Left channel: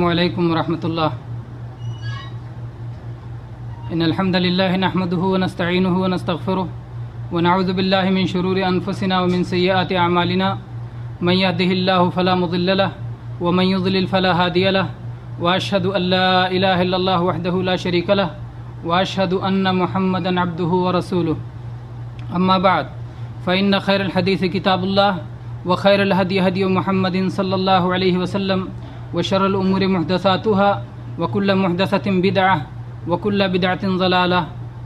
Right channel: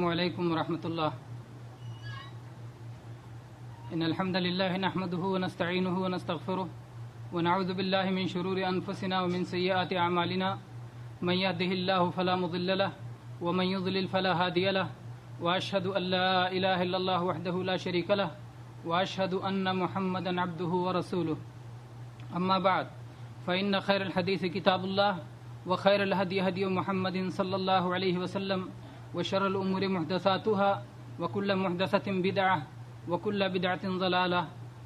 السلام علیکم ورحمۃ اللہ۔ ان الحمد للہ نحمده ونستعینه ونستغفره ونعوذ باللہ من شرور انفسنا ومن سیئات اعمالنا من يهده الله فلا مضل له ومن يضلل فلا هادي له واشهد ان لا اله الا الله وحده لا شريك له واشهد ان محمدا عبده ورسوله اما بعد فان خير الحديث كتاب الله وخير الهدي هدي محمد صلى الله عليه وسلم وشر الأمور محدثاتها وكل محدثة بدعة وكل بدعة ضلالة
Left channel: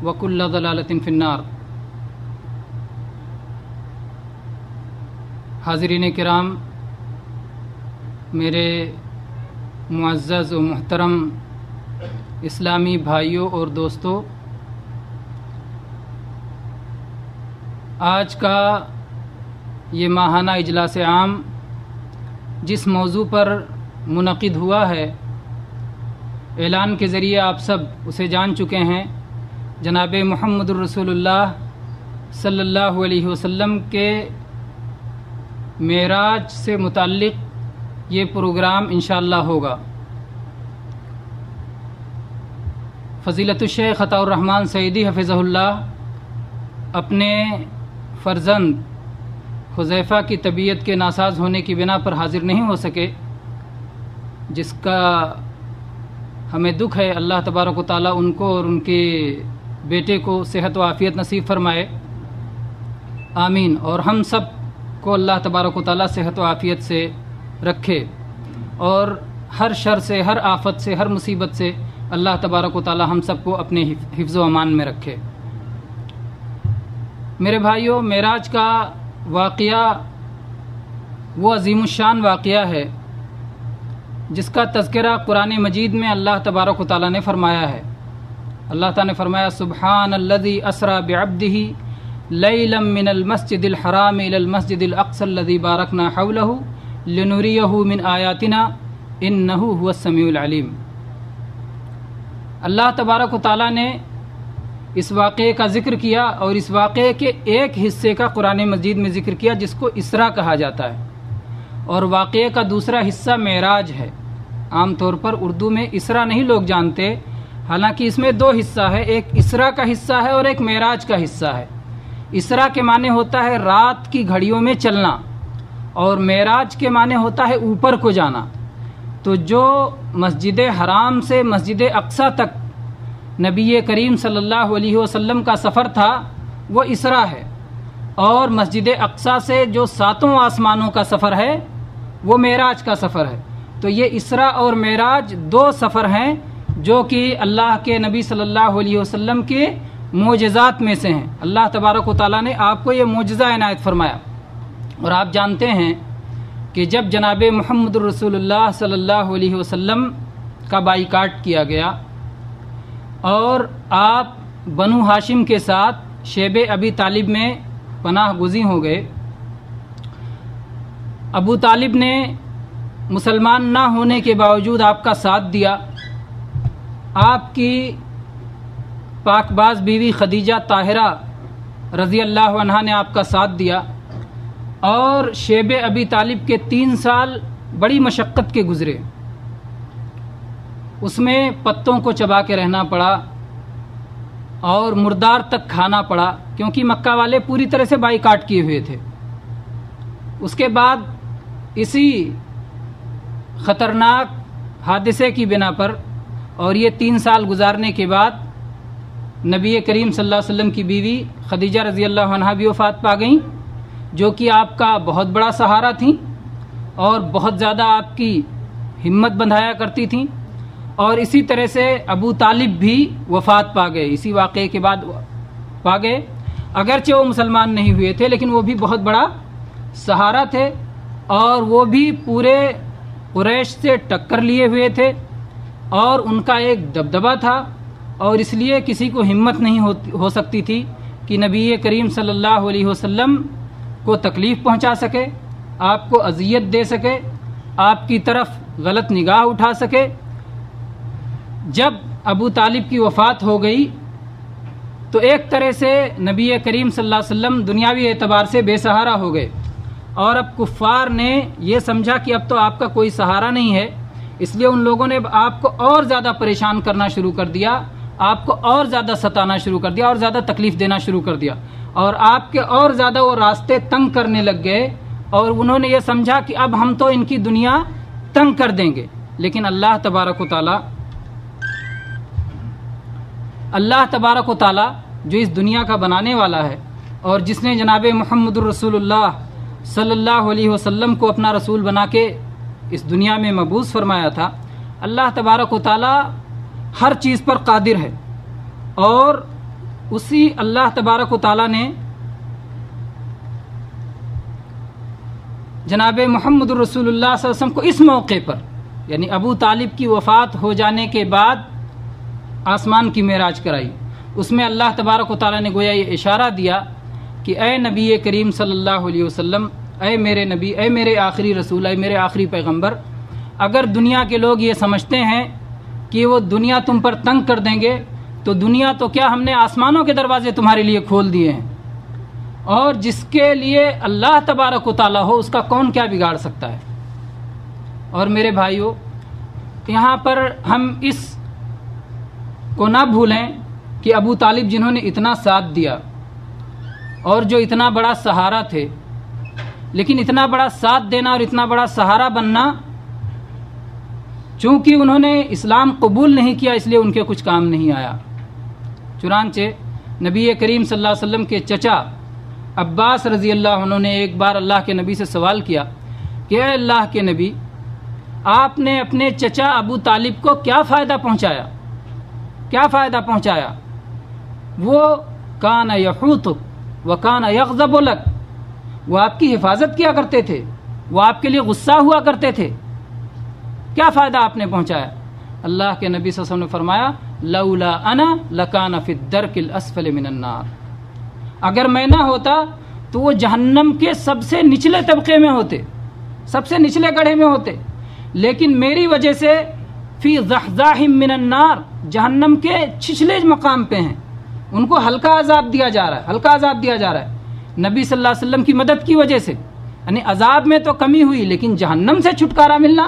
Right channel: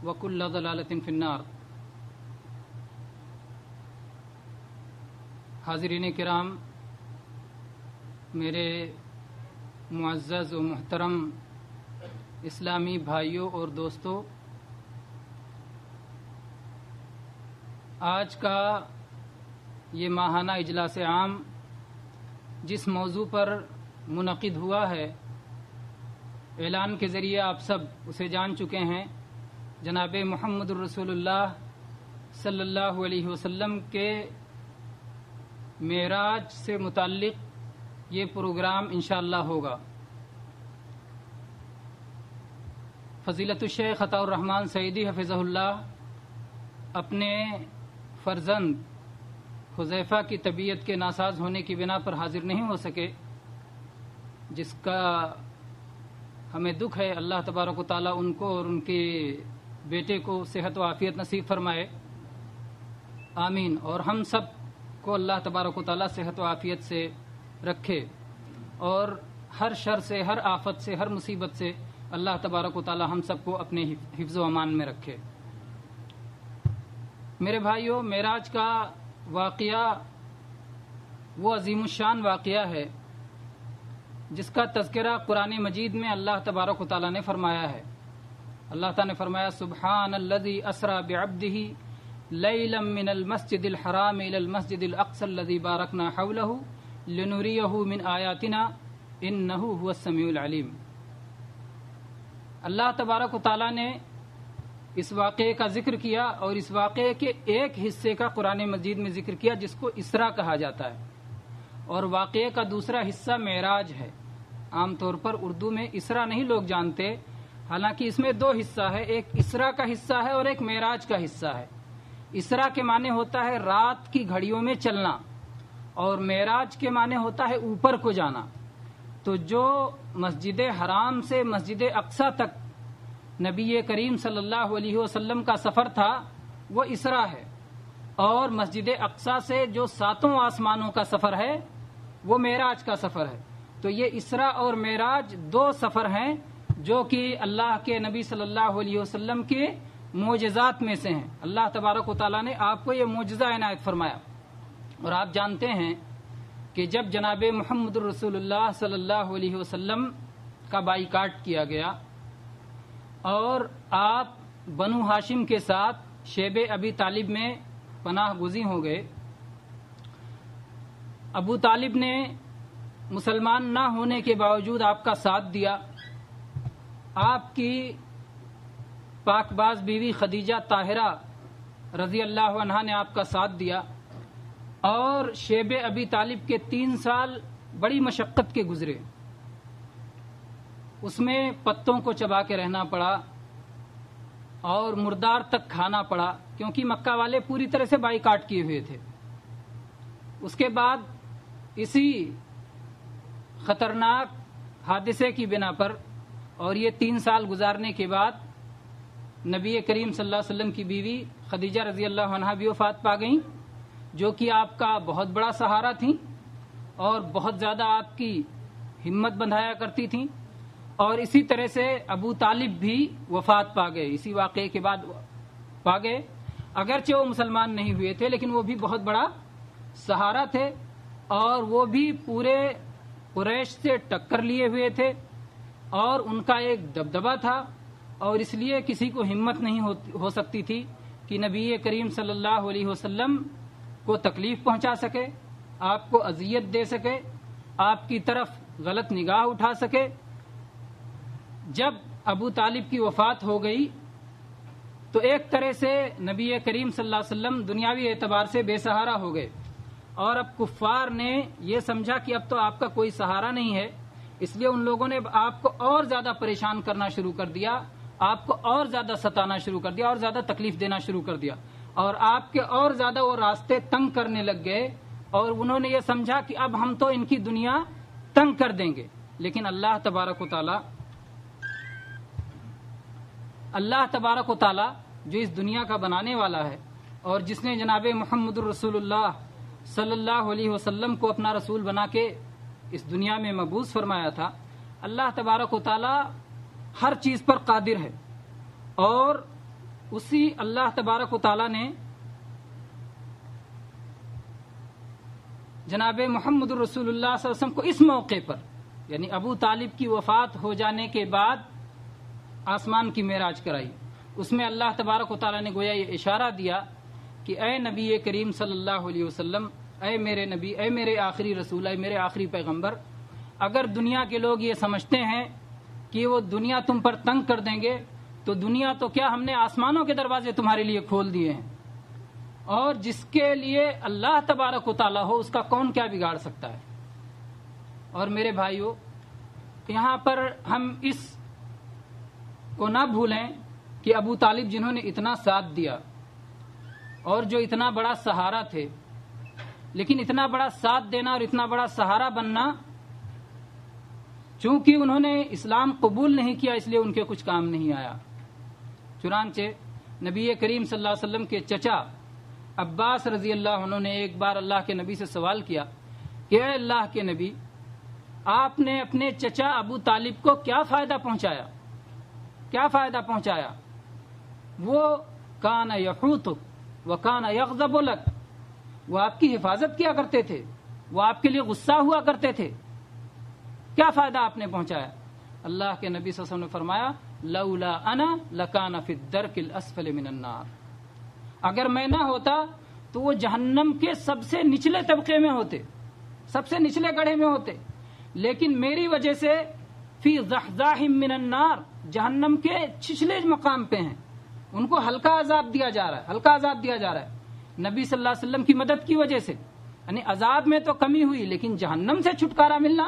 وكل ضلالة في النار۔ حاضرین کرام، میرے معزز و محترم اسلامی بھائیوں اور دوستوں، آج کا یہ ماہانہ اجلاس عام جس موضوع پر منعقد ہوا ہے، اعلان کے ذریعے آپ سب اسے جان چکے ہیں۔ جناب محمد الرسول اللہ صلی اللہ علیہ وسلم کے معراج سے متعلق یہ پروگرام انشاءاللہ ہوگا۔ فضیلت الشیخ عطاء الرحمن سعیدی حفظہ اللہ اپنے فرزند حذیفہ کی طبیعت کے ناساز ہونے کی بنا پر حاضر نہیں ہو سکے، جس کا ہمیں دکھ ہے۔ اللہ تبارک و تعالیٰ ان کو اور ان کے بیٹے کو صحت و عافیت نصیب فرمائے، آمین۔ اور ہم سب کو اللہ تبارک و تعالیٰ صحت و عافیت سے رکھے، اور ہر شر سے، ہر آفت سے، ہر مصیبت سے اللہ تبارک و تعالیٰ ہم سب کو اپنے حفظ و امان میں رکھے۔ میرے بھائیوں، معراج کا واقعہ وہ عظیم الشان واقعہ ہے جس کا تذکرہ قرآن مجید میں اللہ تبارک و تعالیٰ نے فرمایا ہے۔ اللہ تعالیٰ نے فرمایا، سبحان الذی اسریٰ بعبدہ لیلا من المسجد الحرام الی المسجد الاقصی الذی بارکنا حولہ لنریہ من آیاتنا انہ هو السمیع العلیم۔ اللہ تبارک و تعالیٰ نے اس واقعے کا ذکر کیا، اور اس واقعے کے ایک حصے کا قرآن مجید میں ذکر کیا جس کو اسراء کہا جاتا ہے، اور واقعے کا دوسرا حصہ معراج ہے۔ عام طور پر اردو میں اسراء نہیں لوگ جانتے، حالانکہ اس میں دو حصہ ہے، ایک اسراء کا حصہ ہے اور ایک معراج کا حصہ ہے۔ اسراء کے معنی ہوتا ہے رات کی گھڑیوں میں چلنا، اور معراج کے معنی ہوتا ہے اوپر کو جانا۔ تو جو مسجد حرام سے مسجد اقصی تک نبی کریم صلی اللہ علیہ وسلم کا سفر تھا وہ اسراء ہے، اور مسجد اقصی سے جو 7 آسمانوں کا سفر ہے وہ معراج کا سفر ہے۔ تو یہ اسراء اور معراج دو سفر ہیں جو کہ اللہ کے نبی صلی اللہ علیہ وسلم کے معجزات میں سے ہیں۔ اللہ تبارک و تعالیٰ نے آپ کو یہ معجزہ عنایت فرمایا، اور آپ جانتے ہیں کہ جب جناب محمد الرسول اللہ صلی اللہ علیہ وسلم کا بائیکاٹ کیا گیا اور آپ بنو ہاشم کے ساتھ شیب ابی طالب میں پناہ گزین ہو گئے، ابو طالب نے مسلمان نہ ہونے کے باوجود آپ کا ساتھ دیا، آپ کی پاک باز بیوی خدیجہ طاہرہ رضی اللہ عنہا نے آپ کا ساتھ دیا، اور شیب ابی طالب کے 3 سال بڑی مشقت کے گزرے۔ اس میں پتوں کو چبا کے رہنا پڑا اور مردار تک کھانا پڑا، کیونکہ مکہ والے پوری طرح سے بائیکاٹ کیے ہوئے تھے۔ اس کے بعد اسی خطرناک حادثے کی بنا پر اور یہ 3 سال گزارنے کے بعد نبی کریم صلی اللہ علیہ وسلم کی بیوی خدیجہ رضی اللہ عنہا بھی وفات پا گئیں، جو کہ آپ کا بہت بڑا سہارا تھیں اور بہت زیادہ آپ کی ہمت بندھایا کرتی تھیں۔ اور اسی طرح سے ابو طالب بھی وفات پا گئے، اسی واقعے کے بعد پا گئے۔ اگرچہ وہ مسلمان نہیں ہوئے تھے لیکن وہ بھی بہت بڑا سہارا تھے، اور وہ بھی پورے قریش سے ٹکر لیے ہوئے تھے، اور ان کا ایک دبدبہ تھا، اور اس لیے کسی کو ہمت نہیں ہو سکتی تھی کہ نبی کریم صلی اللہ علیہ وسلم کو تکلیف پہنچا سکے، آپ کو اذیت دے سکے، آپ کی طرف غلط نگاہ اٹھا سکے۔ جب ابو طالب کی وفات ہو گئی تو ایک طرح سے نبی کریم صلی اللہ علیہ وسلم دنیاوی اعتبار سے بے سہارا ہو گئے، اور اب کفار نے یہ سمجھا کہ اب تو آپ کا کوئی سہارا نہیں ہے، اس لیے ان لوگوں نے آپ کو اور زیادہ پریشان کرنا شروع کر دیا، آپ کو اور زیادہ ستانا شروع کر دیا، اور زیادہ تکلیف دینا شروع کر دیا، اور آپ کے اور زیادہ وہ راستے تنگ کرنے لگ گئے، اور انہوں نے یہ سمجھا کہ اب ہم تو ان کی دنیا تنگ کر دیں گے۔ لیکن اللہ تبارک و تعالی جو اس دنیا کا بنانے والا ہے، اور جس نے جناب محمد الرسول اللہ صلی اللہ علیہ وسلم کو اپنا رسول بنا کے اس دنیا میں مبعوث فرمایا تھا، اللہ تبارک و تعالی ہر چیز پر قادر ہے، اور اسی اللہ تبارک و تعالی نے جناب محمد الرسول اللہ صلی اللہ علیہ وسلم کو اس موقع پر، یعنی ابو طالب کی وفات ہو جانے کے بعد آسمان کی معراج کرائی۔ اس میں اللہ تبارک و تعالی نے گویا یہ اشارہ دیا کہ اے نبی کریم صلی اللہ علیہ وسلم، اے میرے نبی، اے میرے آخری رسول، اے میرے آخری پیغمبر، اگر دنیا کے لوگ یہ سمجھتے ہیں کہ وہ دنیا تم پر تنگ کر دیں گے، تو دنیا تو کیا، ہم نے آسمانوں کے دروازے تمہارے لیے کھول دیے ہیں، اور جس کے لیے اللہ تبارک و تعالی ہو اس کا کون کیا بگاڑ سکتا ہے۔ اور میرے بھائیوں، یہاں پر ہم اس کو نہ بھولیں کہ ابو طالب جنہوں نے اتنا ساتھ دیا اور جو اتنا بڑا سہارا تھے، لیکن اتنا بڑا ساتھ دینا اور اتنا بڑا سہارا بننا، چونکہ انہوں نے اسلام قبول نہیں کیا اس لیے ان کے کچھ کام نہیں آیا۔ چنانچہ نبی کریم صلی اللہ علیہ وسلم کے چچا عباس رضی اللہ عنہ نے ایک بار اللہ کے نبی سے سوال کیا کہ اے اللہ کے نبی، آپ نے اپنے چچا ابو طالب کو کیا فائدہ پہنچایا، کیا فائدہ پہنچایا؟ وہ کان یحوطک وکان یغضب لک، وہ آپ کی حفاظت کیا کرتے تھے، وہ آپ کے لیے غصہ ہوا کرتے تھے، کیا فائدہ آپ نے پہنچایا؟ اللہ کے نبی صلی اللہ علیہ وسلم نے فرمایا لولا انا لکان فی الدرک الاسفل من النار، اگر میں نہ ہوتا تو وہ جہنم کے سب سے نچلے طبقے میں ہوتے، سب سے نچلے گڑھے میں ہوتے، لیکن میری وجہ سے فی ضحضاح من النار، جہنم کے چھچلے مقام پہ ہیں، ان کو ہلکا عذاب دیا جا رہا ہے، ہلکا عذاب دیا جا رہا ہے نبی صلی اللہ علیہ وسلم کی مدد کی وجہ سے۔ یعنی عذاب میں تو کمی ہوئی، لیکن جہنم سے چھٹکارا ملنا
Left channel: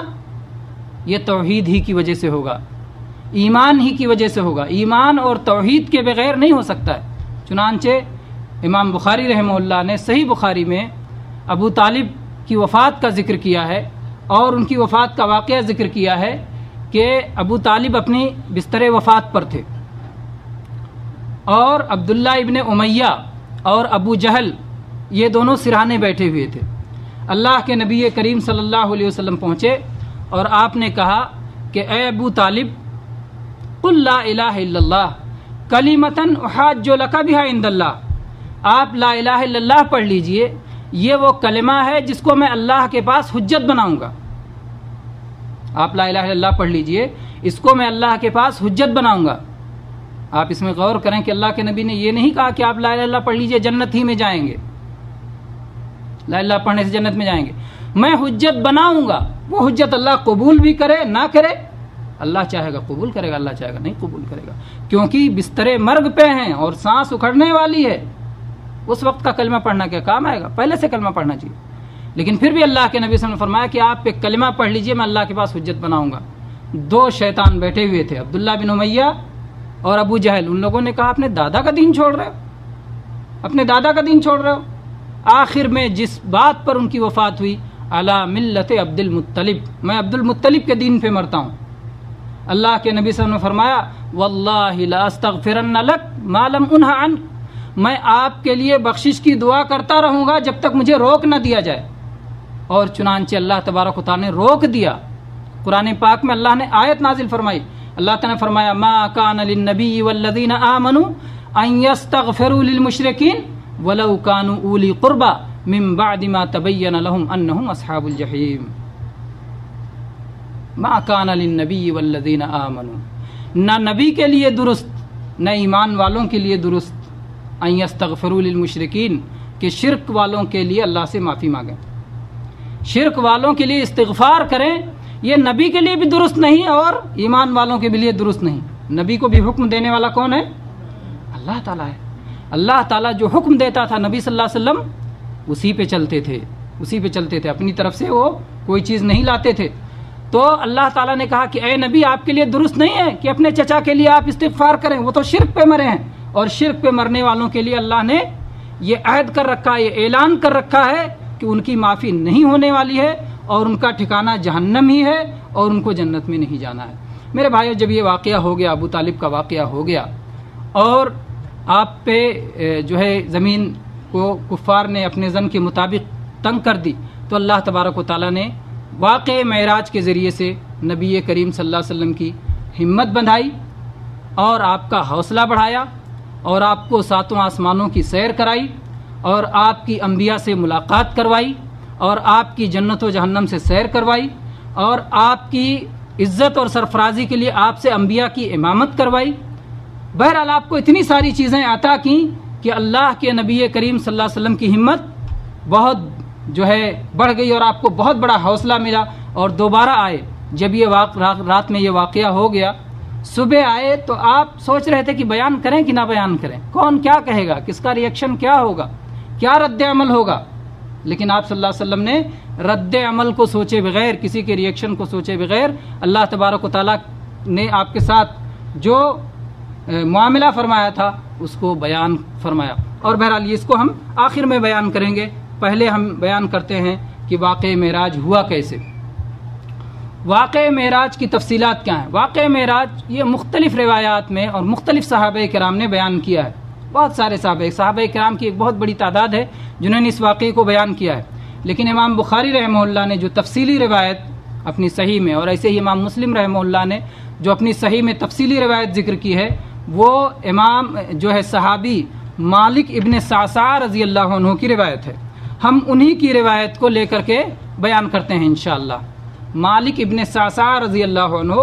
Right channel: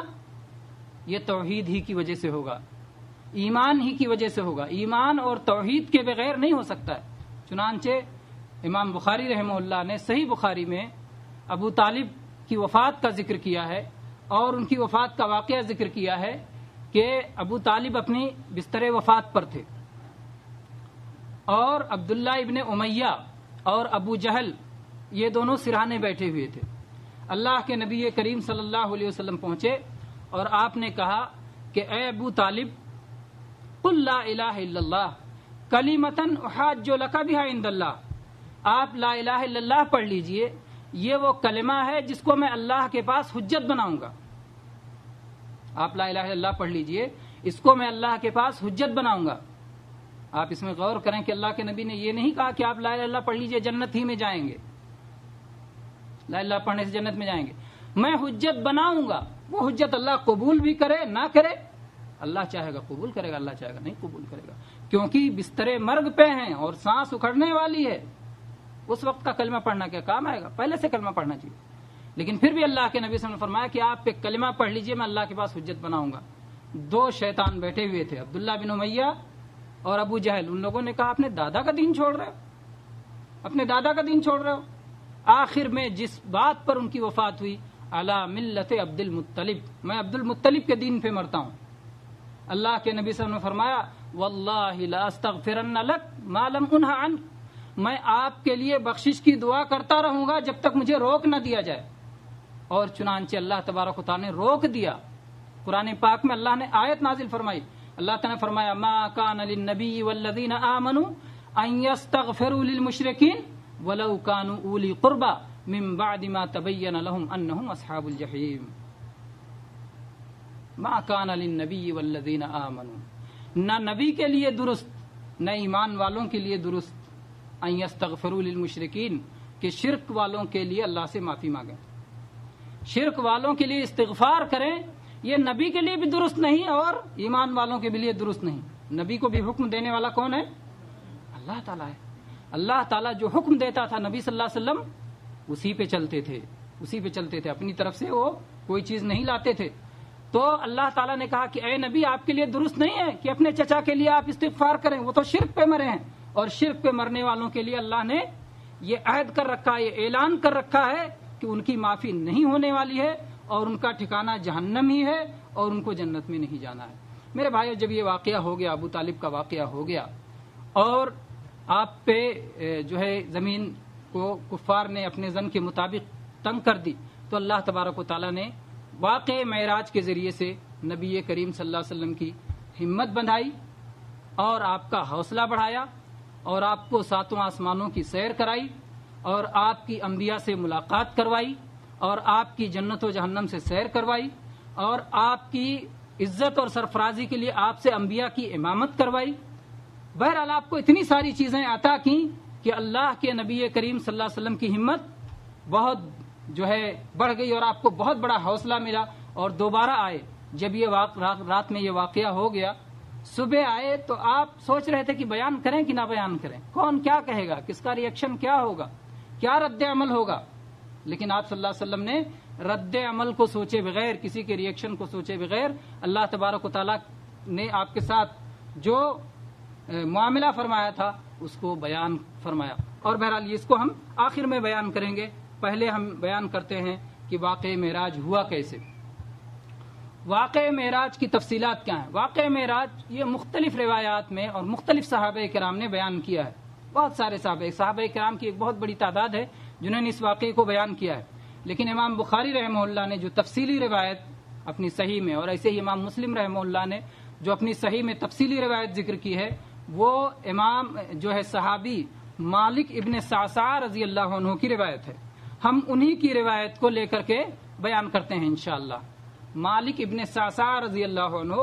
یہ توحید ہی کی وجہ سے ہوگا، ایمان ہی کی وجہ سے ہوگا، ایمان اور توحید کے بغیر نہیں ہو سکتا ہے۔ چنانچہ امام بخاری رحمہ اللہ نے صحیح بخاری میں ابو طالب کی وفات کا ذکر کیا ہے، اور ان کی وفات کا واقعہ ذکر کیا ہے کہ ابو طالب اپنی بستر وفات پر تھے، اور عبداللہ ابن امیہ اور ابو جہل یہ دونوں سرہانے بیٹھے ہوئے تھے۔ اللہ کے نبی کریم صلی اللہ علیہ وسلم پہنچے اور آپ نے کہا کہ اے ابو طالب، قل لا الہ الا اللہ کلمۃ احاج لک بہا عند اللہ، آپ لا الہ الا اللہ پڑھ لیجئے، یہ وہ کلمہ ہے جس کو میں اللہ کے پاس حجت بناؤں گا۔ آپ لا الہ الا اللہ پڑھ لیجئے، اس کو میں اللہ کے پاس حجت بناؤں گا۔ آپ اس میں غور کریں کہ اللہ کے نبی نے یہ نہیں کہا کہ آپ لا الہ الا اللہ پڑھ لیجئے جنت ہی میں جائیں گے، لا الہ الا اللہ پڑھنے سے جنت میں جائیں گے، میں حجت بناؤں گا۔ وہ حجت اللہ قبول بھی کرے نہ کرے، اللہ چاہے گا قبول کرے گا، اللہ چاہے گا نہیں قبول کرے گا، کیونکہ بستر مرگ پہ ہیں اور سانس اکھڑنے والی ہے، اس وقت کا کلمہ پڑھنا کیا کام آئے گا؟ پہلے سے کلمہ پڑھنا چاہیے۔ لیکن پھر بھی اللہ کے نبی صلی اللہ علیہ وسلم نے فرمایا کہ آپ ایک کلمہ پڑھ لیجئے، میں اللہ کے پاس حجت بناؤں گا۔ دو شیطان بیٹھے ہوئے تھے، عبداللہ بن امیہ اور ابو جہل، ان لوگوں نے کہا اپنے دادا کا دین چھوڑ رہے ہو، اپنے دادا کا دین چھوڑ رہے ہو۔ آخر میں جس بات پر ان کی وفات ہوئی، علی ملت عبد المطلب، میں عبد المطلب کے دین پہ مرتا ہوں۔ اللہ کے نبی صلی اللہ علیہ وسلم نے فرمایا واللہ لا استغفرن لک ما لم انہ عنک، میں آپ کے لیے بخشش کی دعا کرتا رہوں گا جب تک مجھے روک نہ دیا جائے۔ اور چنانچہ اللہ تبارک و تعالی نے روک دیا۔ قرآن پاک میں اللہ نے آیت نازل فرمائی، اللہ تعالی نے فرمایا ما کان للنبی والذین آمنوا ان یستغفروا للمشرکین ولو کانوا اولی قربى من بعد ما تبین لهم انہم اصحاب الجحیم۔ ما کان للنبی والذین آمنوا، نہ نبی کے لیے درست نہ ایمان والوں کے لیے درست، ان یستغفروا للمشرکین، کہ شرک والوں کے لیے اللہ سے معافی مانگیں، شرک والوں کے لیے استغفار کریں، یہ نبی کے لیے بھی درست نہیں اور ایمان والوں کے لیے درست نہیں۔ نبی کو بھی حکم دینے والا کون ہے؟ اللہ تعالیٰ ہے۔ اللہ تعالیٰ جو حکم دیتا تھا نبی صلی اللہ علیہ وسلم اسی پہ چلتے تھے، اسی پہ چلتے تھے، اپنی طرف سے وہ کوئی چیز نہیں لاتے تھے۔ تو اللہ تعالیٰ نے کہا کہ اے نبی آپ کے لیے درست نہیں ہے کہ اپنے چچا کے لیے آپ استغفار کریں، وہ تو شرک پہ مرے ہیں، اور شرک پہ مرنے والوں کے لیے اللہ نے یہ عہد کر رکھا ہے، یہ اعلان کر رکھا ہے کہ ان کی معافی نہیں ہونے والی ہے اور ان کا ٹھکانہ جہنم ہی ہے اور ان کو جنت میں نہیں جانا ہے۔ میرے بھائیو، جب یہ واقعہ ہو گیا، ابو طالب کا واقعہ ہو گیا اور آپ پہ جو ہے زمین کو کفار نے اپنے ظن کے مطابق تنگ کر دی، تو اللہ تبارک و تعالیٰ نے واقع معراج کے ذریعے سے نبی کریم صلی اللہ علیہ وسلم کی ہمت بندھائی اور آپ کا حوصلہ بڑھایا اور آپ کو ساتوں آسمانوں کی سیر کرائی اور آپ کی انبیاء سے ملاقات کروائی اور آپ کی جنت و جہنم سے سیر کروائی اور آپ کی عزت اور سرفرازی کے لیے آپ سے انبیاء کی امامت کروائی۔ بہرحال آپ کو اتنی ساری چیزیں عطا کیں کہ اللہ کے نبی کریم صلی اللہ علیہ وسلم کی ہمت بہت جو ہے بڑھ گئی اور آپ کو بہت بڑا حوصلہ ملا، اور دوبارہ آئے جب یہ رات میں یہ واقعہ ہو گیا، صبح آئے تو آپ سوچ رہے تھے کہ بیان کریں کہ نہ بیان کریں، کون کیا کہے گا، کس کا ریئیکشن کیا ہوگا، کیا رد عمل ہوگا، لیکن آپ صلی اللہ علیہ وسلم نے رد عمل کو سوچے بغیر، کسی کے ریئیکشن کو سوچے بغیر اللہ تبارک و تعالیٰ نے آپ کے ساتھ جو معاملہ فرمایا تھا اس کو بیان فرمایا۔ اور بہرحال اس کو ہم آخر میں بیان کریں گے، پہلے ہم بیان کرتے ہیں کہ واقع معراج ہوا کیسے۔ واقع معراج کی تفصیلات کیا ہیں؟ واقع معراج یہ مختلف روایات میں اور مختلف صحابہ کرام نے بیان کیا ہے، بہت سارے صحابہ کرام کی ایک بہت بڑی تعداد ہے جنہوں نے اس واقعے کو بیان کیا ہے، لیکن امام بخاری رحمہ اللہ نے جو تفصیلی روایت اپنی صحیح میں، اور ایسے ہی امام مسلم رحمہ اللہ نے جو اپنی صحیح میں تفصیلی روایت ذکر کی ہے، وہ امام جو ہے صحابی مالک ابن صعصع رضی اللہ عنہ کی روایت ہے۔ ہم انہی کی روایت کو لے کر کے بیان کرتے ہیں انشاءاللہ۔ مالک ابن صعصع رضی اللہ عنہ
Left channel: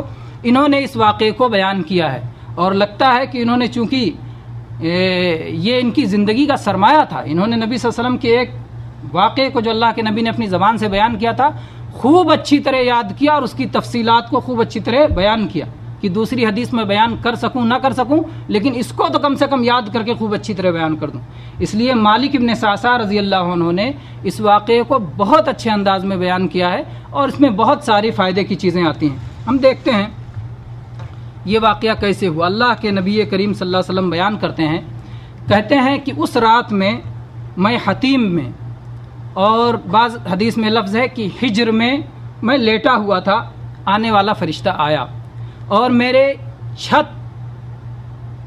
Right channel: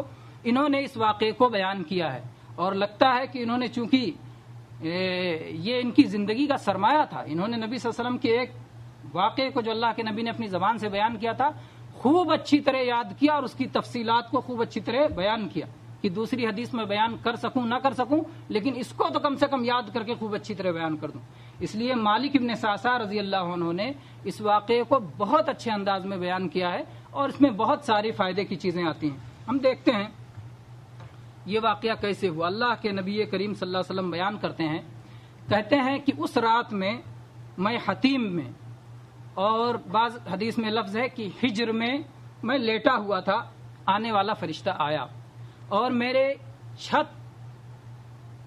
انہوں نے اس واقعے کو بیان کیا ہے، اور لگتا ہے کہ انہوں نے چونکہ یہ ان کی زندگی کا سرمایہ تھا، انہوں نے نبی صلی اللہ علیہ وسلم کے ایک واقعے کو جو اللہ کے نبی نے اپنی زبان سے بیان کیا تھا خوب اچھی طرح یاد کیا اور اس کی تفصیلات کو خوب اچھی طرح بیان کیا کہ دوسری حدیث میں بیان کر سکوں نہ کر سکوں، لیکن اس کو تو کم سے کم یاد کر کے خوب اچھی طرح بیان کر دوں۔ اس لیے مالک ابن صعصع رضی اللہ عنہ نے اس واقعے کو بہت اچھے انداز میں بیان کیا ہے، اور اس میں بہت ساری فائدے کی چیزیں آتی ہیں۔ ہم دیکھتے ہیں یہ واقعہ کیسے ہوا۔ اللہ کے نبی کریم صلی اللہ علیہ وسلم بیان کرتے ہیں، کہتے ہیں کہ اس رات میں حتیم میں، اور بعض حدیث میں لفظ ہے کہ حجر میں لیٹا ہوا تھا، آنے والا فرشتہ آیا اور میرے چھت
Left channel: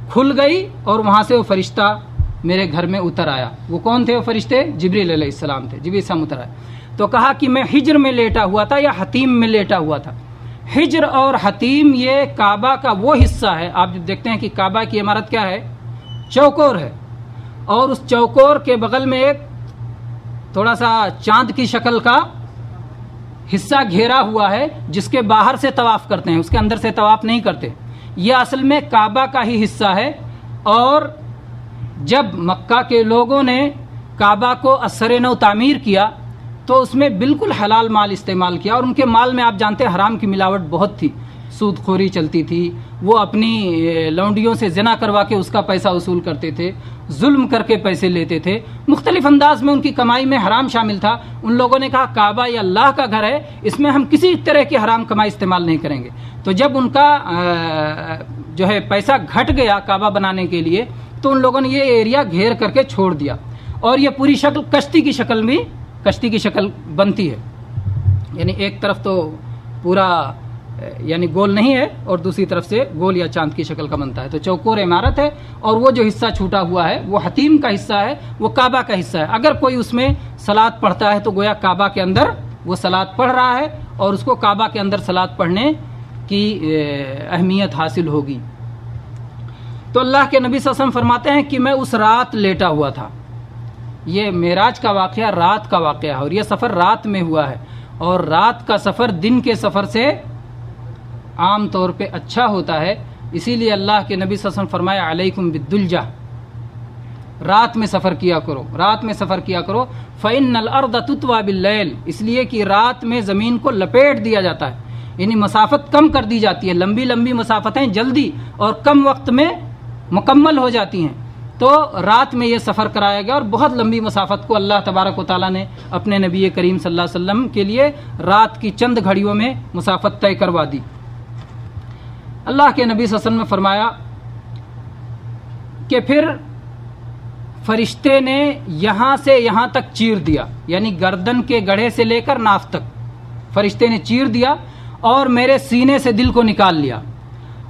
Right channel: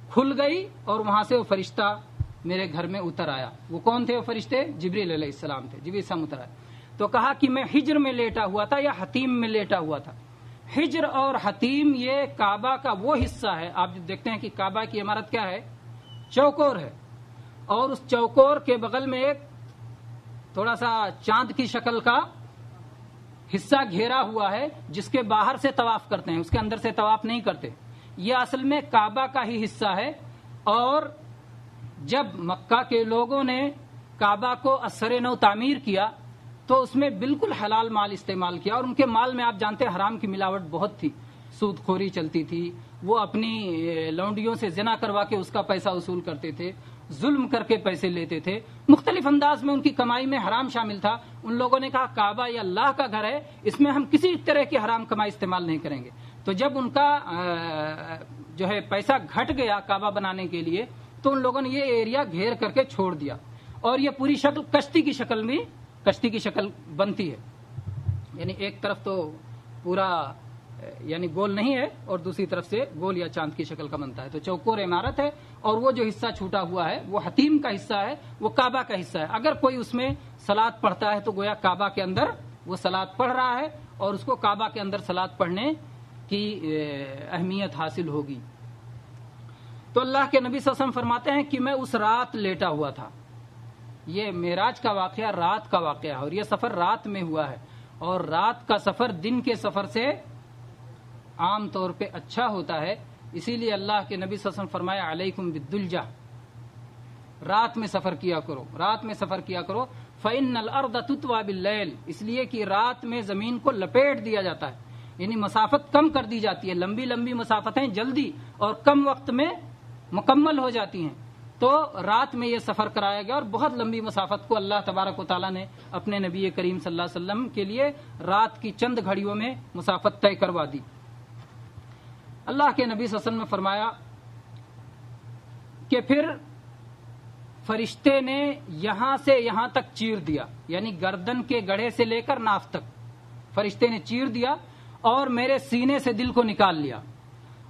کھل گئی اور وہاں سے وہ فرشتہ میرے گھر میں اتر آیا۔ وہ کون تھے وہ فرشتے؟ جبریل علیہ السلام تھے، جبریل السلام اتر آئے تو کہا کہ میں حجر میں لیٹا ہوا تھا یا حتیم میں لیٹا ہوا تھا۔ حجر اور حتیم یہ کعبہ کا وہ حصہ ہے، آپ جب دیکھتے ہیں کہ کعبہ کی عمارت کیا ہے، چوکور ہے، اور اس چوکور کے بغل میں ایک تھوڑا سا چاند کی شکل کا حصہ گھیرا ہوا ہے جس کے باہر سے طواف کرتے ہیں، اس کے اندر سے طواف نہیں کرتے۔ یہ اصل میں کعبہ کا ہی حصہ ہے، اور جب مکہ کے لوگوں نے کعبہ کو اثر نو تعمیر کیا تو اس میں بالکل حلال مال استعمال کیا، اور ان کے مال میں آپ جانتے ہیں حرام کی ملاوٹ بہت تھی، سود خوری چلتی تھی، وہ اپنی لونڈیوں سے زنا کروا کے اس کا پیسہ وصول کرتے تھے، ظلم کر کے پیسے لیتے تھے، مختلف انداز میں ان کی کمائی میں حرام شامل تھا۔ ان لوگوں نے کہا کعبہ یہ اللہ کا گھر ہے، اس میں ہم کسی طرح کی حرام کمائی استعمال نہیں کریں گے۔ تو جب ان کا جو ہے پیسہ گھٹ گیا کعبہ بنانے کے لیے، تو ان لوگوں نے یہ ایریا گھیر کر کے چھوڑ دیا، اور یہ پوری شکل کشتی کی شکل بنتی ہے، یعنی ایک طرف تو پورا یعنی گول نہیں ہے اور دوسری طرف سے گول یا چاند کی شکل کا بنتا ہے، تو چوکور عمارت ہے، اور وہ جو حصہ چھوٹا ہوا ہے وہ حتیم کا حصہ ہے، وہ کعبہ کا حصہ ہے۔ اگر کوئی اس میں صلاۃ پڑھتا ہے تو گویا کعبہ کے اندر وہ صلاۃ پڑھ رہا ہے، اور اس کو کعبہ کے اندر صلاۃ پڑھنے کی اہمیت حاصل ہوگی۔ تو اللہ کے نبی صلی اللہ علیہ وسلم فرماتے ہیں کہ میں اس رات لیٹا ہوا تھا۔ یہ معراج کا واقعہ رات کا واقعہ ہے، اور یہ سفر رات میں ہوا ہے، اور رات کا سفر دن کے سفر سے عام طور پہ اچھا ہوتا ہے، اسی لیے اللہ کے نبی صلی اللہ علیہ وسلم فرمایا علیکم بالدلجہ، رات میں سفر کیا کرو، رات میں سفر کیا کرو، فإن الأرض تطوى باللیل، اس لیے کہ رات میں زمین کو لپیٹ دیا جاتا ہے، یعنی مسافت کم کر دی جاتی ہے، لمبی لمبی مسافتیں جلدی اور کم وقت میں مکمل ہو جاتی ہیں، تو رات میں یہ سفر کرایا گیا، اور بہت لمبی مسافت کو اللہ تبارک و تعالیٰ نے اپنے نبی کریم صلی اللہ علیہ وسلم کے لیے رات کی چند گھڑیوں میں مسافت طے کروا دی۔ اللہ کے نبی صلی اللہ علیہ وسلم نے فرمایا کہ پھر فرشتے نے یہاں سے یہاں تک چیر دیا، یعنی گردن کے گڑھے سے لے کر ناف تک فرشتے نے چیر دیا، اور میرے سینے سے دل کو نکال لیا،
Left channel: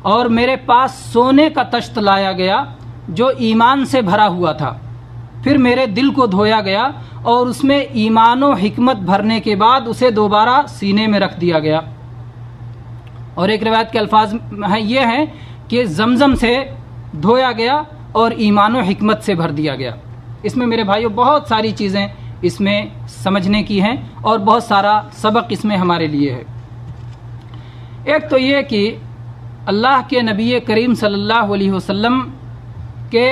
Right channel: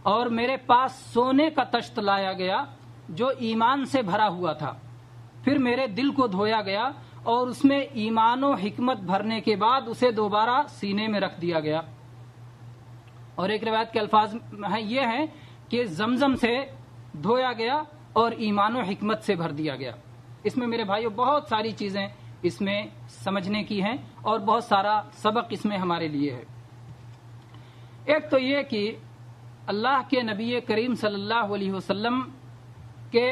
اور میرے پاس سونے کا تشت لایا گیا جو ایمان سے بھرا ہوا تھا، پھر میرے دل کو دھویا گیا اور اس میں ایمان و حکمت بھرنے کے بعد اسے دوبارہ سینے میں رکھ دیا گیا۔ اور ایک روایت کے الفاظ یہ ہیں کہ زمزم سے دھویا گیا اور ایمان و حکمت سے بھر دیا گیا۔ اس میں میرے بھائیوں بہت ساری چیزیں اس میں سمجھنے کی ہیں اور بہت سارا سبق اس میں ہمارے لیے ہے۔ ایک تو یہ کہ اللہ کے نبی کریم صلی اللہ علیہ وسلم کے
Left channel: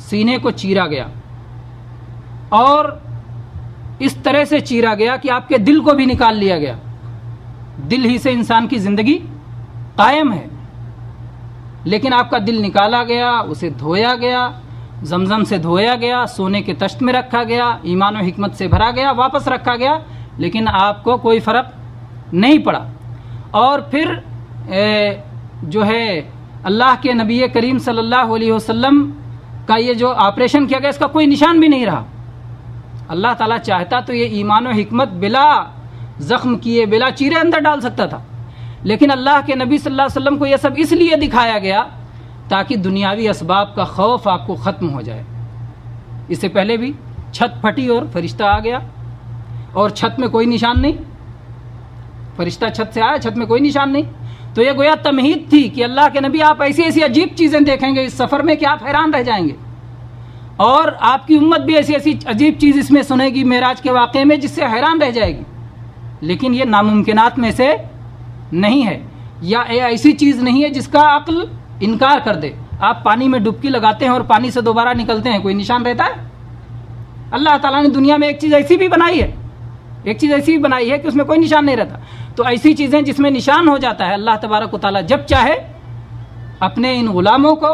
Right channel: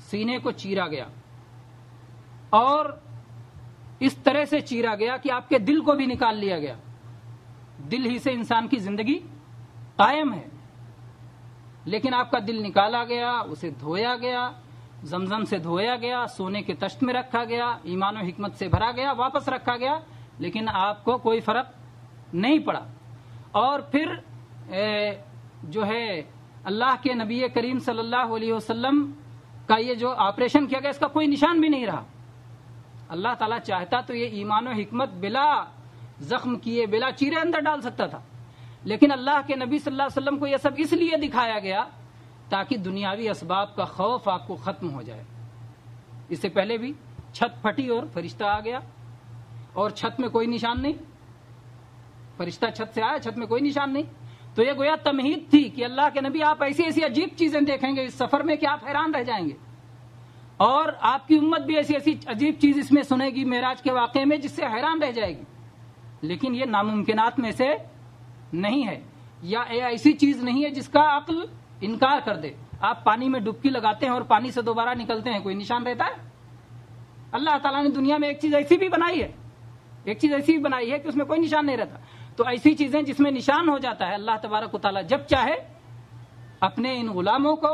سینے کو چیرا گیا، اور اس طرح سے چیرا گیا کہ آپ کے دل کو بھی نکال لیا گیا۔ دل ہی سے انسان کی زندگی قائم ہے، لیکن آپ کا دل نکالا گیا، اسے دھویا گیا، زمزم سے دھویا گیا، سونے کے تشت میں رکھا گیا، ایمان و حکمت سے بھرا گیا، واپس رکھا گیا، لیکن آپ کو کوئی فرق نہیں پڑا۔ اور پھر جو ہے اللہ کے نبی کریم صلی اللہ علیہ وسلم کا یہ جو آپریشن کیا گیا اس کا کوئی نشان بھی نہیں رہا۔ اللہ تعالیٰ چاہتا تو یہ ایمان و حکمت بلا زخم کیے بلا چیرے اندر ڈال سکتا تھا، لیکن اللہ کے نبی صلی اللہ علیہ وسلم کو یہ سب اس لیے دکھایا گیا تاکہ دنیاوی اسباب کا خوف آپ کو ختم ہو جائے۔ اس سے پہلے بھی چھت پھٹی اور فرشتہ آ گیا، اور چھت میں کوئی نشان نہیں، فرشتہ چھت سے آیا، چھت میں کوئی نشان نہیں، تو یہ گویا تمہید تھی کہ اللہ کے نبی آپ ایسی ایسی عجیب چیزیں دیکھیں گے اس سفر میں کہ آپ حیران رہ جائیں گے، اور آپ کی امت بھی ایسی ایسی عجیب چیز اس میں سنے گی معراج کے واقعے میں جس سے حیران رہ جائے گی۔ لیکن یہ ناممکنات میں سے نہیں ہے، یا ایسی چیز نہیں ہے جس کا عقل انکار کر دے۔ آپ پانی میں ڈبکی لگاتے ہیں اور پانی سے دوبارہ نکلتے ہیں، کوئی نشان رہتا ہے؟ اللہ تعالیٰ نے دنیا میں ایک چیز ایسی بھی بنائی ہے کہ اس میں کوئی نشان نہیں رہتا۔ تو ایسی چیزیں جس میں نشان ہو جاتا ہے، اللہ تبارک و تعالیٰ جب چاہے اپنے ان غلاموں کو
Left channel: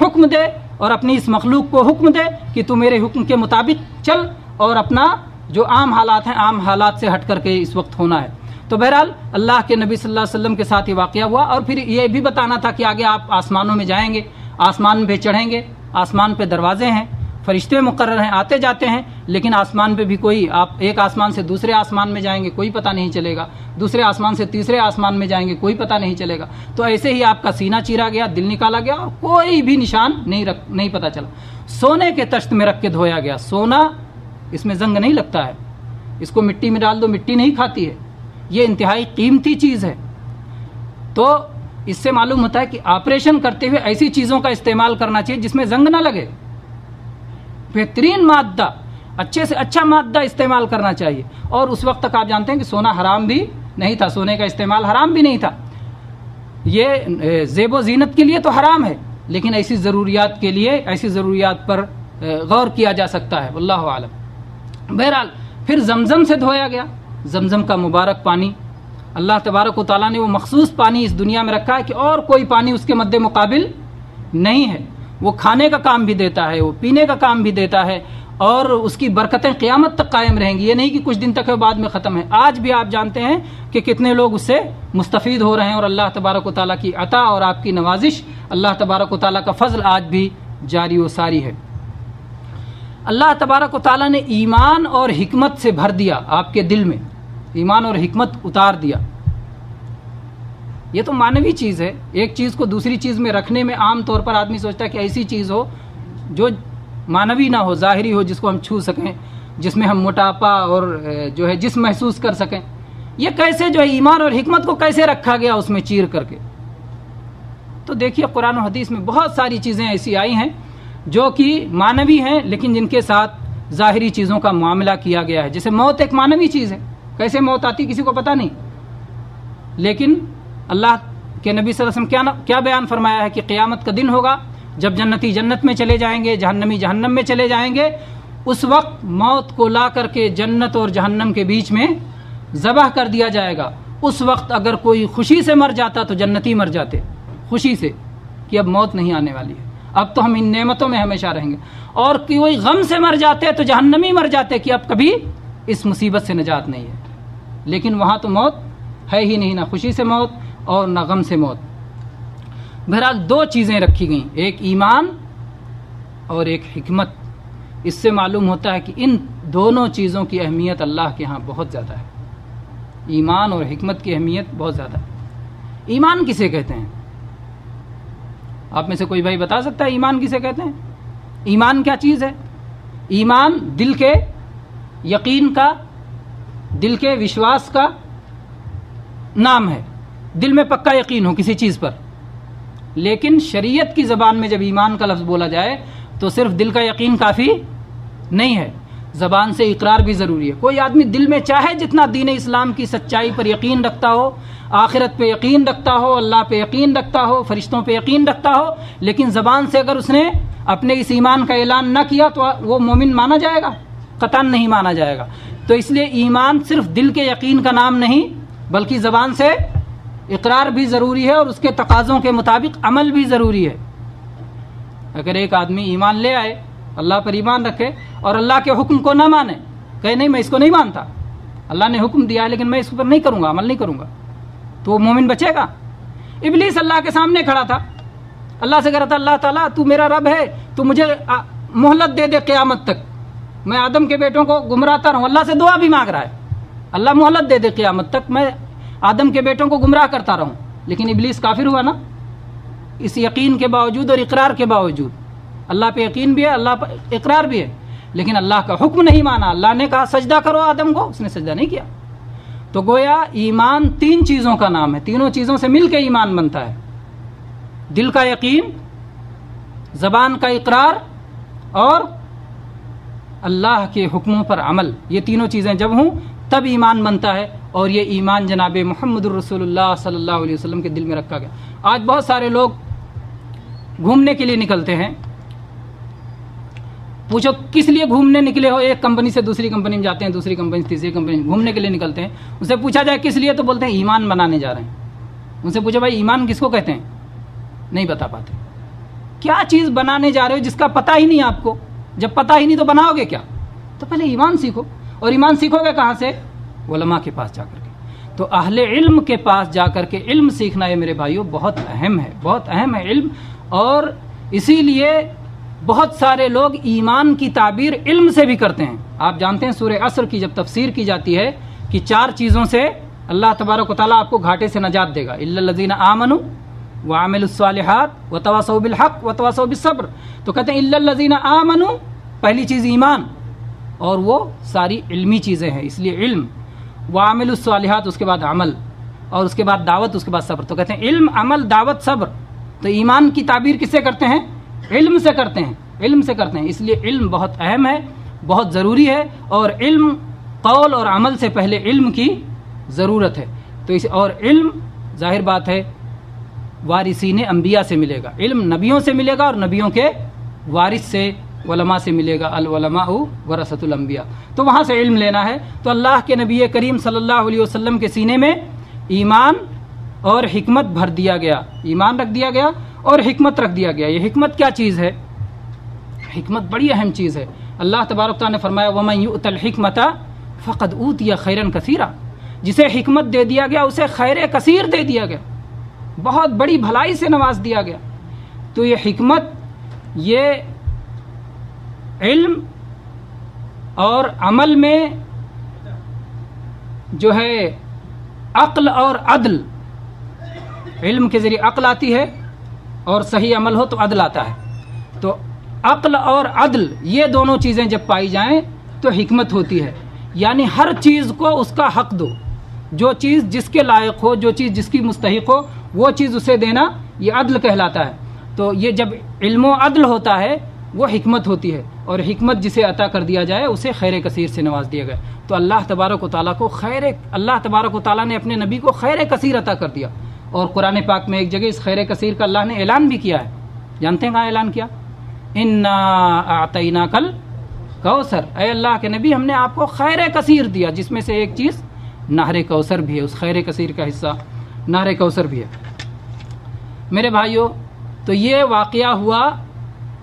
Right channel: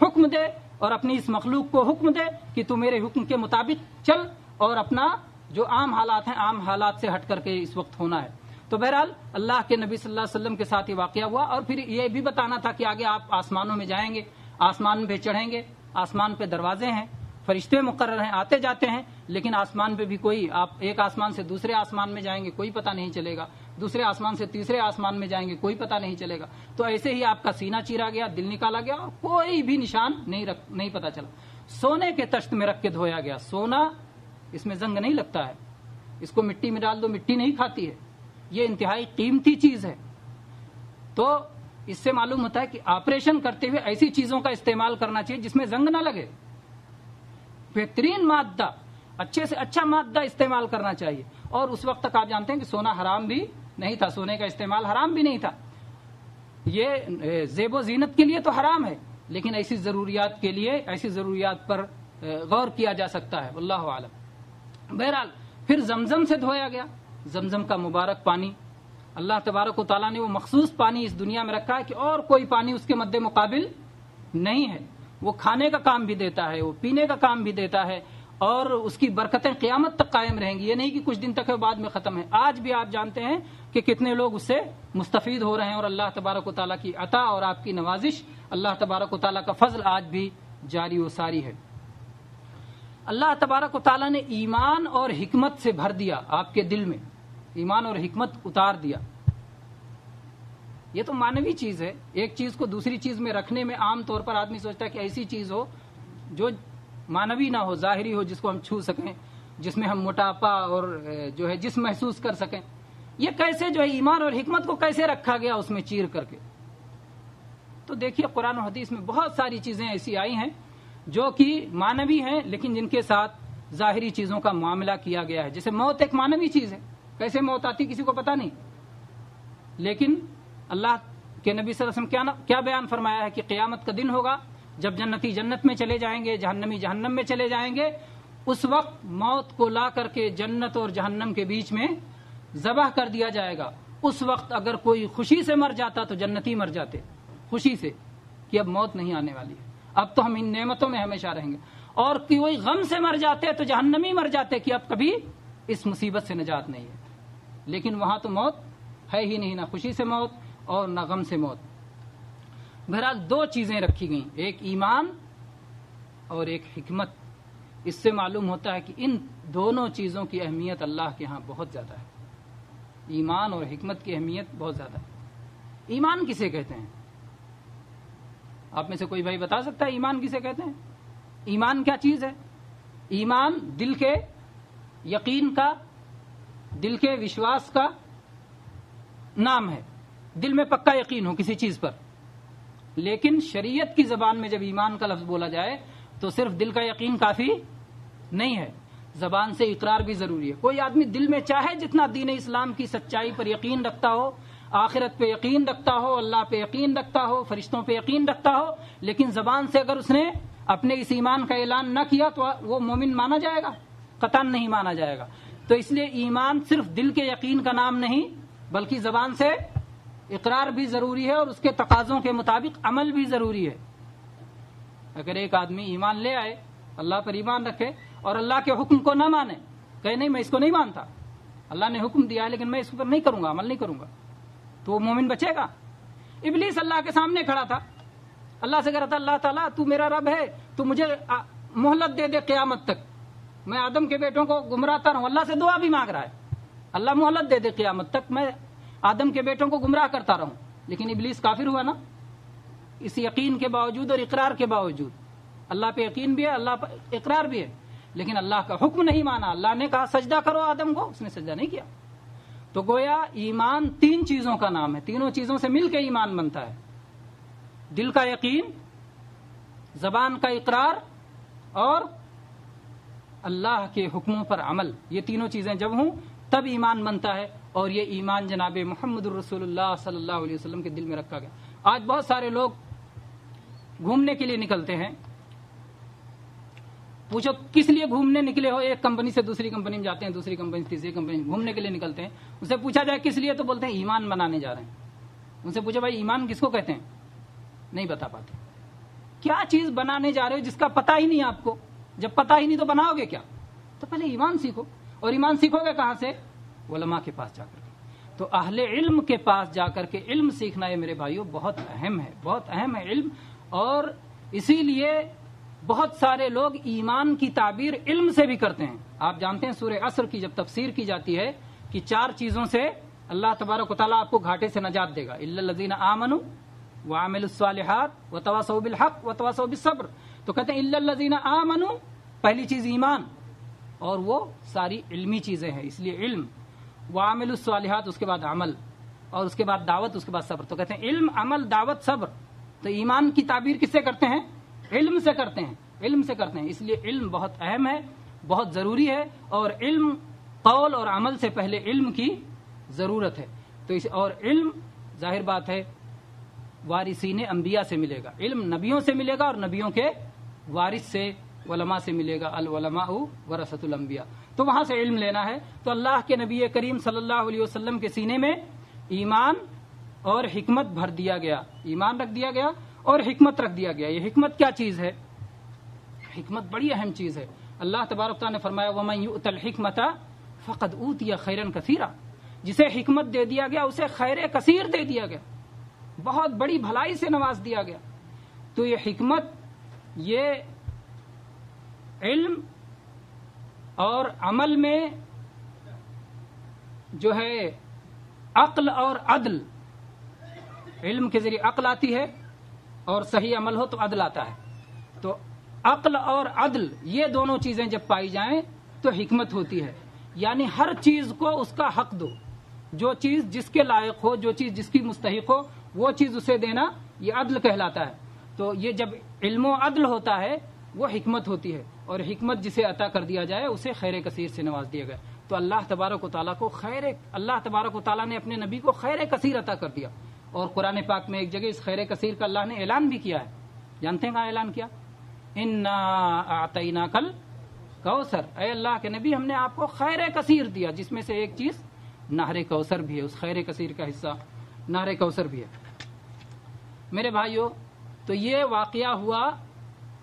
حکم دے اور اپنی اس مخلوق کو حکم دے کہ تو میرے حکم کے مطابق چل، اور اپنا جو عام حالات ہیں عام حالات سے ہٹ کر کے اس وقت ہونا ہے۔ تو بہرحال اللہ کے نبی صلی اللہ علیہ وسلم کے ساتھ یہ واقعہ ہوا، اور پھر یہ بھی بتانا تھا کہ آگے آپ آسمانوں میں جائیں گے، آسمان پہ چڑھیں گے، آسمان پہ دروازے ہیں، فرشتے مقرر ہیں، آتے جاتے ہیں، لیکن آسمان پہ بھی کوئی، آپ ایک آسمان سے دوسرے آسمان میں جائیں گے کوئی پتہ نہیں چلے گا، دوسرے آسمان سے تیسرے آسمان میں جائیں گے کوئی پتہ نہیں چلے گا۔ تو ایسے ہی آپ کا سینہ چیرا گیا، دل نکالا گیا، اور کوئی بھی نشان نہیں پتہ چلا۔ سونے کے تشت میں رکھ کے دھویا گیا۔ سونا اس میں زنگ نہیں لگتا ہے، اس کو مٹی میں ڈال دو مٹی نہیں کھاتی ہے، یہ انتہائی قیمتی چیز ہے۔ تو اس سے معلوم ہوتا ہے کہ آپریشن کرتے ہوئے ایسی چیزوں کا استعمال کرنا چاہیے جس میں زنگ نہ لگے، بہترین مادہ، اچھے سے اچھا مادہ استعمال کرنا چاہیے۔ اور اس وقت تک آپ جانتے ہیں کہ سونا حرام بھی نہیں تھا، سونے کا استعمال حرام بھی نہیں تھا، یہ زیب و زینت کے لیے تو حرام ہے، لیکن ایسی ضروریات کے لیے، ایسی ضروریات پر غور کیا جا سکتا ہے، واللہ عالم۔ بہرحال پھر زمزم سے دھویا گیا، زمزم کا مبارک پانی، اللہ تبارک و تعالیٰ نے وہ مخصوص پانی اس دنیا میں رکھا ہے کہ اور کوئی پانی اس کے مد مقابل نہیں ہے۔ وہ کھانے کا کام بھی دیتا ہے، وہ پینے کا کام بھی دیتا ہے، اور اس کی برکتیں قیامت تک قائم رہیں گی، یہ نہیں کہ کچھ دن تک ہے بعد میں ختم ہے۔ آج بھی آپ جانتے ہیں کہ کتنے لوگ اس سے مستفید ہو رہے ہیں، اور اللہ تبارک و تعالیٰ کی عطا اور آپ کی نوازش، اللہ تبارک و تعالیٰ کا فضل آج بھی جاری و ساری ہے۔ اللہ تبارک و تعالیٰ نے ایمان اور حکمت سے بھر دیا، آپ کے دل میں ایمان اور حکمت اتار دیا۔ یہ تو معنوی چیز ہے، ایک چیز کو دوسری چیز میں رکھنے میں عام طور پر آدمی سوچتا ہے کہ ایسی چیز ہو جو معنوی نہ ہو، ظاہری ہو، جس کو ہم چھو سکیں، جس میں ہم موٹاپا اور جو ہے جسم محسوس کر سکیں۔ یہ کیسے جو ہے ایمان اور حکمت کو کیسے رکھا گیا اس میں چیر کر کے؟ تو دیکھیے قرآن و حدیث میں بہت ساری چیزیں ایسی آئی ہیں جو کہ معنوی ہیں، لیکن جن کے ساتھ ظاہری چیزوں کا معاملہ کیا گیا ہے۔ جیسے موت ایک معنوی چیز ہے، کیسے موت آتی کسی کو پتہ نہیں، لیکن اللہ کے نبی صلی اللہ علیہ وسلم کیا بیان فرمایا ہے کہ قیامت کا دن ہوگا جب جنتی جنت میں چلے جائیں گے، جہنمی جہنم میں چلے جائیں گے، اس وقت موت کو لا کر کے جنت اور جہنم کے بیچ میں ذبح کر دیا جائے گا۔ اس وقت اگر کوئی خوشی سے مر جاتا تو جنتی مر جاتے، خوشی سے کہ اب موت نہیں آنے والی ہے۔ اب تو ہم ان نعمتوں میں ہمیشہ رہیں گے، اور کوئی غم سے مر جاتے تو جہنمی مر جاتے کہ اب کبھی اس مصیبت سے نجات نہیں ہے، لیکن وہاں تو موت ہے ہی نہیں، نہ خوشی سے موت اور نہ غم سے موت۔ بہرحال دو چیزیں رکھی گئیں، ایک ایمان اور ایک حکمت۔ اس سے معلوم ہوتا ہے کہ ان دونوں چیزوں کی اہمیت اللہ کے ہاں بہت زیادہ ہے، ایمان اور حکمت کی اہمیت بہت زیادہ ہے۔ ایمان کسے کہتے ہیں؟ آپ میں سے کوئی بھائی بتا سکتا ہے ایمان کسے کہتے ہیں؟ ایمان کیا چیز ہے؟ ایمان دل کے یقین کا، دل کے وشواس کا نام ہے، دل میں پکا یقین ہو کسی چیز پر۔ لیکن شریعت کی زبان میں جب ایمان کا لفظ بولا جائے تو صرف دل کا یقین کافی نہیں ہے، زبان سے اقرار بھی ضروری ہے۔ کوئی آدمی دل میں چاہے جتنا دین اسلام کی سچائی پر یقین رکھتا ہو، آخرت پہ یقین رکھتا ہو، اللہ پہ یقین رکھتا ہو، فرشتوں پہ یقین رکھتا ہو، لیکن زبان سے اگر اس نے اپنے اس ایمان کا اعلان نہ کیا تو وہ مومن مانا جائے گا؟ قطعاً نہیں مانا جائے گا۔ تو اس لیے ایمان صرف دل کے یقین کا نام نہیں، بلکہ زبان سے اقرار بھی ضروری ہے اور اس کے تقاضوں کے مطابق عمل بھی ضروری ہے۔ اگر ایک آدمی ایمان لے آئے، اللہ پر ایمان رکھے اور اللہ کے حکم کو نہ مانے، کہے نہیں میں اس کو نہیں مانتا، اللہ نے حکم دیا ہے لیکن میں اس پر نہیں کروں گا، عمل نہیں کروں گا، تو وہ مومن بچے گا؟ ابلیس اللہ کے سامنے کھڑا تھا، اللہ سے کہہ رہا تھا اللہ تعالیٰ تو میرا رب ہے، تو مجھے مہلت دے دے قیامت تک، میں آدم کے بیٹوں کو گمراہتا رہوں۔ اللہ سے دعا بھی مانگ رہا ہے، اللہ مہلت دے دے قیامت تک، میں آدم کے بیٹوں کو گمراہ کرتا رہوں۔ لیکن ابلیس کافر ہوا نا، اس یقین کے باوجود اور اقرار کے باوجود، اللہ پہ یقین بھی ہے، اللہ پہ اقرار بھی ہے، لیکن اللہ کا حکم نہیں مانا۔ اللہ نے کہا سجدہ کرو آدم کو، اس نے سجدہ نہیں کیا۔ تو گویا ایمان تین چیزوں کا نام ہے، تینوں چیزوں سے مل کے ایمان بنتا ہے، دل کا یقین، زبان کا اقرار اور اللہ کے حکموں پر عمل۔ یہ تینوں چیزیں جب ہوں تب ایمان بنتا ہے، اور یہ ایمان جناب محمد الرسول اللہ صلی اللہ علیہ وسلم کے دل میں رکھا گیا۔ آج بہت سارے لوگ گھومنے کے لیے نکلتے ہیں، پوچھو کس لیے گھومنے نکلے ہو؟ ایک کمپنی سے دوسری کمپنی میں جاتے ہیں، دوسری کمپنی سے تیسری کمپنی میں گھومنے کے لیے نکلتے ہیں، ان سے پوچھا جائے کس لیے تو بولتے ہیں ایمان بنانے جا رہے ہیں۔ ان سے پوچھا بھائی ایمان کس کو کہتے ہیں؟ نہیں بتا پاتے۔ کیا چیز بنانے جا رہے ہو جس کا پتہ ہی نہیں آپ کو؟ جب پتہ ہی نہیں تو بناؤ گے کیا؟ تو پہلے ایمان سیکھو، اور ایمان سیکھو گے کہاں سے؟ علماء کے پاس جا کر کے۔ تو اہل علم کے پاس جا کر کے علم سیکھنا ہے میرے بھائیوں، بہت اہم ہے، بہت اہم ہے علم۔ اور اسی لیے بہت سارے لوگ ایمان کی تعبیر علم سے بھی کرتے ہیں۔ آپ جانتے ہیں سورہ عصر کی جب تفسیر کی جاتی ہے کہ چار چیزوں سے اللہ تبارک و تعالیٰ آپ کو گھاٹے سے نجات دے گا، الا الذین آمنوا وعملوا الصالحات وتواصوا بالحق وتواصوا بالصبر۔ تو کہتے ہیں الا الذین آمنوا، پہلی چیز ایمان، اور وہ ساری علمی چیزیں ہیں، اس لیے علم، وعملوا الصالحات اس کے بعد عمل، اور اس کے بعد دعوت، اس کے بعد صبر۔ تو کہتے ہیں علم، عمل، دعوت، صبر۔ تو ایمان کی تعبیر کس سے کرتے ہیں؟ علم سے کرتے ہیں، علم سے کرتے ہیں۔ اس لیے علم بہت اہم ہے، بہت ضروری ہے، اور علم قول اور عمل سے پہلے علم کی ضرورت ہے۔ تو اور علم ظاہر بات ہے وارثین انبیاء سے ملے گا، علم نبیوں سے ملے گا، اور نبیوں کے وارث سے علماء سے ملے گا، العلماء ورثۃ الانبیاء۔ تو وہاں سے علم لینا ہے۔ تو اللہ کے نبی کریم صلی اللہ علیہ وسلم کے سینے میں ایمان اور حکمت بھر دیا گیا، ایمان رکھ دیا گیا اور حکمت رکھ دیا گیا۔ یہ حکمت کیا چیز ہے؟ حکمت بڑی اہم چیز ہے۔ اللہ تبارک تعالیٰ نے فرمایا وَمَن يُؤْتَ الْحِكْمَةَ فَقَدْ أُوتِيَ خَيْرًا كَثِيرًا، جسے حکمت دے دیا گیا اسے خیر کثیر دے دیا گیا، بہت بڑی بھلائی سے نواز دیا گیا۔ تو یہ حکمت، یہ علم اور عمل میں جو ہے عقل اور عدل، علم کے ذریعے عقل آتی ہے اور صحیح عمل ہو تو عدل آتا ہے۔ تو عقل اور عدل یہ دونوں چیزیں جب پائی جائیں تو حکمت ہوتی ہے، یعنی ہر چیز کو اس کا حق دو، جو چیز جس کے لائق ہو، جو چیز جس کی مستحق ہو وہ چیز اسے دینا، یہ عدل کہلاتا ہے۔ تو یہ جب علم و عدل ہوتا ہے وہ حکمت ہوتی ہے، اور حکمت جسے عطا کر دیا جائے اسے خیر کثیر سے نواز دیا گیا۔ تو اللہ تبارک و تعالیٰ کو اللہ تبارک و تعالیٰ نے اپنے نبی کو خیر کثیر عطا کر دیا، اور قرآن پاک میں ایک جگہ اس خیر کثیر کا اللہ نے اعلان بھی کیا ہے۔ جانتے ہیں کہاں اعلان کیا؟ انا اعطیناک الکوثر، اے اللہ کے نبی ہم نے آپ کو خیر کثیر دیا، جس میں سے ایک چیز نہر کوثر بھی ہے، اس خیر کثیر کا حصہ نہر کوثر بھی ہے۔ میرے بھائیوں، تو یہ واقعہ ہوا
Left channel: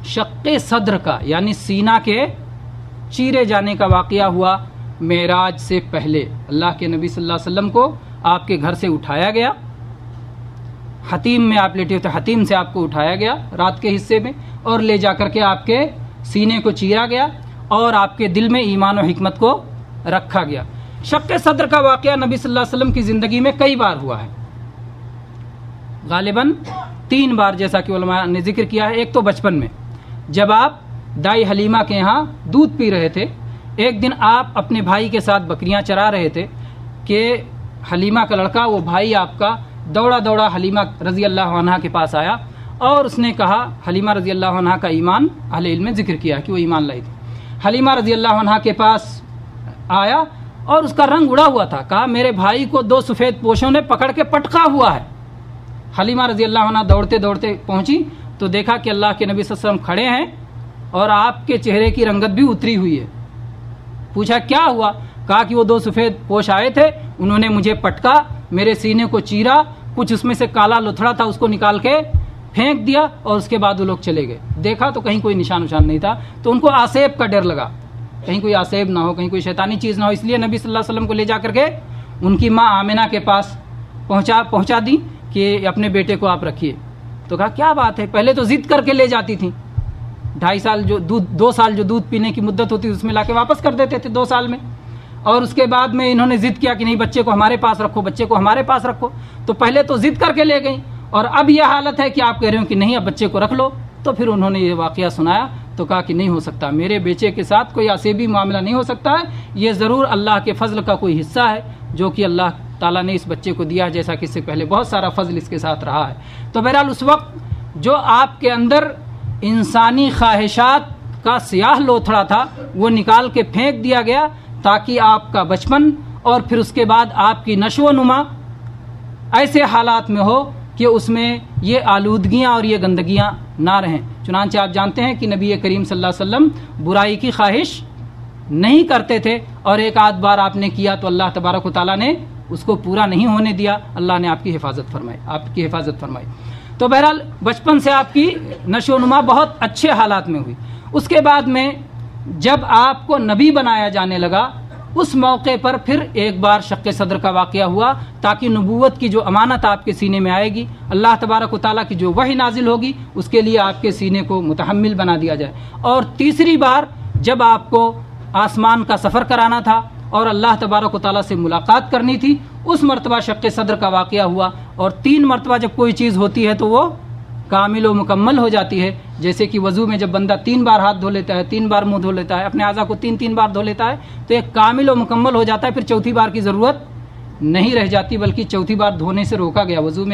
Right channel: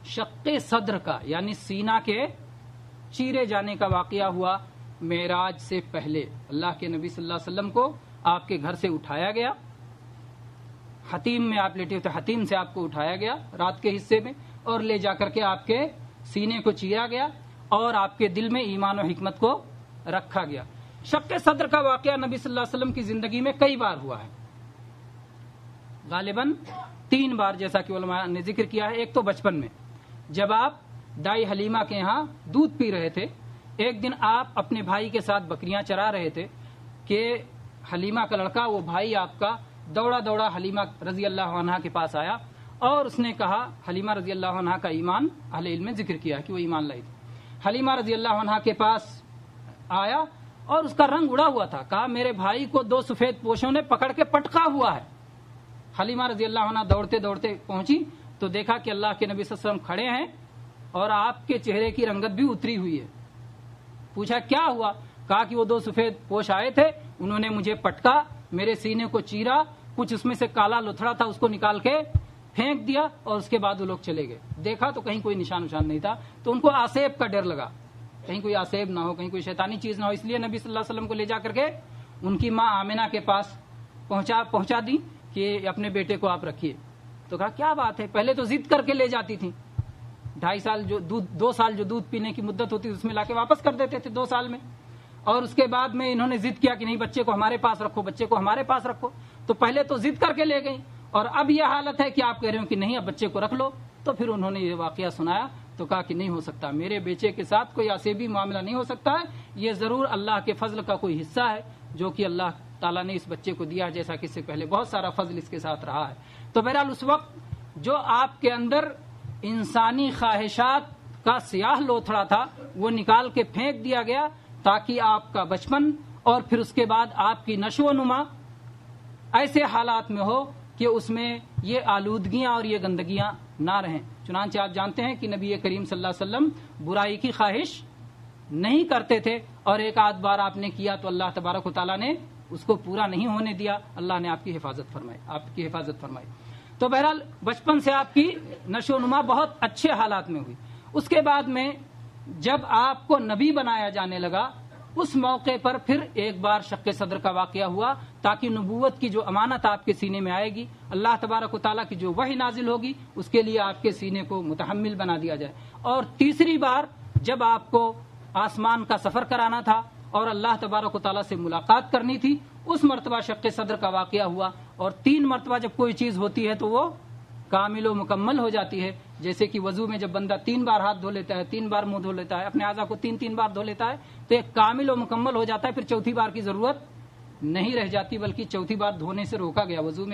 شق صدر کا یعنی سینہ کے چیرے جانے کا واقعہ ہوا معراج سے پہلے۔ اللہ کے نبی صلی اللہ علیہ وسلم کو آپ کے گھر سے اٹھایا گیا، حتیم میں آپ لیٹے ہوتے، حتیم سے آپ کو اٹھایا گیا رات کے حصے میں، اور لے جا کر کے آپ کے سینے کو چیرا گیا اور آپ کے دل میں ایمان و حکمت کو رکھا گیا۔ شق صدر کا واقعہ نبی صلی اللہ علیہ وسلم کی زندگی میں کئی بار ہوا ہے، غالباً 3 بار جیسا کہ علماء نے ذکر کیا ہے۔ ایک تو بچپن میں جب آپ دائی حلیمہ کے یہاں دودھ پی رہے تھے، ایک دن آپ اپنے بھائی کے ساتھ بکریاں چرا رہے تھے کہ حلیمہ کا لڑکا، وہ بھائی آپ کا، دوڑا دوڑا حلیمہ رضی اللہ عنہا کے پاس آیا اور اس نے کہا، حلیمہ رضی اللہ عنہا کا ایمان اہل علم نے ذکر کیا کہ وہ ایمان لائی تھی۔ حلیمہ رضی اللہ عنہا کے پاس آیا اور اس کا رنگ اڑا ہوا تھا، کہا میرے بھائی کو 2 سفید پوشوں نے پکڑ کے پٹکا ہوا ہے۔ حلیمہ رضی اللہ عنہا دوڑتے دوڑتے پہنچی تو دیکھا کہ اللہ کے نبی صلی اللہ علیہ وسلم کھڑے ہیں اور آپ کے چہرے کی رنگت بھی اتری ہوئی ہے۔ پوچھا کیا ہوا؟ کہا کہ وہ 2 سفید پوش آئے تھے، انہوں نے مجھے پٹکا، میرے سینے کو چیرا، کچھ اس میں سے کالا لتھڑا تھا اس کو نکال کے پھینک دیا اور اس کے بعد وہ لوگ چلے گئے۔ دیکھا تو کہیں کوئی نشان نہیں تھا، تو ان کو آسیب کا ڈر لگا، کہیں کوئی آسیب نہ ہو، کہیں کوئی شیطانی چیز نہ ہو، اس لیے نبی صلی اللہ علیہ وسلم کو لے جا کر کے ان کی ماں آمنہ کے پاس پہنچا دی کہ اپنے بیٹے کو آپ رکھیے۔ تو کہا کیا بات ہے، پہلے تو ضد کر کے لے جاتی تھیں، 2.5 سال جو 2 سال جو دودھ پینے کی مدت ہوتی اس میں لا کے واپس کر دیتے تھے 2 سال میں، اور اس کے بعد میں انہوں نے ضد کیا کہ نہیں بچے کو ہمارے پاس رکھو، بچے کو ہمارے پاس رکھو، تو پہلے تو ضد کر کے لے گئیں اور اب یہ حالت ہے کہ آپ کہہ رہے ہو کہ نہیں اب بچے کو رکھ لو۔ تو پھر انہوں نے یہ واقعہ سنایا تو کہا کہ نہیں ہو سکتا، میرے بیٹے کے ساتھ کوئی آسیبی معاملہ نہیں ہو سکتا ہے، یہ ضرور اللہ کے فضل کا کوئی حصہ ہے جو کہ اللہ تعالیٰ نے اس بچے کو دیا ہے، جیسا کہ اس سے پہلے بہت سارا فضل اس کے ساتھ رہا ہے۔ تو بہرحال اس وقت جو آپ کے اندر انسانی خواہشات کا سیاہ لوتھڑا تھا وہ نکال کے پھینک دیا گیا تاکہ آپ کا بچپن اور پھر اس کے بعد آپ کی نشو و نما ایسے حالات میں ہو کہ اس میں یہ آلودگیاں اور یہ گندگیاں نہ رہیں۔ چنانچہ آپ جانتے ہیں کہ نبی کریم صلی اللہ علیہ وسلم برائی کی خواہش نہیں کرتے تھے، اور ایک آدھ بار آپ نے کیا تو اللہ تبارک و تعالیٰ نے اس کو پورا نہیں ہونے دیا، اللہ نے آپ کی حفاظت فرمائی۔ تو بہرحال بچپن سے آپ کی نشو و نما بہت اچھے حالات میں ہوئی۔ اس کے بعد میں جب آپ کو نبی بنایا جانے لگا اس موقع پر پھر ایک بار شق صدر کا واقعہ ہوا تاکہ نبوت کی جو امانت آپ کے سینے میں آئے گی، اللہ تبارک و تعالیٰ کی جو وحی نازل ہوگی اس کے لیے آپ کے سینے کو متحمل بنا دیا جائے۔ اور تیسری بار جب آپ کو آسمان کا سفر کرانا تھا اور اللہ تبارک و تعالیٰ سے ملاقات کرنی تھی، اس مرتبہ شق صدر کا واقعہ ہوا۔ اور 3 مرتبہ جب کوئی چیز ہوتی ہے تو وہ کامل و مکمل ہو جاتی ہے، جیسے کہ وضو میں جب بندہ 3 بار ہاتھ دھو لیتا ہے، 3 بار منہ دھو لیتا ہے، اپنے اعضاء کو 3 بار دھو لیتا ہے تو ایک کامل و مکمل ہو جاتا ہے، پھر چوتھی بار کی ضرورت نہیں رہ جاتی، بلکہ چوتھی بار دھونے سے روکا گیا۔ وضو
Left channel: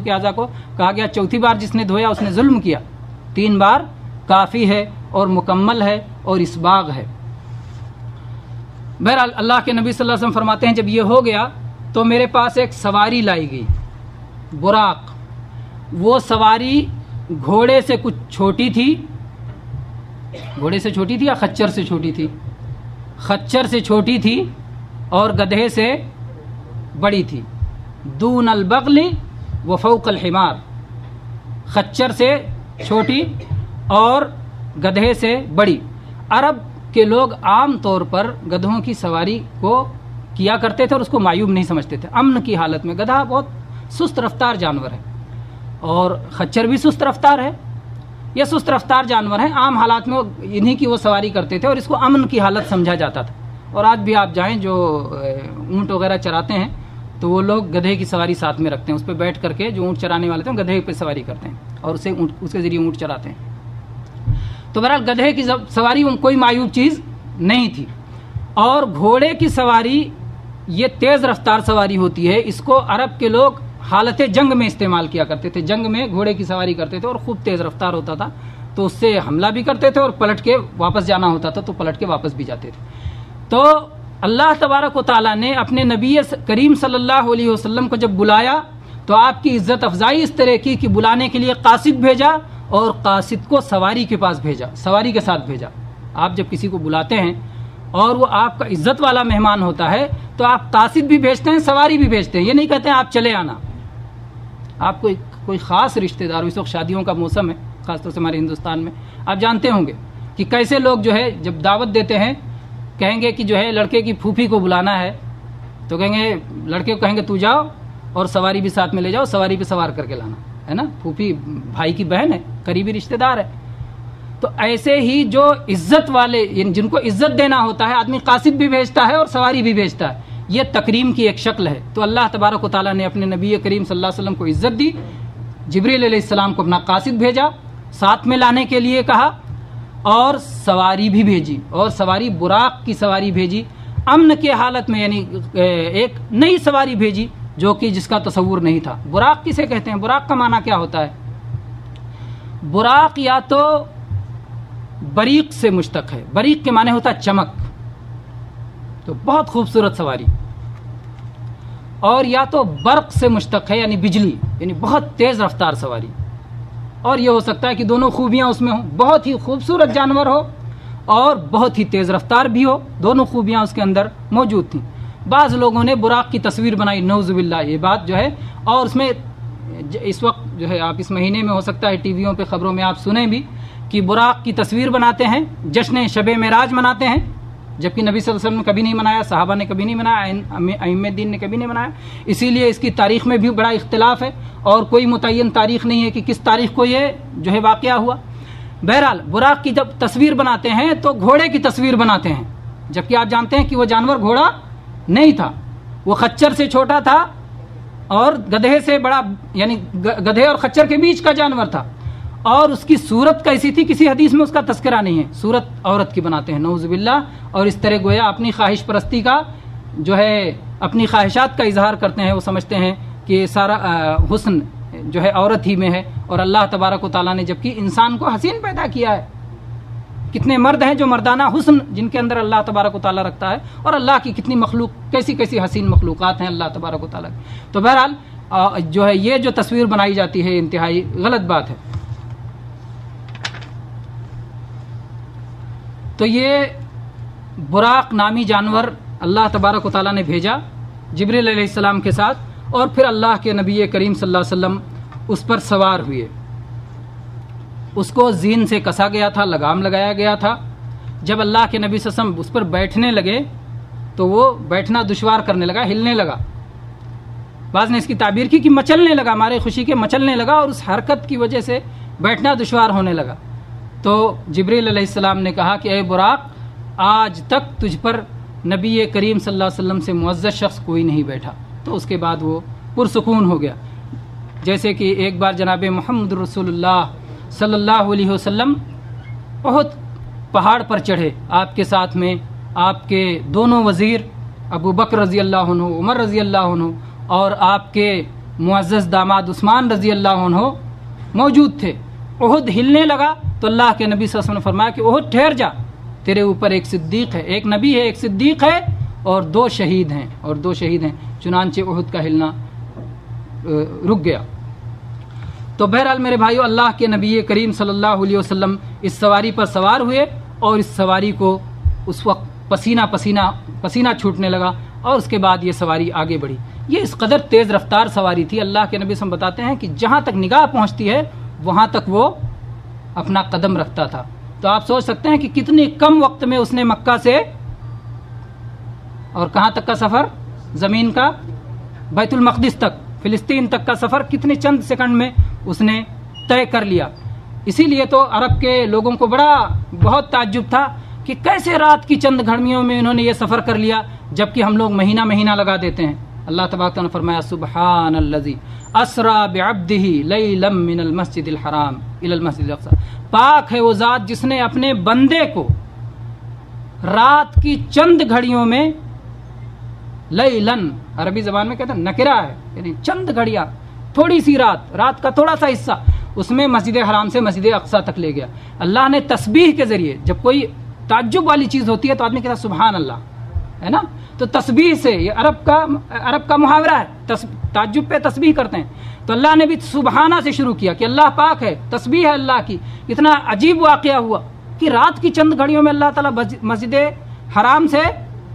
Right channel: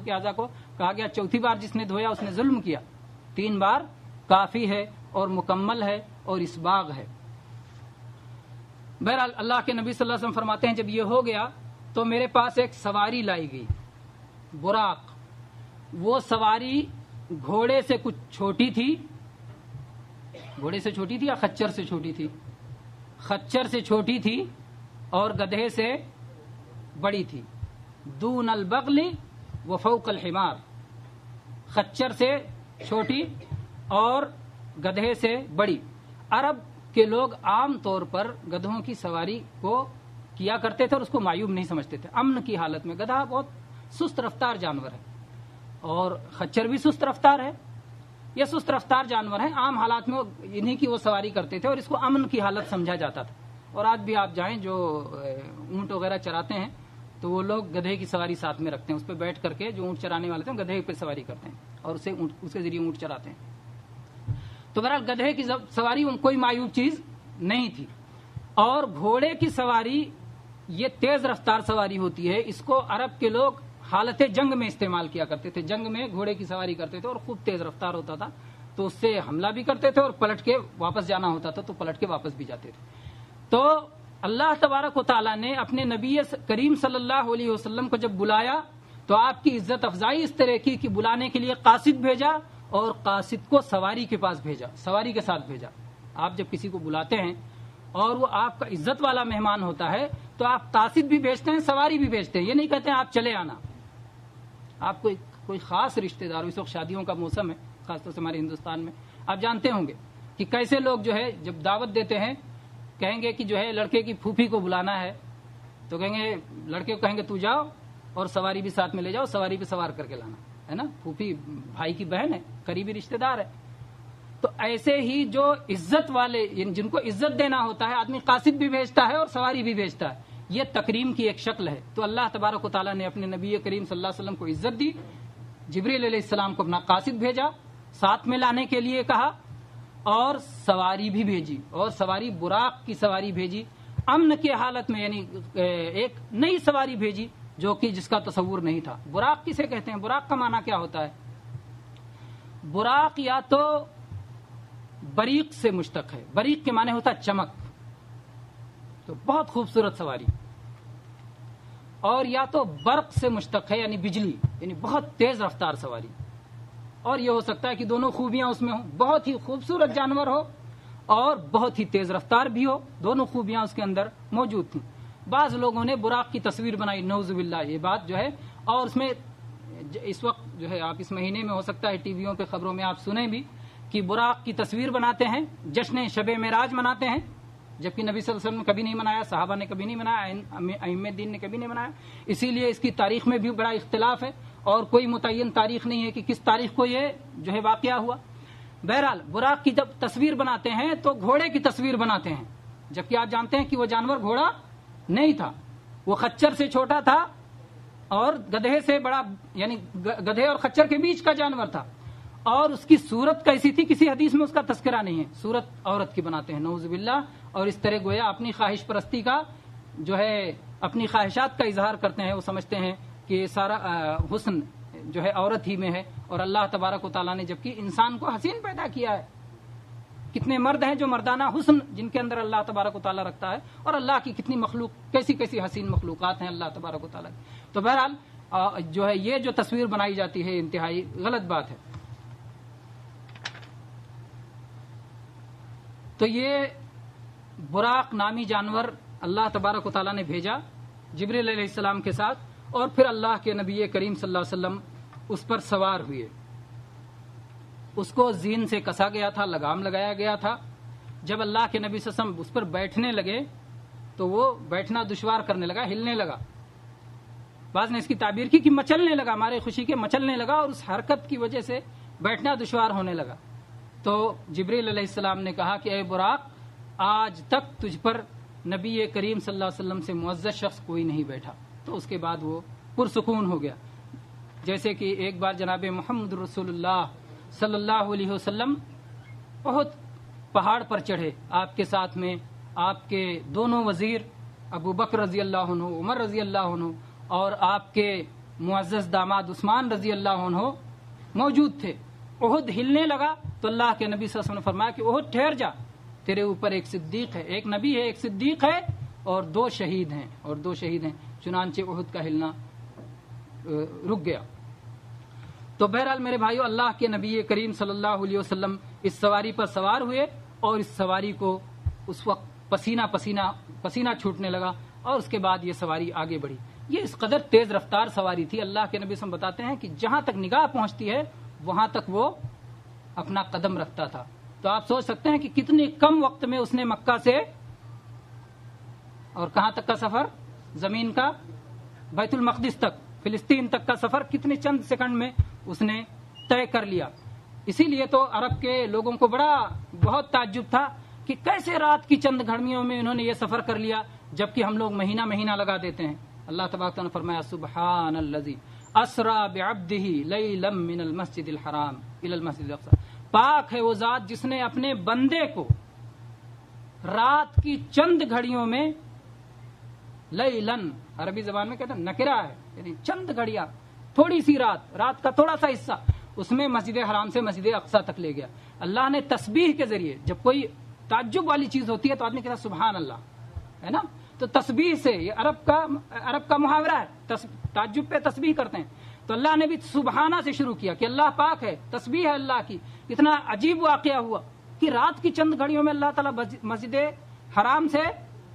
کے اعضاء کو کہا گیا چوتھی بار جس نے دھویا اس نے ظلم کیا، 3 بار کافی ہے اور مکمل ہے اور اسباغ ہے۔ بہرحال اللہ کے نبی صلی اللہ علیہ وسلم فرماتے ہیں جب یہ ہو گیا تو میرے پاس ایک سواری لائی گئی، براق۔ وہ سواری گھوڑے سے کچھ چھوٹی تھی، گھوڑے سے چھوٹی تھی یا خچر سے چھوٹی تھی؟ خچر سے چھوٹی تھی اور گدھے سے بڑی تھی۔ دون البغل و فوق الحمار، خچر سے چھوٹی اور گدھے سے بڑی۔ عرب کے لوگ عام طور پر گدھوں کی سواری کو کیا کرتے تھے اور اس کو معیوب نہیں سمجھتے تھے۔ امن کی حالت میں گدھا بہت سست رفتار جانور ہے اور خچر بھی سست رفتار ہے، یہ سست رفتار جانور ہیں، عام حالات میں انہی کی وہ سواری کرتے تھے اور اس کو امن کی حالت سمجھا جاتا تھا۔ اور آج بھی آپ جائیں جو اونٹ وغیرہ چراتے ہیں تو وہ لوگ گدھے کی سواری ساتھ میں رکھتے ہیں، اس پہ بیٹھ کر کے جو اونٹ چرانے والے تھے گدھے پہ سواری کرتے ہیں اور اس کے ذریعے اونٹ چراتے ہیں۔ تو بہرحال گدھے کی سواری کوئی معیوب چیز نہیں تھی۔ اور گھوڑے کی سواری یہ تیز رفتار سواری ہوتی ہے، اس کو عرب کے لوگ حالت جنگ میں استعمال کیا کرتے تھے، جنگ میں گھوڑے کی سواری کرتے تھے اور خوب تیز رفتار ہوتا تھا تو اس سے حملہ بھی کرتے تھے اور پلٹ کے واپس جانا ہوتا تھا تو پلٹ کے واپس بھی جاتے تھے۔ تو اللہ تبارک و تعالیٰ نے اپنے نبی کریم صلی اللہ علیہ وسلم کو جب بلایا تو آپ کی عزت افزائی اس طرح کی کہ بلانے کے لیے قاصد بھیجا اور قاصد کو سواری کے پاس بھیجا، سواری کے ساتھ بھیجا۔ آپ جب کسی کو بلاتے ہیں اور وہ آپ کا عزت والا مہمان ہوتا ہے تو آپ قاصد بھی بھیجتے ہیں، سواری بھی بھیجتے ہیں، یہ نہیں کہتے ہیں آپ چلے آنا۔ آپ کو کوئی خاص رشتہ دار، اس وقت شادیوں کا موسم ہے، خاص طور سے ہمارے ہندوستان میں آپ جانتے ہوں گے کہ کیسے لوگ جو ہے جب دعوت دیتے ہیں کہیں گے کہ جو ہے لڑکے کی پھوپھی کو بلانا ہے تو کہیں گے لڑکے کو کہیں گے تو جاؤ اور سواری بھی ساتھ میں لے جاؤ, سواری پہ سوار کر کے لانا ہے نا. پھوپھی بھائی کی بہن ہے, قریبی رشتہ دار ہے. تو ایسے ہی جو عزت والے جن کو عزت دینا ہوتا ہے آدمی قاصد بھی بھیجتا ہے اور سواری بھی بھیجتا ہے, یہ تکریم کی ایک شکل ہے. تو اللہ تبارک و تعالیٰ نے اپنے نبی کریم صلی اللہ علیہ وسلم کو عزت دی, جبریل علیہ السلام کو اپنا قاصد بھیجا, ساتھ میں لانے کے لیے کہا, اور سواری بھی بھیجی, اور سواری براق کی سواری بھیجی, امن کے حالت میں, یعنی ایک نئی سواری بھیجی جو کہ جس کا تصور نہیں تھا. براق کسے کہتے ہیں؟ براق کا معنی کیا ہوتا ہے؟ براق یا تو بریق سے مشتق ہے, بریق کے معنی ہوتا ہے چمک, تو بہت خوبصورت سواری, اور یا تو برق سے مشتق ہے یعنی بجلی, یعنی بہت تیز رفتار سواری, اور یہ ہو سکتا ہے کہ دونوں خوبیاں اس میں ہوں, بہت ہی خوبصورت جانور ہو اور بہت ہی تیز رفتار بھی ہو, دونوں خوبیاں اس کے اندر موجود تھیں. بعض لوگوں نے براق کی تصویر بنائی, نعوذ باللہ, یہ بات جو ہے, اور اس میں اس وقت جو ہے آپ اس مہینے میں ہو سکتا ہے ٹی ویوں پہ خبروں میں آپ سنیں بھی کہ براق کی تصویر بناتے ہیں, جشن شب معراج مناتے ہیں, جبکہ نبی صلی اللہ علیہ وسلم نے کبھی نہیں منایا, صحابہ نے کبھی نہیں منایا, ائمہ دین نے کبھی نہیں منایا. اسی لیے اس کی تاریخ میں بھی بڑا اختلاف ہے اور کوئی متعین تاریخ نہیں ہے کہ کس تاریخ کو یہ جو ہے واقعہ ہوا. بہرحال براق کی جب تصویر بناتے ہیں تو گھوڑے کی تصویر بناتے ہیں, جبکہ آپ جانتے ہیں کہ وہ جانور گھوڑا نہیں تھا, وہ خچر سے چھوٹا تھا اور گدھے سے بڑا, یعنی گدھے اور خچر کے بیچ کا جانور تھا, اور اس کی صورت کیسی تھی کسی حدیث میں اس کا تذکرہ نہیں ہے, صورت عورت کی بناتے ہیں نعوذ باللہ, اور اس طرح گویا اپنی خواہش پرستی کا جو ہے, اپنی خواہشات کا اظہار کرتے ہیں. وہ سمجھتے ہیں کہ سارا حسن جو ہے عورت ہی میں ہے, اور اللہ تبارک و تعالیٰ نے جبکہ انسان کو حسین پیدا کیا ہے, کتنے مرد ہیں جو مردانہ حسن جن کے اندر اللہ تبارک و تعالیٰ رکھتا ہے, اور اللہ کی کتنی مخلوق, کیسی کیسی حسین مخلوقات ہیں اللہ تبارک و تعالیٰ کی. تو بہرحال جو ہے یہ جو تصویر بنائی جاتی ہے انتہائی غلط بات ہے. تو یہ براق نامی جانور اللہ تبارک و تعالیٰ نے بھیجا جبریل علیہ السلام کے ساتھ, اور پھر اللہ کے نبی کریم صلی اللہ علیہ وسلم اس پر سوار ہوئے. اس کو زین سے کسا گیا تھا, لگام لگایا گیا تھا. جب اللہ کے نبی صلی اللہ علیہ وسلم اس پر بیٹھنے لگے تو وہ بیٹھنا دشوار کرنے لگا, ہلنے لگا. بعض نے اس کی تعبیر کی کہ مچلنے لگا, ہمارے خوشی کے مچلنے لگا, اور اس حرکت کی وجہ سے بیٹھنا دشوار ہونے لگا. تو جبریل علیہ السلام نے کہا کہ اے براق, آج تک تجھ پر نبی کریم صلی اللہ علیہ وسلم سے معزز شخص کوئی نہیں بیٹھا. تو اس کے بعد وہ پرسکون ہو گیا. جیسے کہ ایک بار جناب محمد رسول اللہ صلی اللہ علیہ وسلم بہت پہاڑ پر چڑھے, آپ کے ساتھ میں آپ کے دونوں وزیر ابو بکر رضی اللہ عنہ, عمر رضی اللہ عنہ, اور آپ کے معزز داماد عثمان رضی اللہ عنہ موجود تھے. احد ہلنے لگا تو اللہ کے نبی صلی اللہ علیہ وسلم نے فرمایا کہ احد ٹھہر جا, تیرے اوپر ایک صدیق ہے, ایک نبی ہے, ایک صدیق ہے, اور دو شہید ہیں. چنانچہ احد کا ہلنا رک گیا. تو بہرحال میرے بھائیو, اللہ کے نبی کریم صلی اللہ علیہ وسلم اس سواری پر سوار ہوئے, اور اس سواری کو اس وقت پسینہ چھوٹنے لگا, اور اس کے بعد یہ سواری آگے بڑھی. یہ اس قدر تیز رفتار سواری تھی, اللہ کے نبی صلی اللہ علیہ وسلم بتاتے ہیں کہ جہاں تک نگاہ پہنچتی ہے وہاں تک وہ اپنا قدم رکھتا تھا. تو آپ سوچ سکتے ہیں کہ کتنے کم وقت میں اس نے مکہ سے اور کہاں تک کا سفر, زمین کا بیت المقدس تک, فلسطین تک کا سفر کتنے چند سیکنڈ میں اس نے طے کر لیا. اسی لیے تو عرب کے لوگوں کو بہت تعجب تھا کہ کیسے رات کی چند گھڑیوں میں انہوں نے یہ سفر کر لیا, جبکہ ہم لوگ مہینہ لگا دیتے ہیں. اللہ تبارک نے فرمایا سبحان الذی اسرا بعبدہ لیلا من المسجد الحرام الی المسجد الاقصی, پاک ہے وہ ذات جس نے اپنے بندے کو رات کی چند گھڑیوں میں, لیلن عربی زبان میں کہتے ہیں نکرہ ہے, یعنی چند گھڑیاں, تھوڑی سی رات کا تھوڑا سا حصہ, اس میں مسجد حرام سے مسجد اقصی تک لے گیا. اللہ نے تسبیح کے ذریعے, جب کوئی تعجب والی چیز ہوتی ہے تو آدمی کہتا ہے سبحان اللہ, ہے نا, تو تسبیح سے, یہ عرب کا محاورہ ہے, تعجب پہ تسبیح کرتے ہیں. تو اللہ نے بھی سبحانہ سے شروع کیا کہ اللہ پاک ہے, تسبیح ہے اللہ کی. اتنا عجیب واقعہ ہوا کہ رات کی چند گھڑیوں میں اللہ تعالیٰ مسجد حرام سے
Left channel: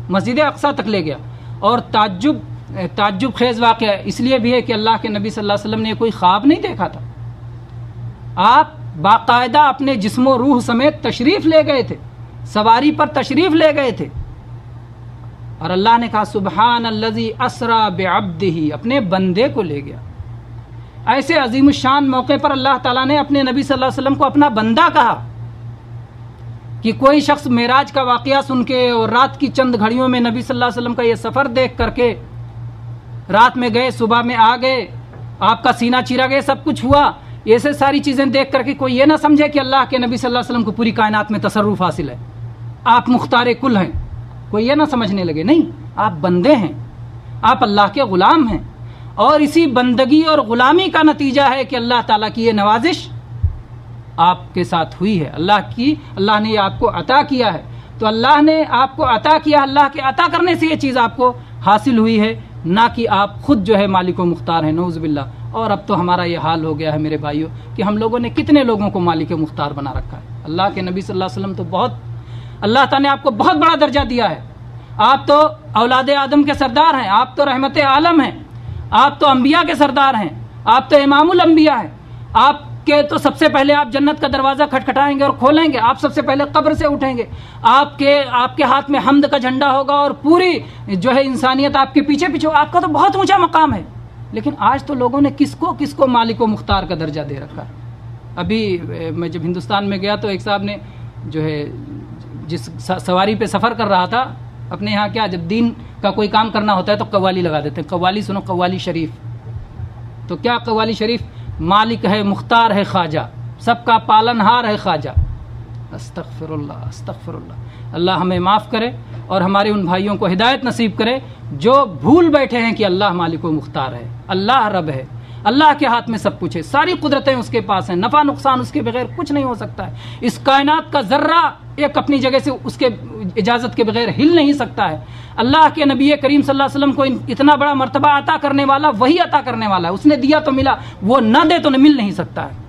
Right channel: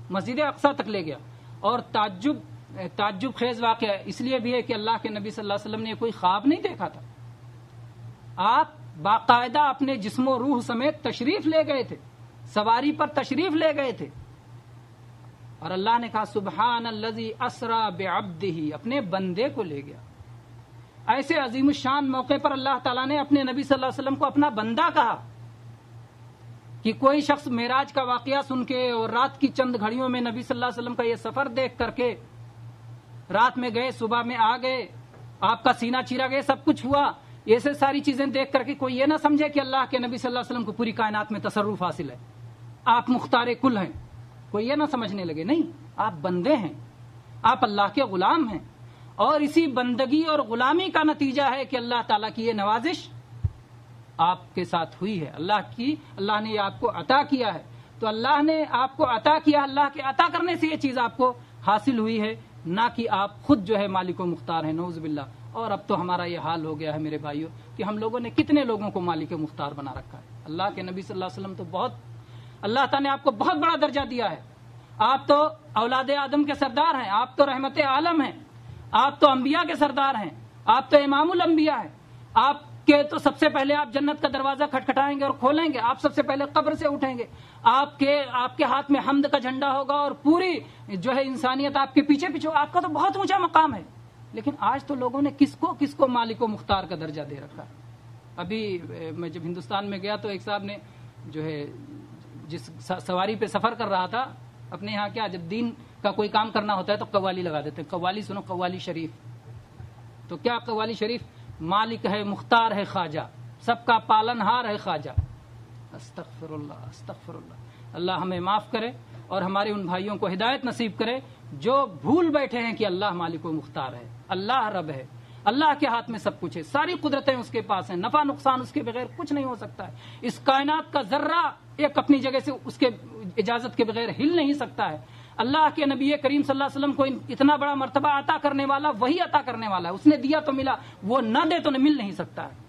مسجد اقصی تک لے گیا. اور تعجب خیز واقعہ اس لیے بھی ہے کہ اللہ کے نبی صلی اللہ علیہ وسلم نے کوئی خواب نہیں دیکھا تھا. آپ باقاعدہ اپنے جسم و روح سمیت تشریف لے گئے تھے، سواری پر تشریف لے گئے تھے، اور اللہ نے کہا سبحان الذی اسری بعبدہ، اپنے بندے کو لے گیا۔ ایسے عظیم الشان موقع پر اللہ تعالیٰ نے اپنے نبی صلی اللہ علیہ وسلم کو اپنا بندہ کہا کہ کوئی شخص معراج کا واقعہ سن کے اور رات کی چند گھڑیوں میں نبی صلی اللہ علیہ وسلم کا یہ سفر دیکھ کر کے، رات میں گئے صبح میں آ گئے، آپ کا سینہ چیرا گیا، سب کچھ ہوا، ایسے ساری چیزیں دیکھ کر کے کوئی یہ نہ سمجھے کہ اللہ کے نبی صلی اللہ علیہ وسلم کو پوری کائنات میں تصرف حاصل ہے، آپ مختار کل ہیں، کوئی یہ نہ سمجھنے لگے، نہیں، آپ بندے ہیں، آپ اللہ کے غلام ہیں، اور اسی بندگی اور غلامی کا نتیجہ ہے کہ اللہ تعالیٰ کی یہ نوازش آپ کے ساتھ ہوئی ہے، اللہ نے یہ آپ کو عطا کیا ہے، تو اللہ نے آپ کو عطا کیا، اللہ کے عطا کرنے سے یہ چیز آپ کو حاصل ہوئی ہے، نہ کہ آپ خود جو ہے مالک و مختار ہیں، نعوذ باللہ۔ اور اب تو ہمارا یہ حال ہو گیا ہے میرے بھائیوں کہ ہم لوگوں نے کتنے لوگوں کو مالک و مختار بنا رکھا ہے۔ اللہ کے نبی صلی اللہ علیہ وسلم تو اللہ تعالیٰ نے آپ کو بہت بڑا درجہ دیا ہے، آپ تو اولاد آدم کے سردار ہیں، آپ تو رحمت عالم ہیں، آپ تو انبیاء کے سردار ہیں، آپ تو امام الانبیاء ہیں، آپ کے تو سب سے پہلے آپ جنت کا دروازہ کھٹکھٹائیں گے اور کھولیں گے، آپ سب سے پہلے قبر سے اٹھیں گے، آپ کے ہاتھ میں حمد کا جھنڈا ہوگا اور پوری جو ہے انسانیت آپ کے پیچھے پیچھے، آپ کا تو بہت اونچا مقام ہے، لیکن آج تو لوگوں نے کس کو مالک و مختار کا درجہ دے رکھا ہے۔ ابھی میں جب ہندوستان میں گیا تو ایک صاحب نے جو ہے جس سواری پہ سفر کر رہا تھا، اپنے یہاں کیا جب دین کا کوئی کام کرنا ہوتا ہے تو قوالی لگا دیتے ہیں، قوالی سنو، قوالی شریف، تو کیا قوالی شریف؟ مالک ہے، مختار ہے خواجہ، سب کا پالنہار ہے خواجہ۔ استغفر اللہ، استغفر اللہ، اللہ ہمیں معاف کرے اور ہمارے ان بھائیوں کو ہدایت نصیب کرے جو بھول بیٹھے ہیں کہ اللہ مالک و مختار ہے، اللہ رب ہے، اللہ کے ہاتھ میں سب کچھ ہے، ساری قدرتیں اس کے پاس ہیں، نفع نقصان اس کے بغیر کچھ نہیں ہو سکتا ہے، اس کائنات کا ذرہ ایک اپنی جگہ سے اس کے اجازت کے بغیر ہل نہیں سکتا ہے۔ اللہ کے نبی کریم صلی اللہ علیہ وسلم کو اتنا بڑا مرتبہ عطا کرنے والا وہی عطا کرنے والا ہے، اس نے دیا تو ملا، وہ نہ دے تو مل نہیں سکتا ہے،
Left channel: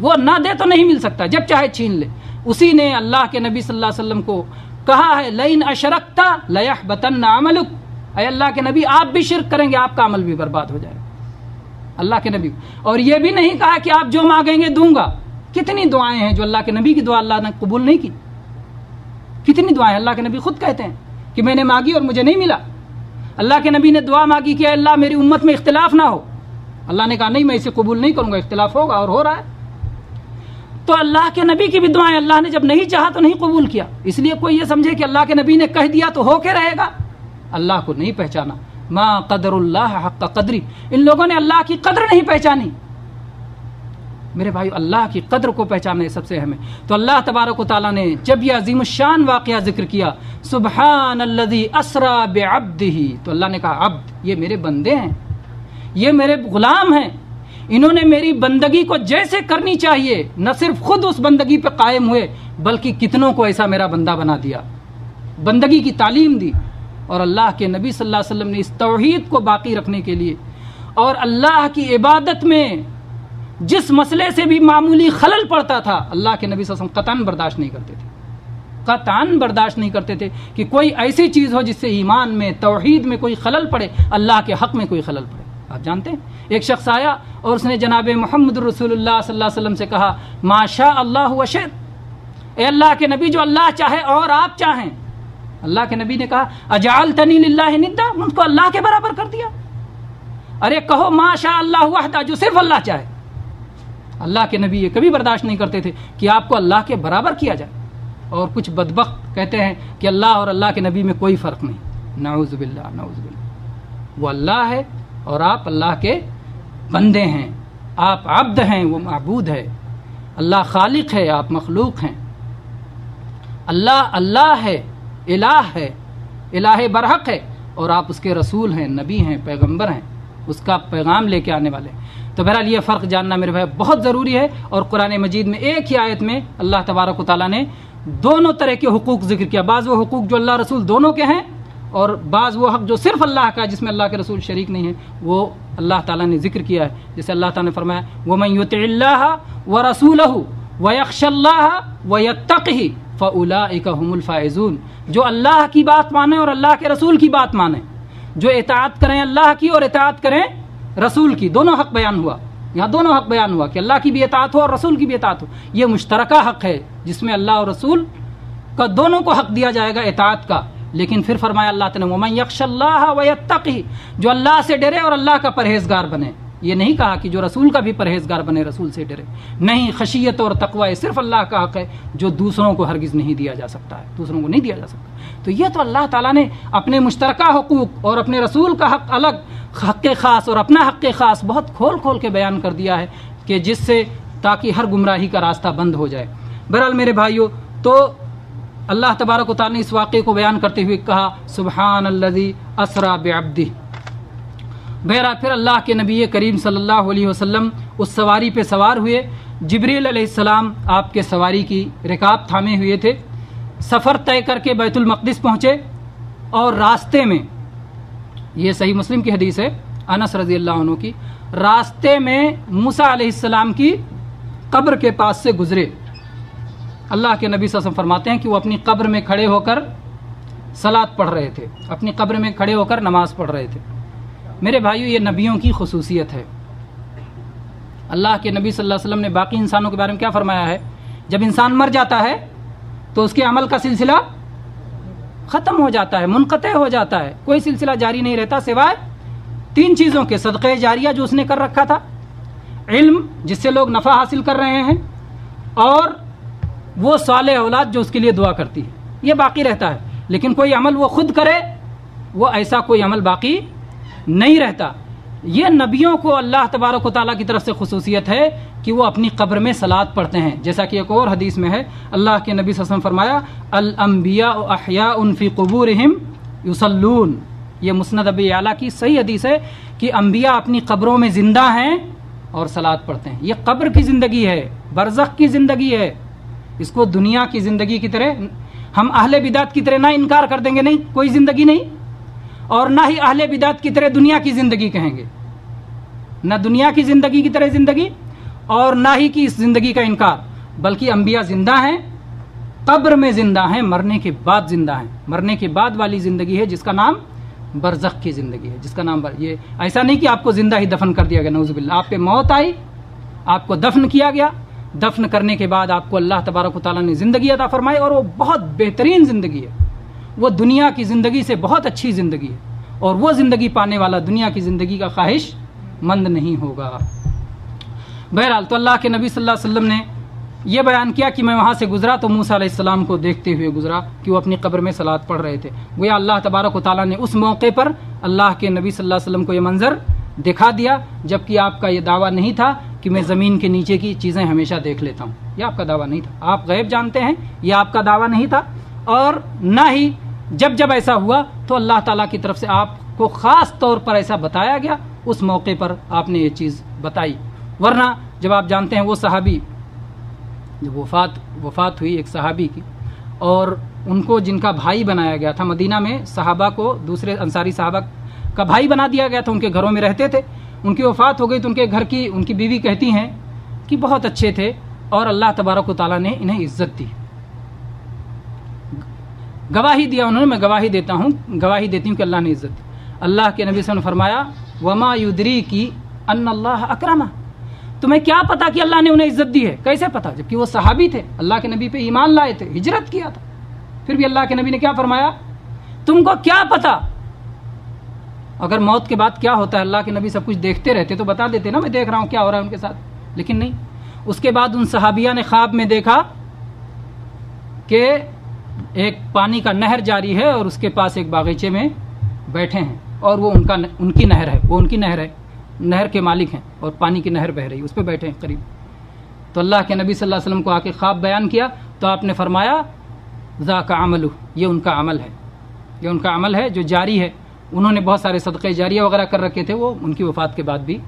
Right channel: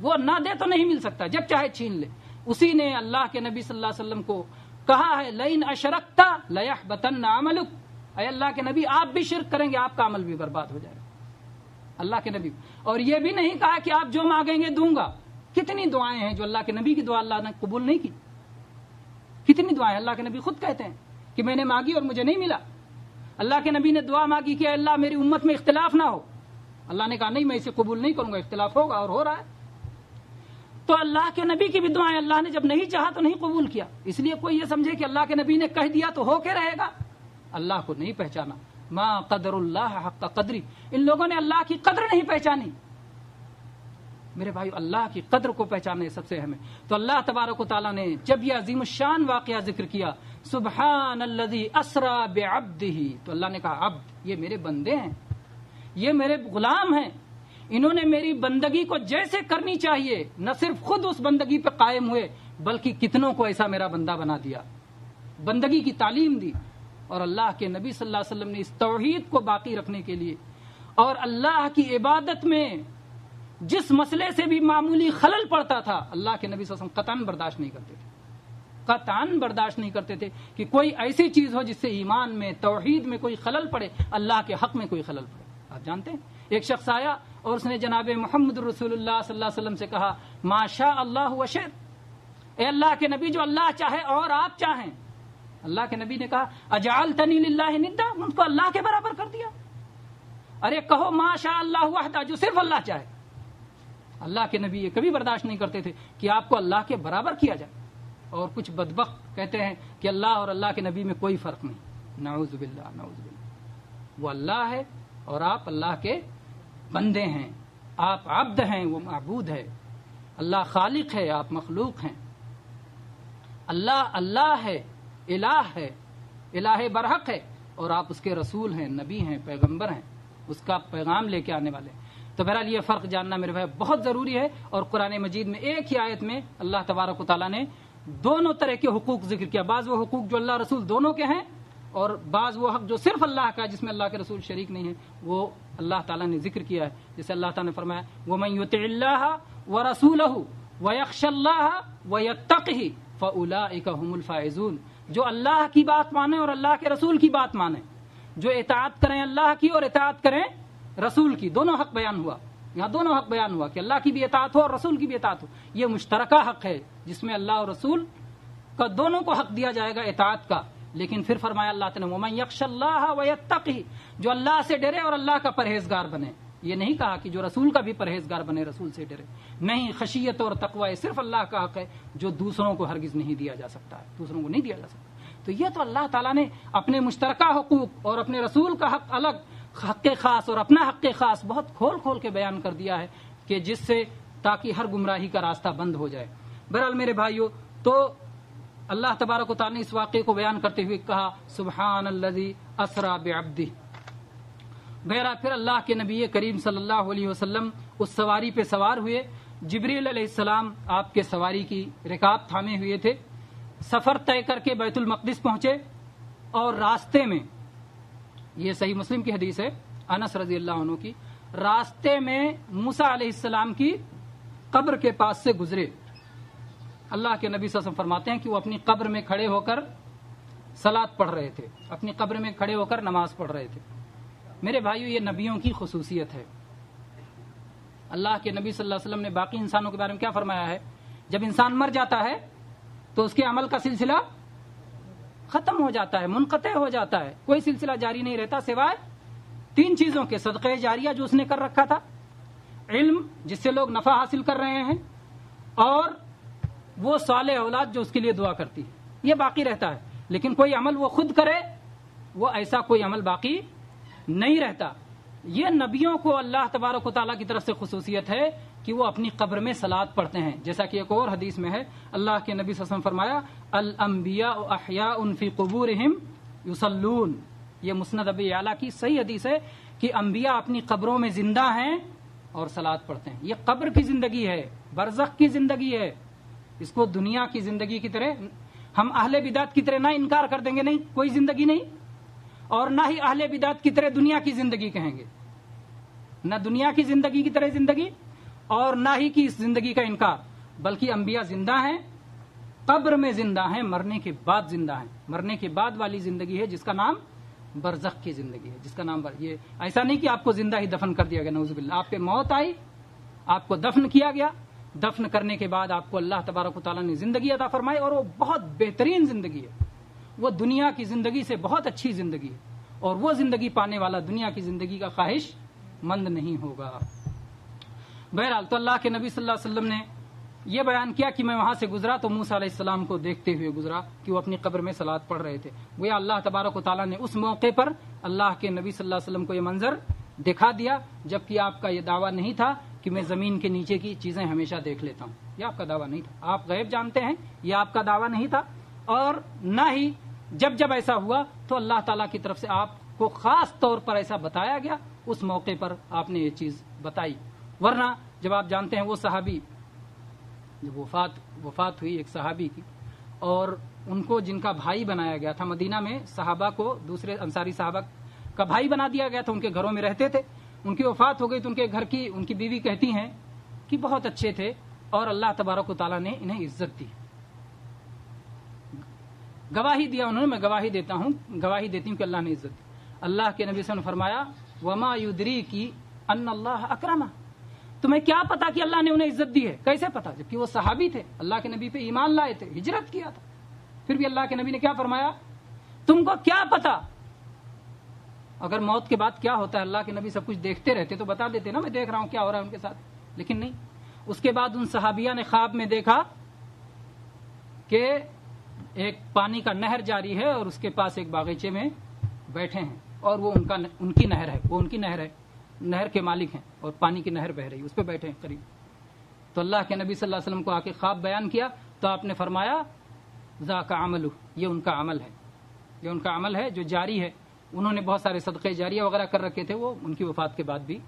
وہ نہ دے تو نہیں مل سکتا، جب چاہے چھین لے۔ اسی نے اللہ کے نبی صلی اللہ علیہ وسلم کو کہا ہے لئن اشرکت لیحبطن عملک، اے اللہ کے نبی آپ بھی شرک کریں گے آپ کا عمل بھی برباد ہو جائے گا، اللہ کے نبی۔ اور یہ بھی نہیں کہا کہ آپ جو مانگیں گے دوں گا، کتنی دعائیں ہیں جو اللہ کے نبی کی دعا اللہ نے قبول نہیں کی، کتنی دعائیں اللہ کے نبی خود کہتے ہیں کہ میں نے مانگی اور مجھے نہیں ملا۔ اللہ کے نبی نے دعا مانگی کہ اے اللہ میری امت میں اختلاف نہ ہو، اللہ نے کہا نہیں میں اسے قبول نہیں کروں گا، اختلاف ہوگا اور ہو رہا ہے۔ تو اللہ کے نبی کی بھی دعائیں اللہ نے جب نہیں چاہا تو نہیں قبول کیا، اس لیے کوئی یہ سمجھے کہ اللہ کے نبی نے کہہ دیا تو ہو کے رہے گا، اللہ کو نہیں پہچانا، ما قدر اللہ حق قدری، ان لوگوں نے اللہ کی قدر نہیں پہچانی۔ میرے بھائیو اللہ کی قدر کو پہچاننا سب سے اہم ہے۔ تو اللہ تبارک و تعالیٰ نے جب یہ عظیم الشان واقعہ ذکر کیا سبحان الذی اسری بعبدہ، تو اللہ نے کہا عبد یہ میرے بندے ہیں، یہ میرے غلام ہیں، انہوں نے میری بندگی کو جیسے کرنی چاہیے نہ صرف خود اس بندگی پہ قائم ہوئے بلکہ کتنوں کو ایسا میرا بندہ بنا دیا، بندگی کی تعلیم دی۔ اور اللہ کے نبی صلی اللہ علیہ وسلم نے اس توحید کو باقی رکھنے کے لیے اور اللہ کی عبادت میں جس مسئلے سے بھی معمولی خلل پڑتا تھا اللہ کے نبی صلی اللہ علیہ وسلم قطعاً برداشت نہیں کرتے تھے، قطعاً برداشت نہیں کرتے تھے کہ کوئی ایسی چیز ہو جس سے ایمان میں توحید میں کوئی خلل پڑے، اللہ کے حق میں کوئی خلل پڑے۔ آپ جانتے ہیں ایک شخص آیا اور اس نے جناب محمد رسول اللہ صلی اللہ علیہ وسلم سے کہا ما شاء اللہ وشئت، اے اللہ کے نبی جو اللہ چاہے اور آپ چاہیں۔ اللہ کے نبی نے کہا اجعلتنی للہ ندا، ان کو اللہ کے برابر کر دیا۔ ارے کہو ما شاء اللہ وحدہ، جو صرف اللہ چاہے۔ اللہ کے نبی یہ کبھی برداشت نہیں کرتے تھے کہ آپ کو اللہ کے برابر کیا جائے، اور کچھ بدبخت کہتے ہیں کہ اللہ اور اللہ کے نبی میں کوئی فرق نہیں، نعوذ باللہ، نعوذ باللہ۔ وہ اللہ ہے اور آپ اللہ کے بندے ہیں، آپ عبد ہیں وہ معبود ہے، اللہ خالق ہے آپ مخلوق ہیں، اللہ ہے، الہ ہے، الہ برحق ہے، اور آپ اس کے رسول ہیں، نبی ہیں، پیغمبر ہیں، اس کا پیغام لے کے آنے والے ہیں۔ تو بہرحال یہ فرق جاننا میرے بھائی بہت ضروری ہے، اور قرآن مجید میں ایک ہی آیت میں اللہ تبارک و تعالیٰ نے دونوں طرح کے حقوق ذکر کیا، بعض وہ حقوق جو اللہ رسول دونوں کے ہیں اور بعض وہ حق جو صرف اللہ کا ہے جس میں اللہ کے رسول شریک نہیں ہے، وہ اللہ تعالیٰ نے ذکر کیا ہے۔ جیسے اللہ تعالیٰ نے فرمایا وَمَن يُطِعِ اللَّهَ وَرَسُولَهُ وَيَخْشَ اللَّهَ وَيَتَّقِهِ فَأُولَٰئِكَ هُمُ الْفَائِزُونَ، جو اللہ کی بات مانے اور اللہ کے رسول کی بات مانے، جو اطاعت کریں اللہ کی اور اطاعت کریں رسول کی، دونوں حق بیان ہوا، یہاں دونوں حق بیان ہوا کہ اللہ کی بھی اطاعت ہو اور رسول کی بھی اطاعت ہو. یہ مشترکہ حق ہے جس میں اللہ اور رسول کا دونوں کو حق دیا جائے گا اطاعت کا. لیکن پھر فرمایا اللہ تعالیٰ نے وَمَن يَخْشَ اللَّهَ وَيَتَّقِهِ، جو اللہ سے ڈرے اور اللہ کا پرہیزگار بنے. یہ نہیں کہا کہ جو رسول کا بھی پرہیزگار بنے، رسول سے ڈرے. نہیں، خشیت اور تقوی صرف اللہ کا حق ہے جو دوسروں کو ہرگز نہیں دیا جا سکتا ہے، دوسروں کو نہیں دیا جا سکتا. تو یہ تو اللہ تعالیٰ نے اپنے مشترکہ حقوق اور اپنے رسول کا حق الگ، حق خاص اور اپنا حق خاص بہت کھول کھول کے بیان کر دیا ہے کہ جس سے تاکہ ہر گمراہی کا راستہ بند ہو جائے. بہرحال میرے بھائیوں، تو اللہ تبارک و تعالیٰ نے اس واقعے کو بیان کرتے ہوئے کہا سبحان الذی اسریٰ بعبدہ. بہرحال پھر اللہ کے نبی کریم صلی اللہ علیہ وسلم اس سواری پہ سوار ہوئے. جبریل علیہ السلام آپ کے سواری کی رکاب تھامے ہوئے تھے. سفر طے کر کے بیت المقدس پہنچے اور راستے میں، یہ صحیح مسلم کی حدیث ہے انس رضی اللہ عنہ کی، راستے میں موسیٰ علیہ السلام کی قبر کے پاس سے گزرے. اللہ کے نبی صلی اللہ علیہ وسلم فرماتے ہیں کہ وہ اپنی قبر میں کھڑے ہو کر صلاۃ پڑھ رہے تھے، اپنی قبر میں کھڑے ہو کر نماز پڑھ رہے تھے. میرے بھائیو، یہ نبیوں کی خصوصیت ہے. اللہ کے نبی صلی اللہ علیہ وسلم نے باقی انسانوں کے بارے میں کیا فرمایا ہے؟ جب انسان مر جاتا ہے تو اس کے عمل کا سلسلہ ختم ہو جاتا ہے، منقطع ہو جاتا ہے، کوئی سلسلہ جاری نہیں رہتا سوائے 3 چیزوں کے: صدقہ جاریہ جو اس نے کر رکھا تھا، علم جس سے لوگ نفع حاصل کر رہے ہیں، اور وہ صالح اولاد جو اس کے لیے دعا کرتی ہے. یہ باقی رہتا ہے. لیکن کوئی عمل وہ خود کرے، وہ ایسا کوئی عمل باقی نہیں رہتا. یہ نبیوں کو اللہ تبارک و تعالیٰ کی طرف سے خصوصیت ہے کہ وہ اپنی قبر میں صلاۃ پڑھتے ہیں. جیسا کہ ایک اور حدیث میں ہے، اللہ کے نبی صلی اللہ علیہ وسلم فرمایا الانبیاء احیاء فی قبورہم یصلون. یہ مسند ابی اعلیٰ کی صحیح حدیث ہے کہ انبیاء اپنی قبروں میں زندہ ہیں اور صلاۃ پڑھتے ہیں. یہ قبر کی زندگی ہے، برزخ کی زندگی ہے. اس کو دنیا کی زندگی کی طرح ہم اہل بدعت کی طرح نہ انکار کر دیں گے، نہیں، کوئی زندگی نہیں، اور نہ ہی اہل بدعت کی طرح دنیا کی زندگی کہیں گے. نہ دنیا کی زندگی کی طرح زندگی اور نہ ہی کی اس زندگی کا انکار، بلکہ انبیاء زندہ ہیں، قبر میں زندہ ہیں، مرنے کے بعد زندہ ہیں. مرنے کے بعد والی زندگی ہے جس کا نام برزخ کی زندگی ہے، جس کا نام یہ ایسا نہیں کہ آپ کو زندہ ہی دفن کر دیا گیا، نعوذ باللہ. آپ پہ موت آئی، آپ کو دفن کیا گیا، دفن کرنے کے بعد آپ کو اللہ تبارک و تعالیٰ نے زندگی عطا فرمائی، اور وہ بہت بہترین زندگی ہے. وہ دنیا کی زندگی سے بہت اچھی زندگی ہے، اور وہ زندگی پانے والا دنیا کی زندگی کا خواہش مند نہیں ہوگا. بہرحال تو اللہ کے نبی صلی اللہ علیہ وسلم نے یہ بیان کیا کہ میں وہاں سے گزرا تو موسیٰ علیہ السلام کو دیکھتے ہوئے گزرا کہ وہ اپنی قبر میں صلاۃ پڑھ رہے تھے. گویا اللہ تبارک و تعالیٰ نے اس موقع پر اللہ کے نبی صلی اللہ علیہ وسلم کو یہ منظر دکھا دیا، جبکہ آپ کا یہ دعویٰ نہیں تھا کہ میں زمین کے نیچے کی چیزیں ہمیشہ دیکھ لیتا ہوں. یہ آپ کا دعویٰ نہیں تھا. آپ غیب جانتے ہیں، یہ آپ کا دعویٰ نہیں تھا. اور نہ ہی جب ایسا ہوا تو اللہ تعالیٰ کی طرف سے آپ کو خاص طور پر ایسا بتایا گیا، اس موقع پر آپ نے یہ چیز بتائی. ورنہ جب آپ جانتے ہیں وہ صحابی جب وفات ہوئی ایک صحابی کی، اور ان کو جن کا بھائی بنایا گیا تھا، مدینہ میں صحابہ کو دوسرے انصاری صحابہ کا بھائی بنا دیا گیا تھا، ان کے گھروں میں رہتے تھے. ان کی وفات ہو گئی تو ان کے گھر کی ان کی بیوی کہتی ہیں کہ بہت اچھے تھے اور اللہ تبارک و تعالیٰ نے انہیں عزت دی. گواہی دیا انہوں نے، میں گواہی دیتی ہوں کہ اللہ نے عزت دی. اللہ کے نبی صلی اللہ علیہ وسلم نے فرمایا وما یدریکی ان اللہ اکرمہ. تمہیں کیا پتا کہ اللہ نے انہیں عزت دی ہے؟ کیسے پتا؟ جبکہ وہ صحابی تھے، اللہ کے نبی پہ ایمان لائے تھے، ہجرت کیا تھا. پھر بھی اللہ کے نبی نے کیا فرمایا؟ تم کو کیا پتا؟ اگر موت کے بعد کیا ہوتا ہے اللہ کے نبی سب کچھ دیکھتے رہتے تو بتا دیتے نا، میں دیکھ رہا ہوں کیا ہو رہا ہے ان کے ساتھ. لیکن نہیں. اس کے بعد ان صحابیہ نے خواب میں دیکھا کہ ایک پانی کا نہر جاری ہے اور اس کے پاس ایک باغیچے میں بیٹھے ہیں، اور وہ ان کی نہر ہے، وہ ان کی نہر ہے، نہر کے مالک ہیں، اور پانی کی نہر بہہ رہی، اس پہ بیٹھے ہیں قریب. تو اللہ کے نبی صلی اللہ علیہ وسلم کو آ کے خواب بیان کیا تو آپ نے فرمایا ذاک عملہ، یہ ان کا عمل ہے، یہ ان کا عمل ہے جو جاری ہے. انہوں نے بہت سارے صدقے جاریہ وغیرہ کر رکھے تھے، وہ ان کی وفات کے بعد بھی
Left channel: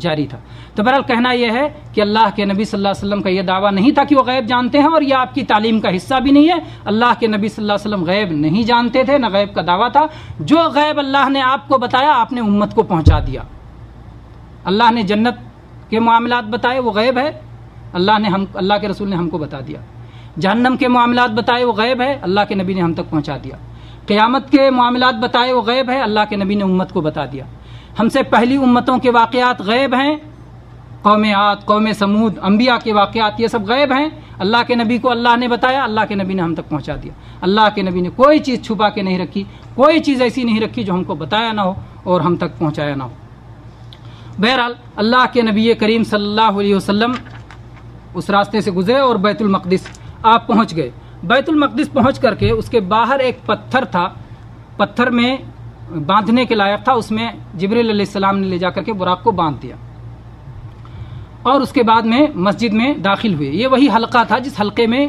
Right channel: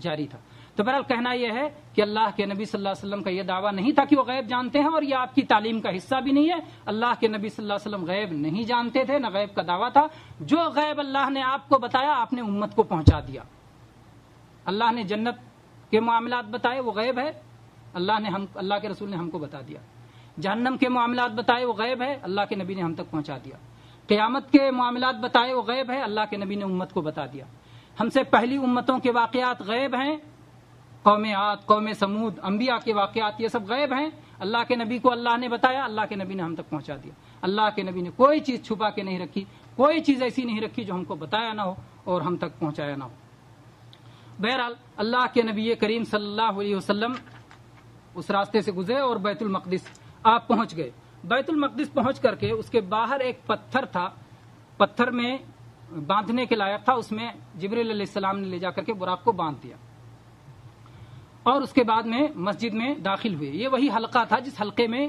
جاری تھا. تو بہرحال کہنا یہ ہے کہ اللہ کے نبی صلی اللہ علیہ وسلم کا یہ دعویٰ نہیں تھا کہ وہ غیب جانتے ہیں، اور یہ آپ کی تعلیم کا حصہ بھی نہیں ہے. اللہ کے نبی صلی اللہ علیہ وسلم غیب نہیں جانتے تھے، نہ غیب کا دعویٰ تھا. جو غیب اللہ نے آپ کو بتایا آپ نے امت کو پہنچا دیا. اللہ نے جنت کے معاملات بتائے، وہ غیب ہے، اللہ کے رسول نے ہم کو بتا دیا. جہنم کے معاملات بتائے، وہ غیب ہے، اللہ کے نبی نے ہم تک پہنچا دیا. قیامت کے معاملات بتائے، وہ غیب ہے، اللہ کے نبی نے امت کو بتا دیا. ہم سے پہلی امتوں کے واقعات غیب ہیں، قوم عاد، قوم سمود، انبیاء کے واقعات، یہ سب غیب ہیں. اللہ کے نبی کو اللہ نے بتایا، اللہ کے نبی نے ہم تک پہنچا دیا. اللہ کے نبی نے کوئی چیز چھپا کے نہیں رکھی، کوئی چیز ایسی نہیں رکھی جو ہم کو بتایا نہ ہو اور ہم تک پہنچایا نہ ہو. بہرحال اللہ کے نبی کریم صلی اللہ علیہ وسلم اس راستے سے گزرے اور بیت المقدس آپ پہنچ گئے. بیت المقدس پہنچ کر کے اس کے باہر ایک پتھر تھا، پتھر میں باندھنے کے لائق تھا، اس میں جبریل علیہ السلام نے لے جا کر کے براق کو باندھ دیا اور اس کے بعد میں مسجد میں داخل ہوئے. یہ وہی حلقہ تھا جس حلقے میں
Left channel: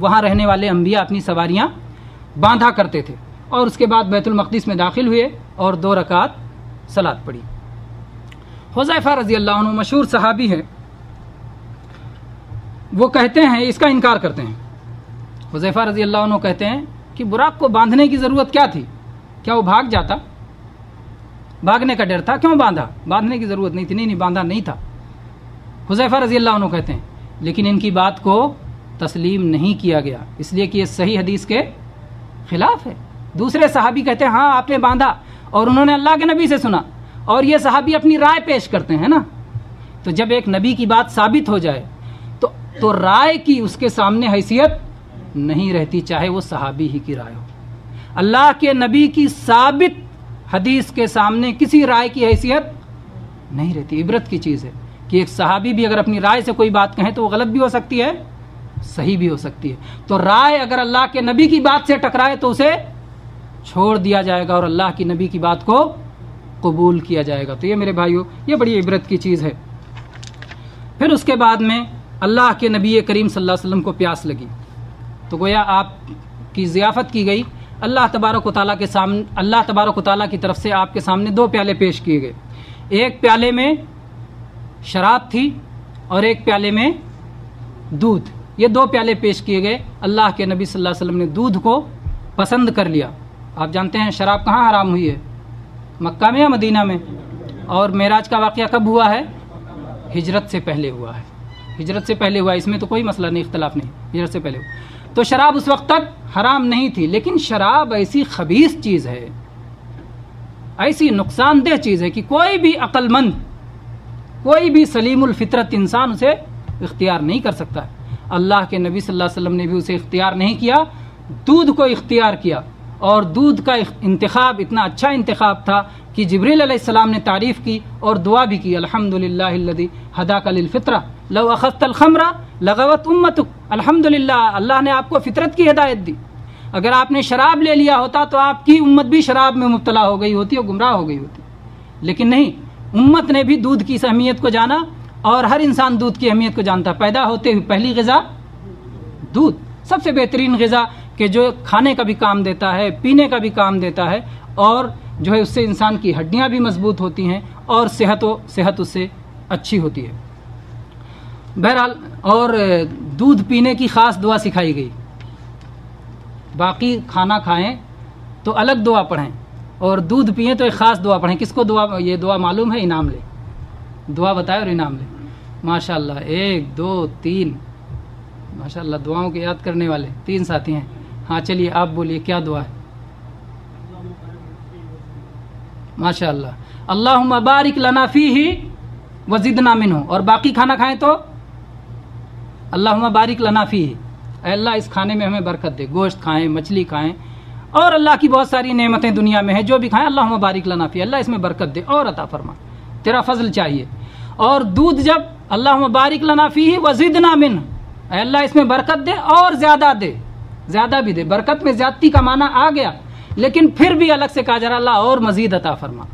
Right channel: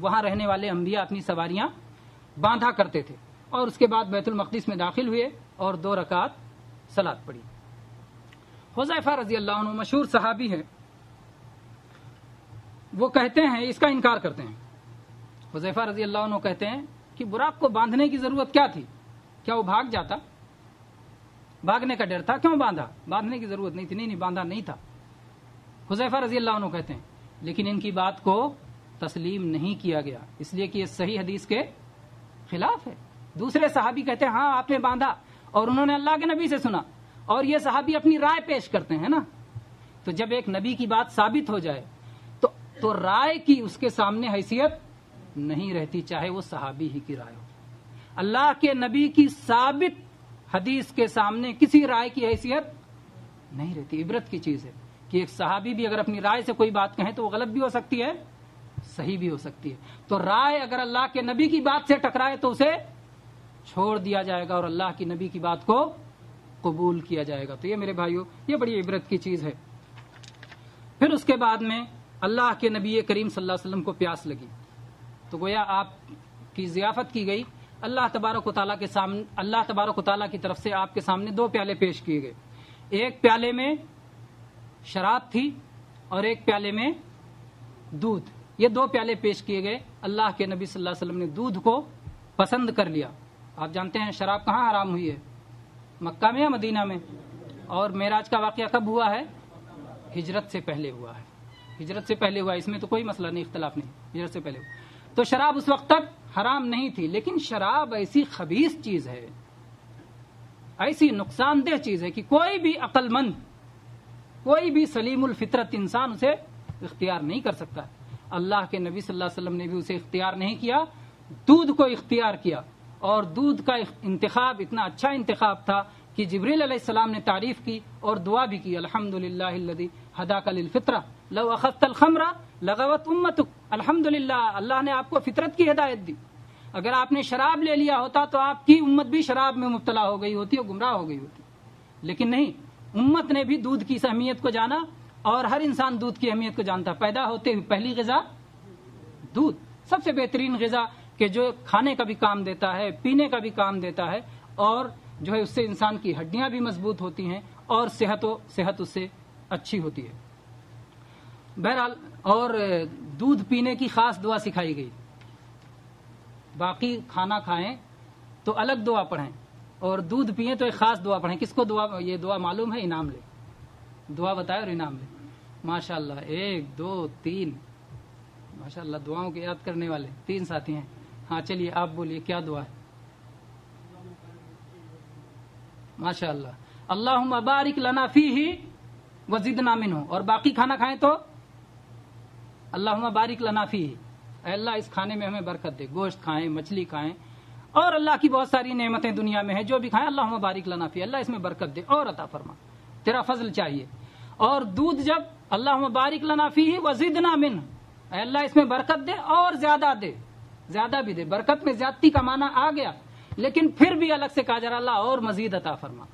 وہاں رہنے والے انبیاء اپنی سواریاں باندھا کرتے تھے. اور اس کے بعد بیت المقدس میں داخل ہوئے اور 2 رکعت صلاۃ پڑھی. حذیفہ رضی اللہ عنہ مشہور صحابی ہیں، وہ کہتے ہیں، اس کا انکار کرتے ہیں. حذیفہ رضی اللہ عنہ کہتے ہیں کہ براق کو باندھنے کی ضرورت کیا تھی؟ کیا وہ بھاگ جاتا؟ بھاگنے کا ڈر تھا، کیوں باندھا؟ باندھنے کی ضرورت نہیں تھی. نہیں باندھا نہیں تھا. حذیفہ رضی اللہ عنہ کہتے ہیں، لیکن ان کی بات کو تسلیم نہیں کیا گیا، اس لیے کہ یہ صحیح حدیث کے خلاف ہے. دوسرے صحابی کہتے ہیں ہاں آپ نے باندھا اور انہوں نے اللہ کے نبی سے سنا، اور یہ صحابی اپنی رائے پیش کرتے ہیں نا. تو جب ایک نبی کی بات ثابت ہو جائے تو رائے کی اس کے سامنے حیثیت نہیں رہتی، چاہے وہ صحابی ہی کی رائے ہو. اللہ کے نبی کی ثابت حدیث کے سامنے کسی رائے کی حیثیت نہیں رہتی. عبرت کی چیز ہے کہ ایک صحابی بھی اگر اپنی رائے سے کوئی بات کہیں تو وہ غلط بھی ہو سکتی ہے، صحیح بھی ہو سکتی ہے. تو رائے اگر اللہ کے نبی کی بات سے ٹکرائے تو اسے چھوڑ دیا جائے گا اور اللہ کی نبی کی بات کو قبول کیا جائے گا. تو یہ میرے بھائیوں یہ بڑی عبرت کی چیز ہے. پھر اس کے بعد میں اللہ کے نبی کریم صلی اللہ علیہ وسلم کو پیاس لگی تو گویا آپ کی ضیافت کی گئی. اللہ تبارک و تعالیٰ کے سامنے، اللہ تبارک و تعالیٰ کی طرف سے آپ کے سامنے 2 پیالے پیش کیے گئے. ایک پیالے میں شراب تھی اور ایک پیالے میں دودھ. یہ 2 پیالے پیش کیے گئے. اللہ کے نبی صلی اللہ علیہ وسلم نے دودھ کو پسند کر لیا. آپ جانتے ہیں شراب کہاں حرام ہوئی ہے؟ مکہ میں یا مدینہ میں؟ اور معراج کا واقعہ کب ہوا ہے؟ ہجرت سے پہلے ہوا ہے. ہجرت سے پہلے ہوا، اس میں تو کوئی مسئلہ نہیں، اختلاف نہیں. ہجرت سے پہلے ہوا تو شراب اس وقت تک حرام نہیں تھی. لیکن شراب ایسی خبیث چیز ہے، ایسی نقصان دہ چیز ہے کہ کوئی بھی عقل مند، کوئی بھی سلیم الفطرت انسان اسے اختیار نہیں کر سکتا. اللہ کے نبی صلی اللہ علیہ وسلم نے بھی اسے اختیار نہیں کیا، دودھ کو اختیار کیا. اور دودھ کا انتخاب اتنا اچھا انتخاب تھا کہ جبریل علیہ السلام نے تعریف کی اور دعا بھی کی، الحمدللہ الذی ہداک للفطرہ لو اخذت الخمر لغوت امتک. الحمدللہ اللہ نے آپ کو فطرت کی ہدایت دی. اگر آپ نے شراب لے لیا ہوتا تو آپ کی امت بھی شراب میں مبتلا ہو گئی ہوتی اور گمراہ ہو گئی ہوتی. لیکن نہیں، امت نے بھی دودھ کی اہمیت کو جانا اور ہر انسان دودھ کی اہمیت کو جانتا. پیدا ہوتے ہوئے پہلی غذا دودھ، سب سے بہترین غذا کہ جو کھانے کا بھی کام دیتا ہے، پینے کا بھی کام دیتا ہے، اور جو ہے اس سے انسان کی ہڈیاں بھی مضبوط ہوتی ہیں اور صحت اس سے اچھی ہوتی ہے. بہرحال اور دودھ پینے کی خاص دعا سکھائی گئی. باقی کھانا کھائیں تو الگ دعا پڑھیں اور دودھ پئیں تو ایک خاص دعا پڑھیں. کس کو دعا، یہ دعا معلوم ہے؟ انعام لے. دعا بتائے اور انعام لے. ماشاء اللہ 1 2 3 ماشاء اللہ دعاؤں کے یاد کرنے والے 3 ساتھی ہیں. ہاں چلیے آپ بولیے کیا دعا ہے؟ ماشاء اللہ. اللہم بارک لنا فیہ وزدنا منہ. اور باقی کھانا کھائیں تو اللہم بارک لنا فیہ، اے اللہ اس کھانے میں ہمیں برکت دے. گوشت کھائیں، مچھلی کھائیں، اور اللہ کی بہت ساری نعمتیں دنیا میں ہیں، جو بھی کھائیں اللہم بارک لنا فیہ، اللہ اس میں برکت دے اور عطا فرما، تیرا فضل چاہیے. اور دودھ جب اللہم بارک لنا فیہ وزدنا منہ، اے اللہ اس میں برکت دے اور زیادہ دے، زیادہ بھی دے. برکت میں زیادتی کا معنی آ گیا، لیکن پھر بھی الگ سے کہا جا رہا اللہ اور مزید عطا فرما.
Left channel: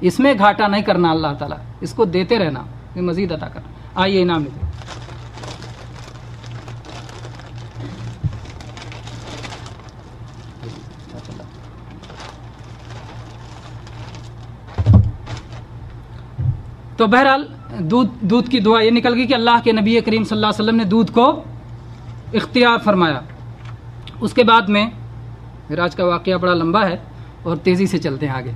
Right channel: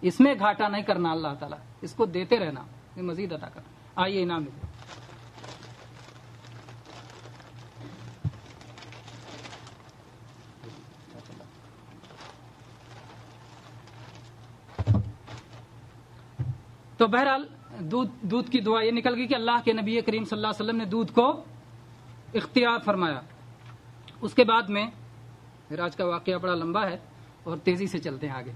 اس میں گھاٹا نہیں کرنا، اللہ تعالیٰ اس کو دیتے رہنا، مزید عطا کرنا. آئیے انعام لیتے. تو بہرحال دودھ کی دعا یہ نکل گئی کہ اللہ کے نبی کریم صلی اللہ علیہ وسلم نے دودھ کو اختیار فرمایا. اس کے بعد میں معراج کا واقعہ بڑا لمبا ہے اور تیزی سے چلتے ہیں آگے.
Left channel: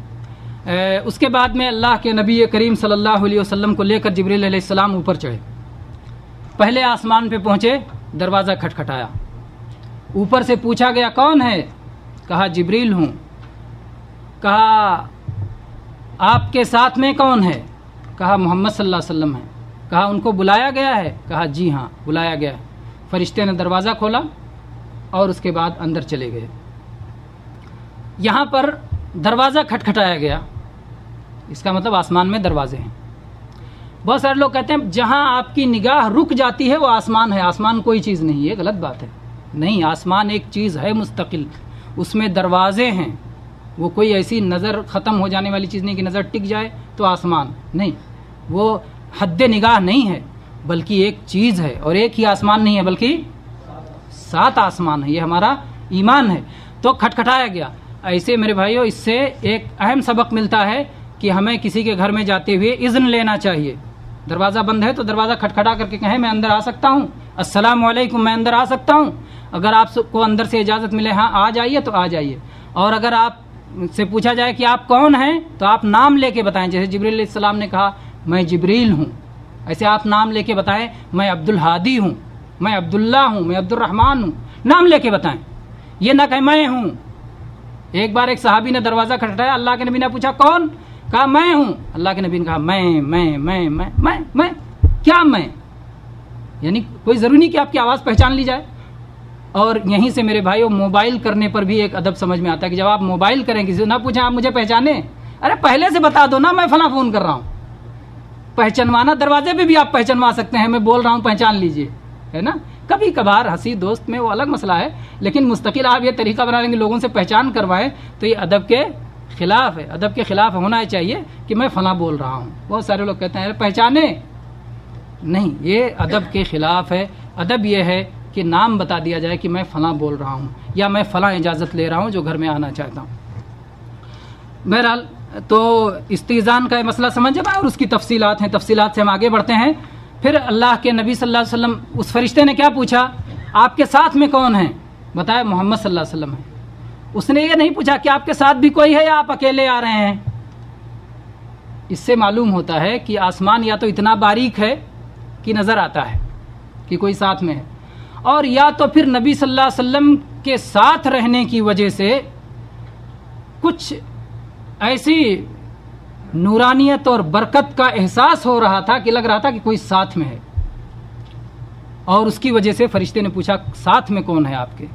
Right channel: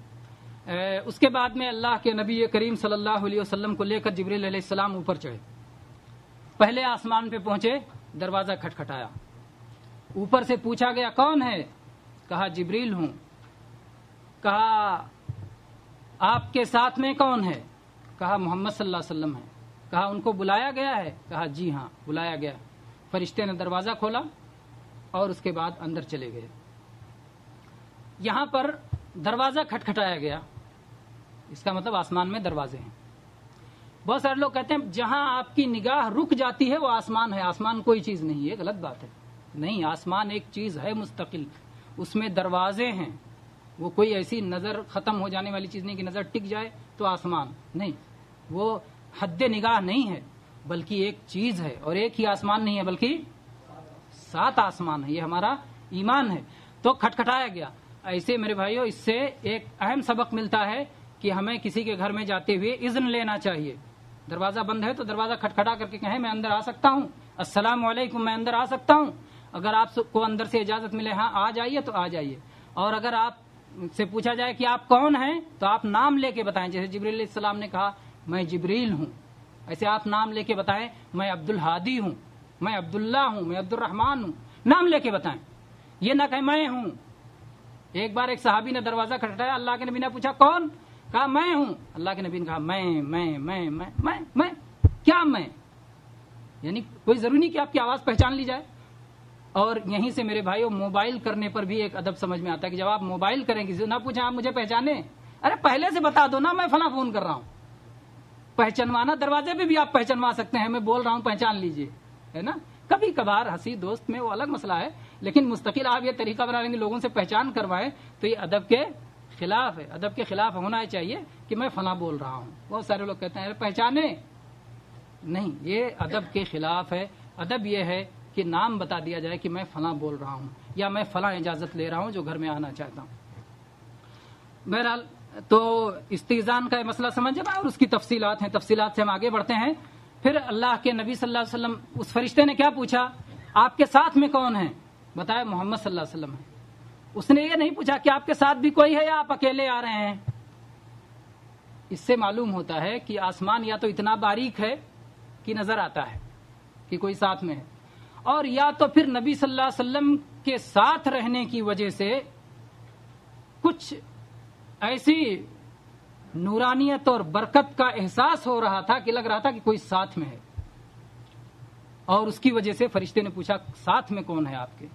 اس کے بعد میں اللہ کے نبی کریم صلی اللہ علیہ وسلم کو لے کر جبریل علیہ السلام اوپر چڑھے. پہلے آسمان پہ پہنچے، دروازہ کھٹکھٹایا. اوپر سے پوچھا گیا کون ہے؟ کہا جبریل ہوں. کہا آپ کے ساتھ میں کون ہے؟ کہا محمد صلی اللہ علیہ وسلم ہے. کہا ان کو بلایا گیا ہے؟ کہا جی ہاں بلایا گیا ہے۔ فرشتے نے دروازہ کھولا اور اس کے بعد اندر چلے گئے۔ یہاں پر دروازہ کھٹکھٹایا گیا، اس کا مطلب آسمان میں دروازے ہیں۔ بہت سارے لوگ کہتے ہیں جہاں آپ کی نگاہ رک جاتی ہے وہ آسمان ہے، آسمان کوئی چیز نہیں، یہ غلط بات ہے۔ نہیں، آسمان ایک چیز ہے مستقل، اس میں دروازے ہیں، وہ کوئی ایسی نظر ختم ہو جانے والی چیز نہیں کہ نظر ٹک جائے تو آسمان نہیں، وہ حد نگاہ نہیں ہے، بلکہ ایک چیز ہے، اور ایک ہی آسمان نہیں ہے بلکہ 7 آسمان ہے، یہ ہمارا ایمان ہے۔ تو کھٹکھٹایا گیا۔ ایسے میرے بھائیوں اس سے ایک اہم سبق ملتا ہے کہ ہمیں کسی کے گھر میں جاتے ہوئے اذن لینا چاہیے۔ دروازہ بند ہے تو دروازہ کھٹکھٹا کر کے کہیں میں اندر آ سکتا ہوں، السلام علیکم، میں اندر آ سکتا ہوں۔ اگر آپ کو اندر سے اجازت ملے ہاں آ جائیے تو آ جائیے، اور اگر آپ سے پوچھا جائے کہ آپ کون ہیں تو آپ نام لے کے بتائیں، جیسے جبریل علیہ السلام نے کہا میں جبریل ہوں، ایسے آپ نام لے کے بتائیں میں عبدالہادی ہوں، میں عبداللہ ہوں، میں عبد الرحمن ہوں، نام لے کے بتائیں، یہ نہ کہ میں ہوں۔ ایک بار ایک صحابی نے دروازہ کھٹکھٹایا، اللہ کے نبی نے پوچھا کون؟ کہا میں ہوں۔ اللہ کے نبی نے کہا میں کیا میں؟ یعنی کوئی ضروری نہیں کہ آپ کی آواز پہچان لی جائے۔ اور یہیں سے میرے بھائیوں موبائل کرنے پر بھی ایک ادب سمجھ میں آتا ہے کہ جب آپ موبائل کریں کسی سے نہ پوچھیں آپ مجھے پہچانے، ارے پہلے سے بتا دو نا میں فلاں فون کر رہا ہوں۔ پہچانوانا دروازے پہ بھی آپ پہچانوا سکتے ہیں، میں بول رہا ہوں پہچان لیجئے، ہے نا۔ کبھی کبھار ہنسی دوست میں وہ الگ مسئلہ ہے، لیکن مستقل آپ یہ طریقہ بنا لیں گے لوگوں سے پہچان کروائیں تو یہ ادب کے خلاف ہے۔ ادب کے خلاف ہونا چاہیے کہ میں فلاں بول رہا ہوں۔ بہت سارے لوگ کہتے ہیں پہچانے نہیں، یہ ادب کے خلاف ہے۔ ادب یہ ہے کہ نام بتا دیا جائے کہ میں فلاں بول رہا ہوں یا میں فلاں اجازت لے رہا ہوں جو گھر میں آنا چاہتا ہوں۔ بہرحال تو استئذان کا یہ مسئلہ سمجھ جائے اور اس کی تفصیلات ہیں، تفصیلات سے ہم آگے بڑھتے ہیں۔ پھر اللہ کے نبی صلی اللہ علیہ وسلم، اس فرشتے نے کیا پوچھا؟ آپ کے ساتھ میں کون ہیں؟ بتایا محمد صلی اللہ علیہ وسلم ہے۔ اس نے یہ نہیں پوچھا کہ آپ کے ساتھ بھی کوئی ہے یا آپ اکیلے آ رہے ہیں۔ اس سے معلوم ہوتا ہے کہ آسمان یا تو اتنا باریک ہے کہ نظر آتا ہے کہ کوئی ساتھ میں ہے، اور یا تو پھر نبی صلی اللہ علیہ وسلم کے ساتھ رہنے کی وجہ سے کچھ ایسی نورانیت اور برکت کا احساس ہو رہا تھا کہ لگ رہا تھا کہ کوئی ساتھ میں ہے، اور اس کی وجہ سے فرشتے نے پوچھا ساتھ میں کون ہے آپ کے؟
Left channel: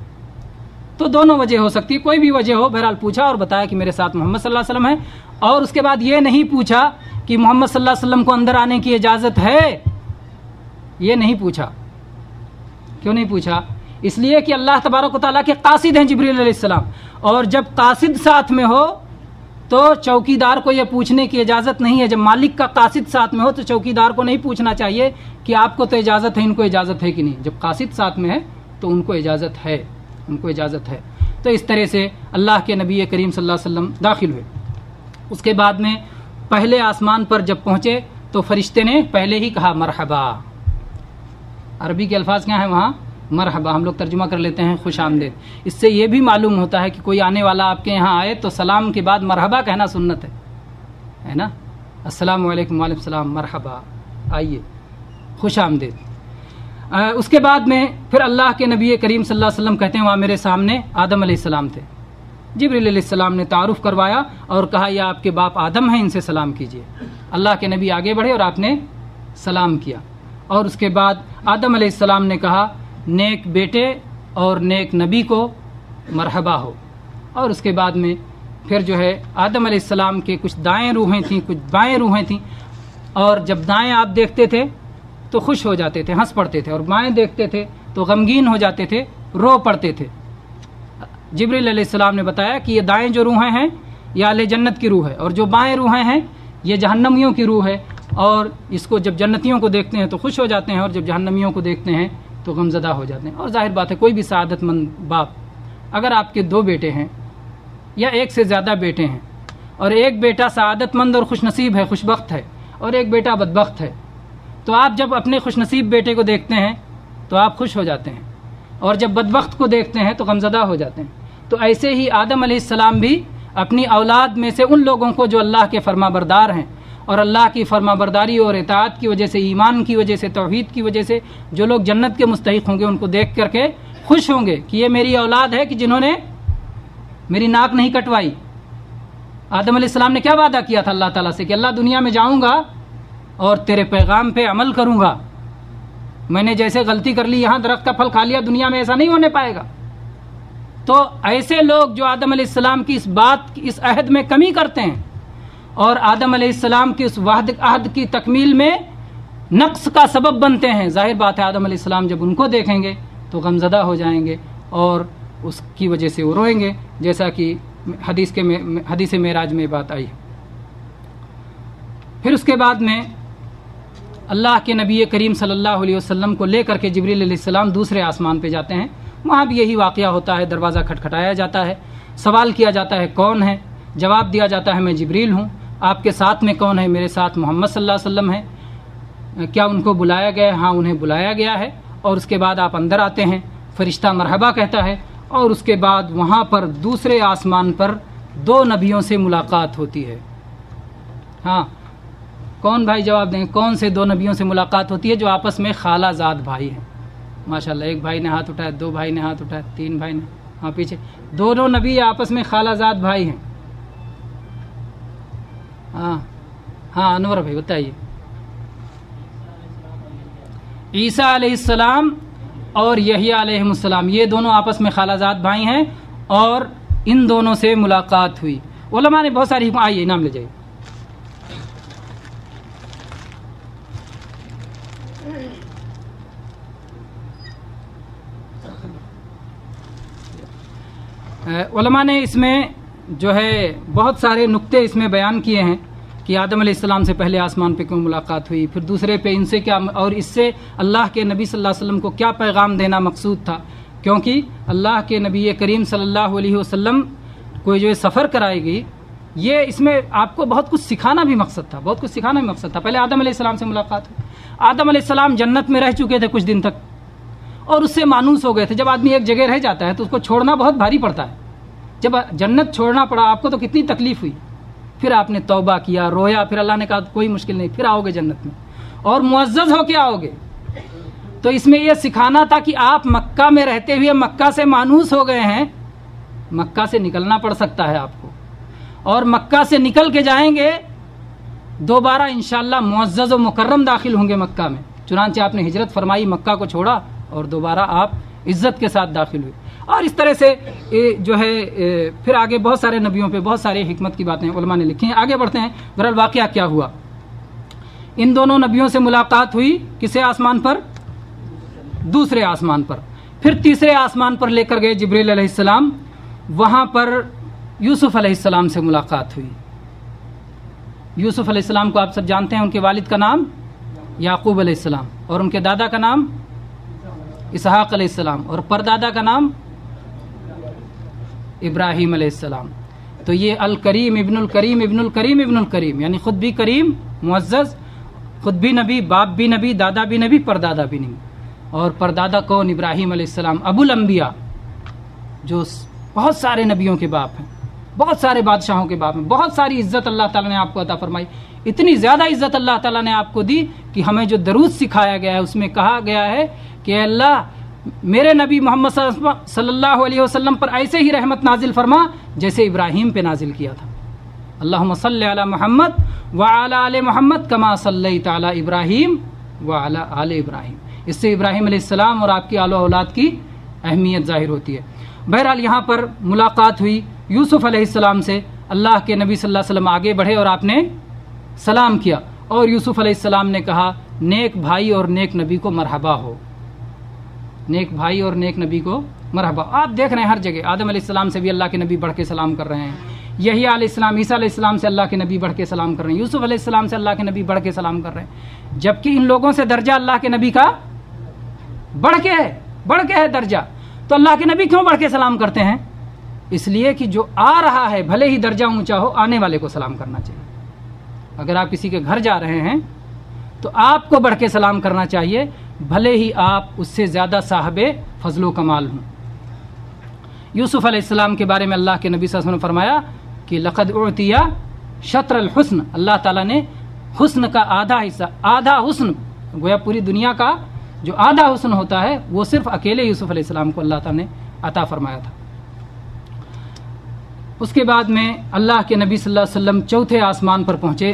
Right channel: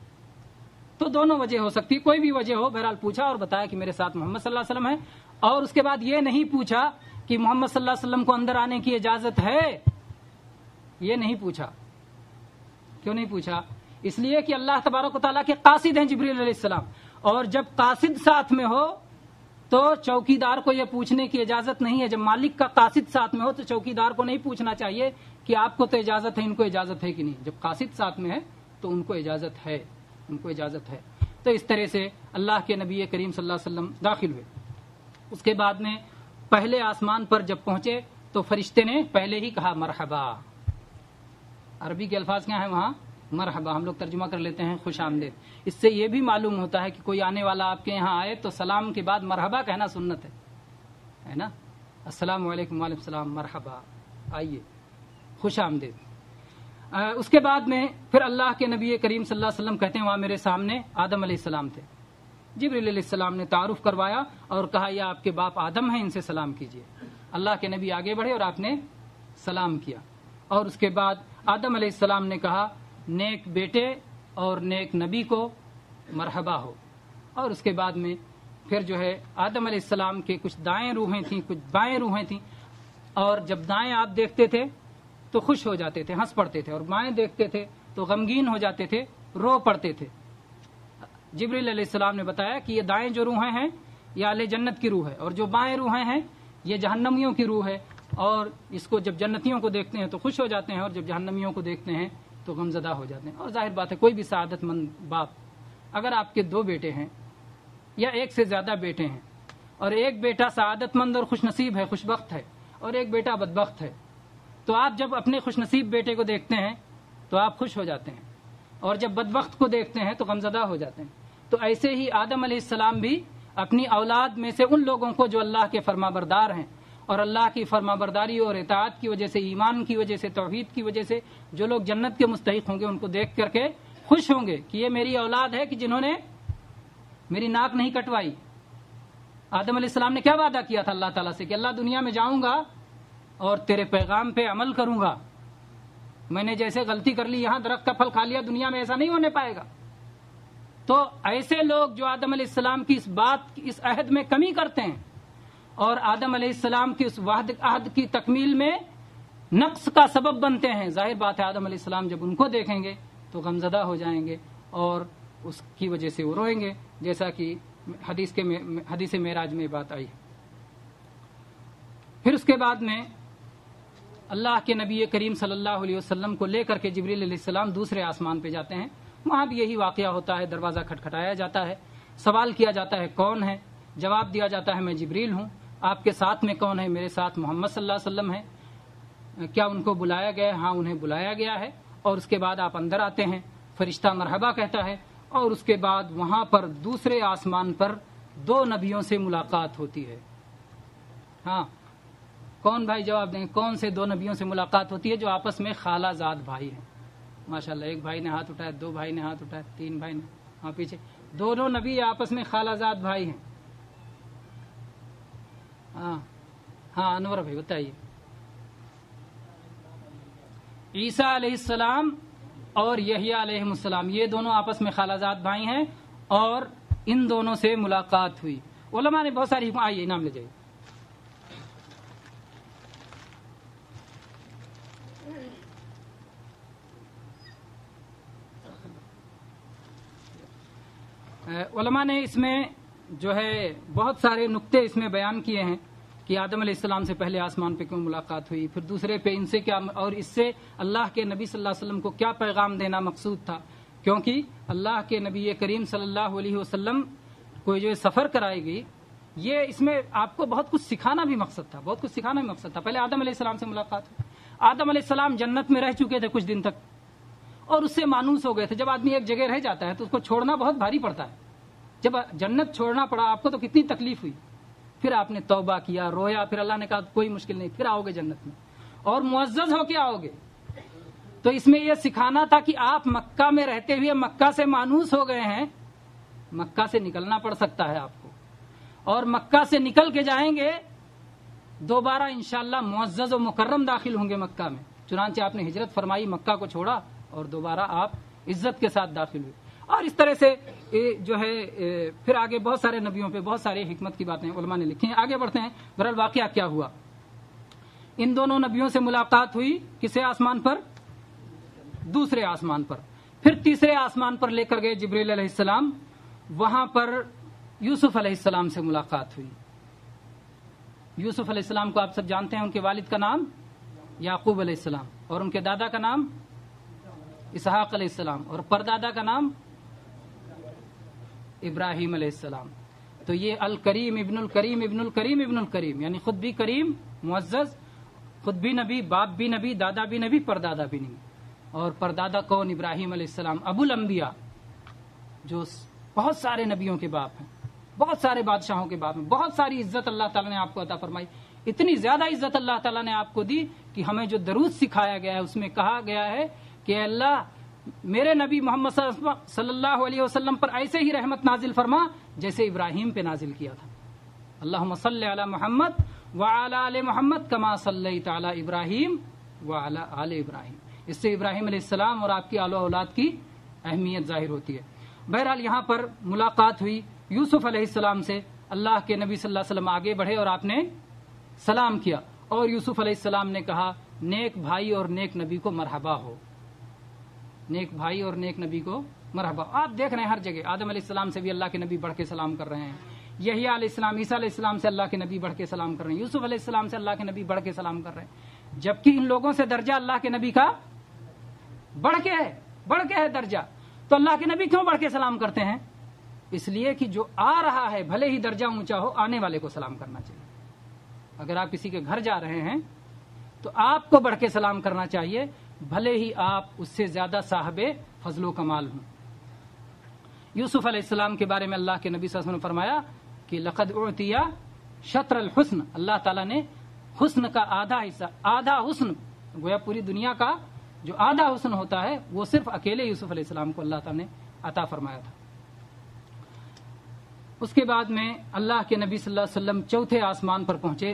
تو دونوں وجہ ہو سکتی ہے، کوئی بھی وجہ ہو، بہرحال پوچھا اور بتایا کہ میرے ساتھ محمد صلی اللہ علیہ وسلم ہے۔ اور اس کے بعد یہ نہیں پوچھا کہ محمد صلی اللہ علیہ وسلم کو اندر آنے کی اجازت ہے، یہ نہیں پوچھا۔ کیوں نہیں پوچھا؟ اس لیے کہ اللہ تبارک و تعالیٰ کے قاصد ہیں جبریل علیہ السلام، اور جب قاصد ساتھ میں ہو تو چوکیدار کو یہ پوچھنے کی اجازت نہیں ہے۔ جب مالک کا قاصد ساتھ میں ہو تو چوکیدار کو نہیں پوچھنا چاہیے کہ آپ کو تو اجازت ہے، ان کو اجازت ہے کہ نہیں۔ جب قاصد ساتھ میں ہے تو ان کو اجازت ہے، ان کو اجازت ہے۔ تو اس طرح سے اللہ کے نبی کریم صلی اللہ علیہ وسلم داخل ہوئے۔ اس کے بعد میں پہلے آسمان پر جب پہنچے تو فرشتے نے پہلے ہی کہا مرحبا۔ عربی کے الفاظ کیا ہیں وہاں؟ مرحبا، ہم لوگ ترجمہ کر لیتے ہیں خوش آمدید۔ اس سے یہ بھی معلوم ہوتا ہے کہ کوئی آنے والا آپ کے یہاں آئے تو سلام کے بعد مرحبا کہنا سنت ہے نا۔ السلام علیکم، وعلیکم السلام، مرحبا، آئیے، خوش آمدید۔ اس کے بعد میں پھر اللہ کے نبی کریم صلی اللہ علیہ وسلم کہتے ہیں وہاں میرے سامنے آدم علیہ السلام تھے۔ جبریل علیہ السلام نے تعارف کروایا اور کہا یہ آپ کے باپ آدم ہیں، ان سے سلام کیجیے۔ اللہ کے نبی آگے بڑھے اور آپ نے سلام کیا، اور اس کے بعد آدم علیہ السلام نے کہا نیک بیٹے اور نیک نبی کو مرحبا ہو۔ اور اس کے بعد میں پھر جو ہے آدم علیہ السلام کے کچھ دائیں روحیں تھیں، کچھ بائیں روحیں تھیں، اور جب دائیں آپ دیکھتے تھے تو خوش ہو جاتے تھے، ہنس پڑتے تھے، اور بائیں دیکھتے تھے تو غمگین ہو جاتے تھے، رو پڑتے تھے۔ جبریل علیہ السلام نے بتایا کہ یہ دائیں جو روحیں ہیں یہ اہل جنت کی روح ہے، اور جو بائیں روحیں ہیں یہ جہنمیوں کی روح ہے، اور اس کو جب جنتیوں کو دیکھتے ہیں تو خوش ہو جاتے ہیں، اور جب جہنمیوں کو دیکھتے ہیں تو غمزدہ ہو جاتے ہیں۔ اور ظاہر بات ہے کوئی بھی سعادت مند باپ، اگر آپ کے 2 بیٹے ہیں یا ایک سے زیادہ بیٹے ہیں، اور ایک بیٹا سعادت مند اور خوش نصیب ہے، خوش بخت ہے، اور ایک بیٹا بدبخت ہے، تو آپ جب اپنے خوش نصیب بیٹے کو دیکھتے ہیں تو آپ خوش ہو جاتے ہیں، اور جب بدبخت کو دیکھتے ہیں تو غمزدہ ہو جاتے ہیں۔ تو ایسے ہی آدم علیہ السلام بھی اپنی اولاد میں سے ان لوگوں کو جو اللہ کے فرما بردار ہیں، اور اللہ کی فرما برداری اور اطاعت کی وجہ سے، ایمان کی وجہ سے، توحید کی وجہ سے جو لوگ جنت کے مستحق ہوں گے، ان کو دیکھ کر کے خوش ہوں گے کہ یہ میری اولاد ہے کہ جنہوں نے میری ناک نہیں کٹوائی۔ آدم علیہ السلام نے کیا وعدہ کیا تھا اللہ تعالیٰ سے کہ اللہ دنیا میں جاؤں گا اور تیرے پیغام پہ عمل کروں گا. میں نے جیسے غلطی کر لی، یہاں درخت کا پھل کھا لیا، دنیا میں ایسا نہیں ہونے پائے گا. تو ایسے لوگ جو آدم علیہ السلام کی اس عہد میں کمی کرتے ہیں اور آدم علیہ السلام کی اس عہد کی تکمیل میں نقص کا سبب بنتے ہیں، ظاہر بات ہے آدم علیہ السلام جب ان کو دیکھیں گے تو غمزدہ ہو جائیں گے اور اس کی وجہ سے وہ روئیں گے، جیسا کہ حدیث معراج میں بات آئی. پھر اس کے بعد میں اللہ کے نبی کریم صلی اللہ علیہ وسلم کو لے کر کے جبریل علیہ السلام دوسرے آسمان پہ جاتے ہیں. وہاں بھی یہی واقعہ ہوتا ہے، دروازہ کھٹکھٹایا جاتا ہے، سوال کیا جاتا ہے کون ہے، جواب دیا جاتا ہے میں جبریل ہوں. آپ کے ساتھ میں کون ہے؟ میرے ساتھ محمد صلی اللہ علیہ وسلم ہے. کیا ان کو بلایا گیا ہے؟ ہاں انہیں بلایا گیا ہے. اور اس کے بعد آپ اندر آتے ہیں، فرشتہ مرحبا کہتا ہے اور اس کے بعد وہاں پر دوسرے آسمان پر 2 نبیوں سے ملاقات ہوتی ہے. ہاں کون بھائی جواب دیں، کون سے 2 نبیوں سے ملاقات ہوتی ہے جو آپس میں خالہ زاد بھائی ہیں؟ ماشاءاللہ، ایک بھائی نے ہاتھ اٹھایا، 2 بھائی نے ہاتھ اٹھایا، 3 بھائی نے، ہاں پیچھے دونوں نبی آپس میں خالہ زاد بھائی ہیں. ہاں انور بھائی بتائیے. عیسیٰ علیہ السلام اور یحییٰ علیہ السلام، یہ دونوں آپس میں خالہ زاد بھائی ہیں اور ان دونوں سے ملاقات ہوئی. علماء نے بہت ساری آئیے نام لے جائیے. علماء نے اس میں جو ہے بہت سارے نقطے اس میں بیان کیے ہیں کہ آدم علیہ السلام سے پہلے آسمان پہ کیوں ملاقات ہوئی، پھر دوسرے پہ ان سے کیا، اور اس سے اللہ کے نبی صلی اللہ علیہ وسلم کو کیا پیغام دینا مقصود تھا. کیونکہ اللہ کے نبی کریم صلی اللہ علیہ وسلم کو جو سفر کرائی گئی، یہ اس میں آپ کو بہت کچھ سکھانا بھی مقصد تھا، بہت کچھ سکھانا بھی مقصد تھا. پہلے آدم علیہ السلام سے ملاقات ہوئی. آدم علیہ السلام جنت میں رہ چکے تھے کچھ دن تک اور اس سے مانوس ہو گئے تھے. جب آدمی ایک جگہ رہ جاتا ہے تو اس کو چھوڑنا بہت بھاری پڑتا ہے. جب جنت چھوڑنا پڑا آپ کو تو کتنی تکلیف ہوئی. پھر آپ نے توبہ کیا، رویا، پھر اللہ نے کہا کوئی مشکل نہیں، پھر آؤ گے جنت میں اور معزز ہو کے آؤ گے. تو اس میں یہ سکھانا تھا کہ آپ مکہ میں رہتے ہوئے مکہ سے مانوس ہو گئے ہیں، مکہ سے نکلنا پڑ سکتا ہے آپ کو، اور مکہ سے نکل کے جائیں گے دوبارہ انشاءاللہ معزز و مکرم داخل ہوں گے مکہ میں. چنانچہ آپ نے ہجرت فرمائی، مکہ کو چھوڑا اور دوبارہ آپ عزت کے ساتھ داخل ہوئے. اور اس طرح سے جو ہے پھر آگے بہت سارے نبیوں پہ بہت ساری حکمت کی باتیں علماء نے لکھی ہیں. آگے بڑھتے ہیں. بہرحال واقعہ کیا ہوا، ان دونوں نبیوں سے ملاقات ہوئی کسے آسمان پر؟ دوسرے آسمان پر. پھر تیسرے آسمان پر لے کر گئے جبریل علیہ السلام، وہاں پر یوسف علیہ السلام سے ملاقات ہوئی. یوسف علیہ السلام کو آپ سب جانتے ہیں، ان کے والد کا نام یعقوب علیہ السلام اور ان کے دادا کا نام اسحاق علیہ السلام اور پردادا کا نام ابراہیم علیہ السلام. تو یہ الکریم ابن الکریم ابن الکریم ابن الکریم، یعنی خود بھی کریم معزز، خود بھی نبی، باپ بھی نبی، دادا بھی نبی، پردادا بھی نبی. اور پردادا کون؟ ابراہیم علیہ السلام، ابو الانبیاء، جو بہت سارے نبیوں کے باپ ہیں، بہت سارے بادشاہوں کے باپ ہیں. بہت ساری عزت اللہ تعالیٰ نے آپ کو عطا فرمائی. اتنی زیادہ عزت اللہ تعالیٰ نے آپ کو دی کہ ہمیں جو درود سکھایا گیا ہے اس میں کہا گیا ہے کہ اے اللہ میرے نبی محمد صلی اللہ علیہ وسلم پر ایسے ہی رحمت نازل فرما جیسے ابراہیم پہ نازل کیا تھا. اللہم صلی علی محمد وعلی آل محمد کما صلیت علی ابراہیم وعلی آل ابراہیم. اس سے ابراہیم علیہ السلام اور آپ کی آل و اولاد کی اہمیت ظاہر ہوتی ہے. بہرحال یہاں پر ملاقات ہوئی یوسف علیہ السلام سے. اللہ کے نبی صلی اللہ علیہ وسلم آگے بڑھے اور آپ نے سلام کیا اور یوسف علیہ السلام نے کہا نیک بھائی اور نیک نبی کو مرحبا ہو. نیک بھائی اور نیک نبی کو مرحبا. آپ دیکھ رہے ہیں ہر جگہ آدم علیہ السلام سے بھی اللہ کے نبی بڑھ کے سلام کر رہے ہیں، یحییٰ علیہ السلام، عیسیٰ علیہ السلام سے اللہ کے نبی بڑھ کے سلام کر رہے ہیں، یوسف علیہ السلام سے اللہ کے نبی بڑھ کے سلام کر رہے ہیں. جبکہ ان لوگوں سے درجہ اللہ کے نبی کا بڑھ کے ہے درجہ. تو اللہ کے نبی کیوں بڑھ کے سلام کرتے ہیں؟ اس لیے کہ جو آ رہا ہے بھلے ہی درجہ اونچا ہو، آنے والے کو سلام کرنا چاہیے. اگر آپ کسی کے گھر جا رہے ہیں تو آپ کو بڑھ کے سلام کرنا چاہیے، بھلے ہی آپ اس سے زیادہ صاحب فضل و کمال ہوں. یوسف علیہ السلام کے بارے میں اللہ کے نبی صلی اللہ علیہ وسلم نے فرمایا کہ لقد اعطی شطر الحسن، اللہ تعالیٰ نے حسن کا آدھا حصہ، آدھا حسن، گویا پوری دنیا کا جو آدھا حسن ہوتا ہے وہ صرف اکیلے یوسف علیہ السلام کو اللہ تعالیٰ نے عطا فرمایا تھا. اس کے بعد میں اللہ کے نبی صلی اللہ علیہ وسلم چوتھے آسمان پر پہنچے.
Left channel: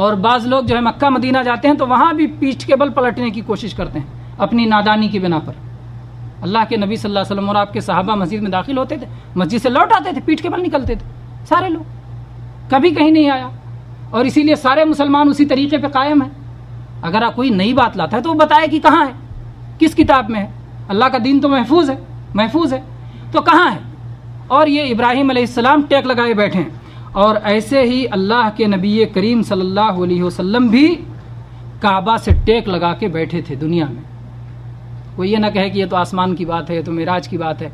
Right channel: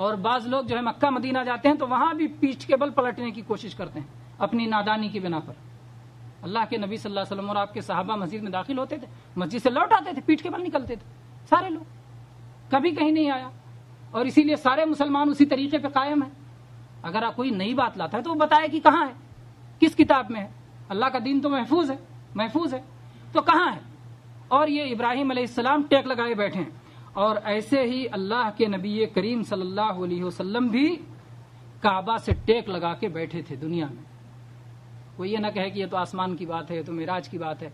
اور بعض لوگ جو ہے مکہ مدینہ جاتے ہیں تو وہاں بھی پیٹھ کے بل پلٹنے کی کوشش کرتے ہیں اپنی نادانی کی بنا پر. اللہ کے نبی صلی اللہ علیہ وسلم اور آپ کے صحابہ مسجد میں داخل ہوتے تھے, مسجد سے لوٹ آتے تھے, پیٹھ کے بل نکلتے تھے سارے لوگ, کبھی کہیں نہیں آیا. اور اسی لیے سارے مسلمان اسی طریقے پہ قائم ہیں. اگر آپ کوئی نئی بات لاتا ہے تو وہ بتائے کہ کہاں ہے, کس کتاب میں ہے. اللہ کا دین تو محفوظ ہے تو کہاں ہے. اور یہ ابراہیم علیہ السلام ٹیک لگائے بیٹھے ہیں. اور ایسے ہی اللہ کے نبی کریم صلی اللہ علیہ وسلم بھی کعبہ سے ٹیک لگا کے بیٹھے تھے دنیا میں. کوئی یہ نہ کہے کہ یہ تو آسمان کی بات ہے, یہ تو معراج کی بات ہے,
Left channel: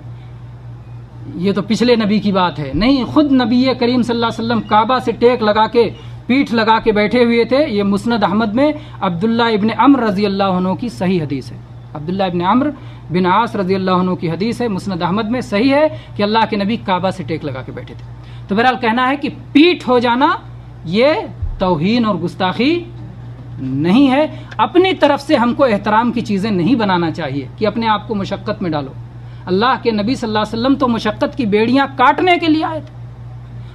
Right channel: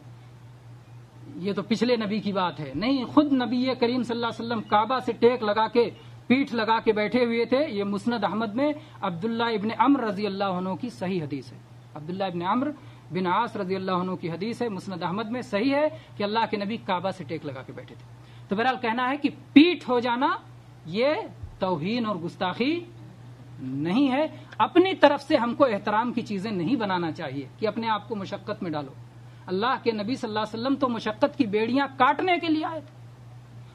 یہ تو پچھلے نبی کی بات ہے. نہیں, خود نبی کریم صلی اللہ علیہ وسلم کعبہ سے ٹیک لگا کے پیٹھ لگا کے بیٹھے ہوئے تھے. یہ مسند احمد میں عبداللہ ابن عمر رضی اللہ عنہ کی صحیح حدیث ہے. عبداللہ ابن عمر بن عاص رضی اللہ عنہ کی حدیث ہے, مسند احمد میں صحیح ہے کہ اللہ کے نبی کعبہ سے ٹیک لگا کے بیٹھے تھے. تو بہرحال کہنا ہے کہ پیٹھ ہو جانا یہ توہین اور گستاخی نہیں ہے. اپنی طرف سے ہم کو احترام کی چیزیں نہیں بنانا چاہیے کہ اپنے آپ کو مشقت میں ڈالو. اللہ کے نبی صلی اللہ علیہ وسلم تو مشقت کی بیڑیاں کاٹنے کے لیے آئے تھے,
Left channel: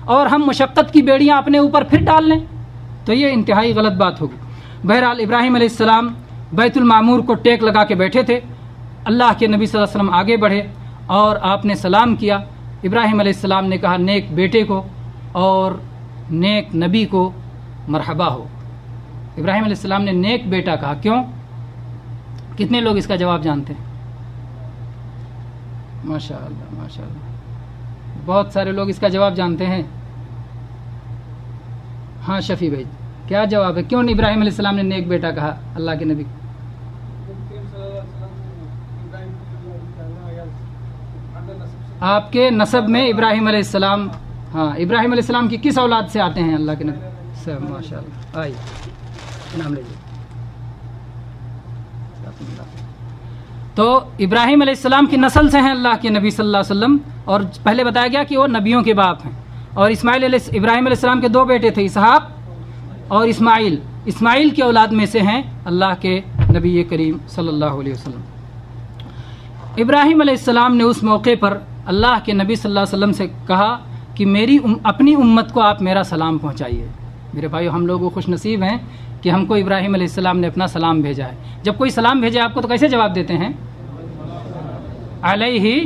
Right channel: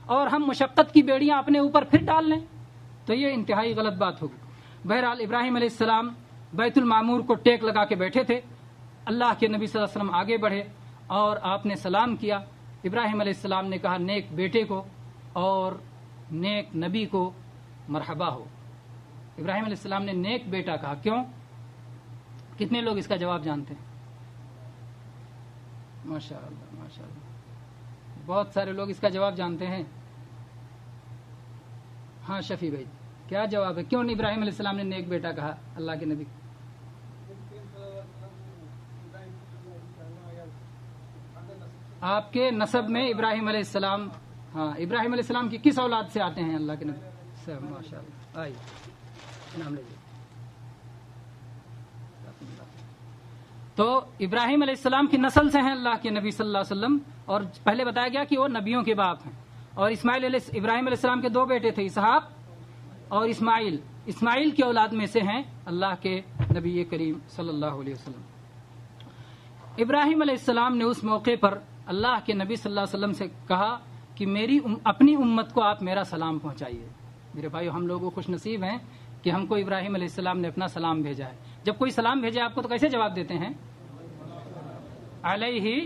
اور ہم مشقت کی بیڑیاں اپنے اوپر پھر ڈال لیں تو یہ انتہائی غلط بات ہوگی. بہرحال ابراہیم علیہ السلام بیت المعمور کو ٹیک لگا کے بیٹھے تھے. اللہ کے نبی صلی اللہ علیہ وسلم آگے بڑھے اور آپ نے سلام کیا. ابراہیم علیہ السلام نے کہا نیک بیٹے کو اور نیک نبی کو مرحبا ہو. ابراہیم علیہ السلام نے نیک بیٹا کہا, کیوں؟ کتنے لوگ اس کا جواب جانتے ہیں؟ ماشاء اللہ, بہت سارے لوگ اس کا جواب جانتے ہیں. ہاں شفیع بھائی, کیا جواب ہے؟ کیوں ابراہیم علیہ السلام نے نیک بیٹا کہا اللہ کے نبی کو؟ آپ کے نسب میں ابراہیم علیہ السلام, ہاں ابراہیم علیہ السلام کی کس اولاد سے آتے ہیں اللہ کے نبی؟ سب ماشاء اللہ. آئیے نام لیجیے. تو ابراہیم علیہ السلام کی نسل سے ہیں اللہ کے نبی صلی اللہ علیہ وسلم. اور پہلے بتایا گیا کہ وہ نبیوں کے باپ ہیں. اور ابراہیم علیہ السلام کے دو بیٹے تھے, اسحاق اور اسماعیل. اسماعیل کی اولاد میں سے ہیں اللہ کے نبی کریم صلی اللہ علیہ وسلم. ابراہیم علیہ السلام نے اس موقع پر اللہ کے نبی صلی اللہ علیہ وسلم سے کہا کہ اپنی امت کو آپ میرا سلام پہنچائیے. میرے بھائیو, ہم لوگ خوش نصیب ہیں کہ ہم کو ابراہیم علیہ السلام نے اپنا سلام بھیجا ہے. جب کوئی سلام بھیجے آپ کو تو کیسے جواب دیتے ہیں؟ علیہ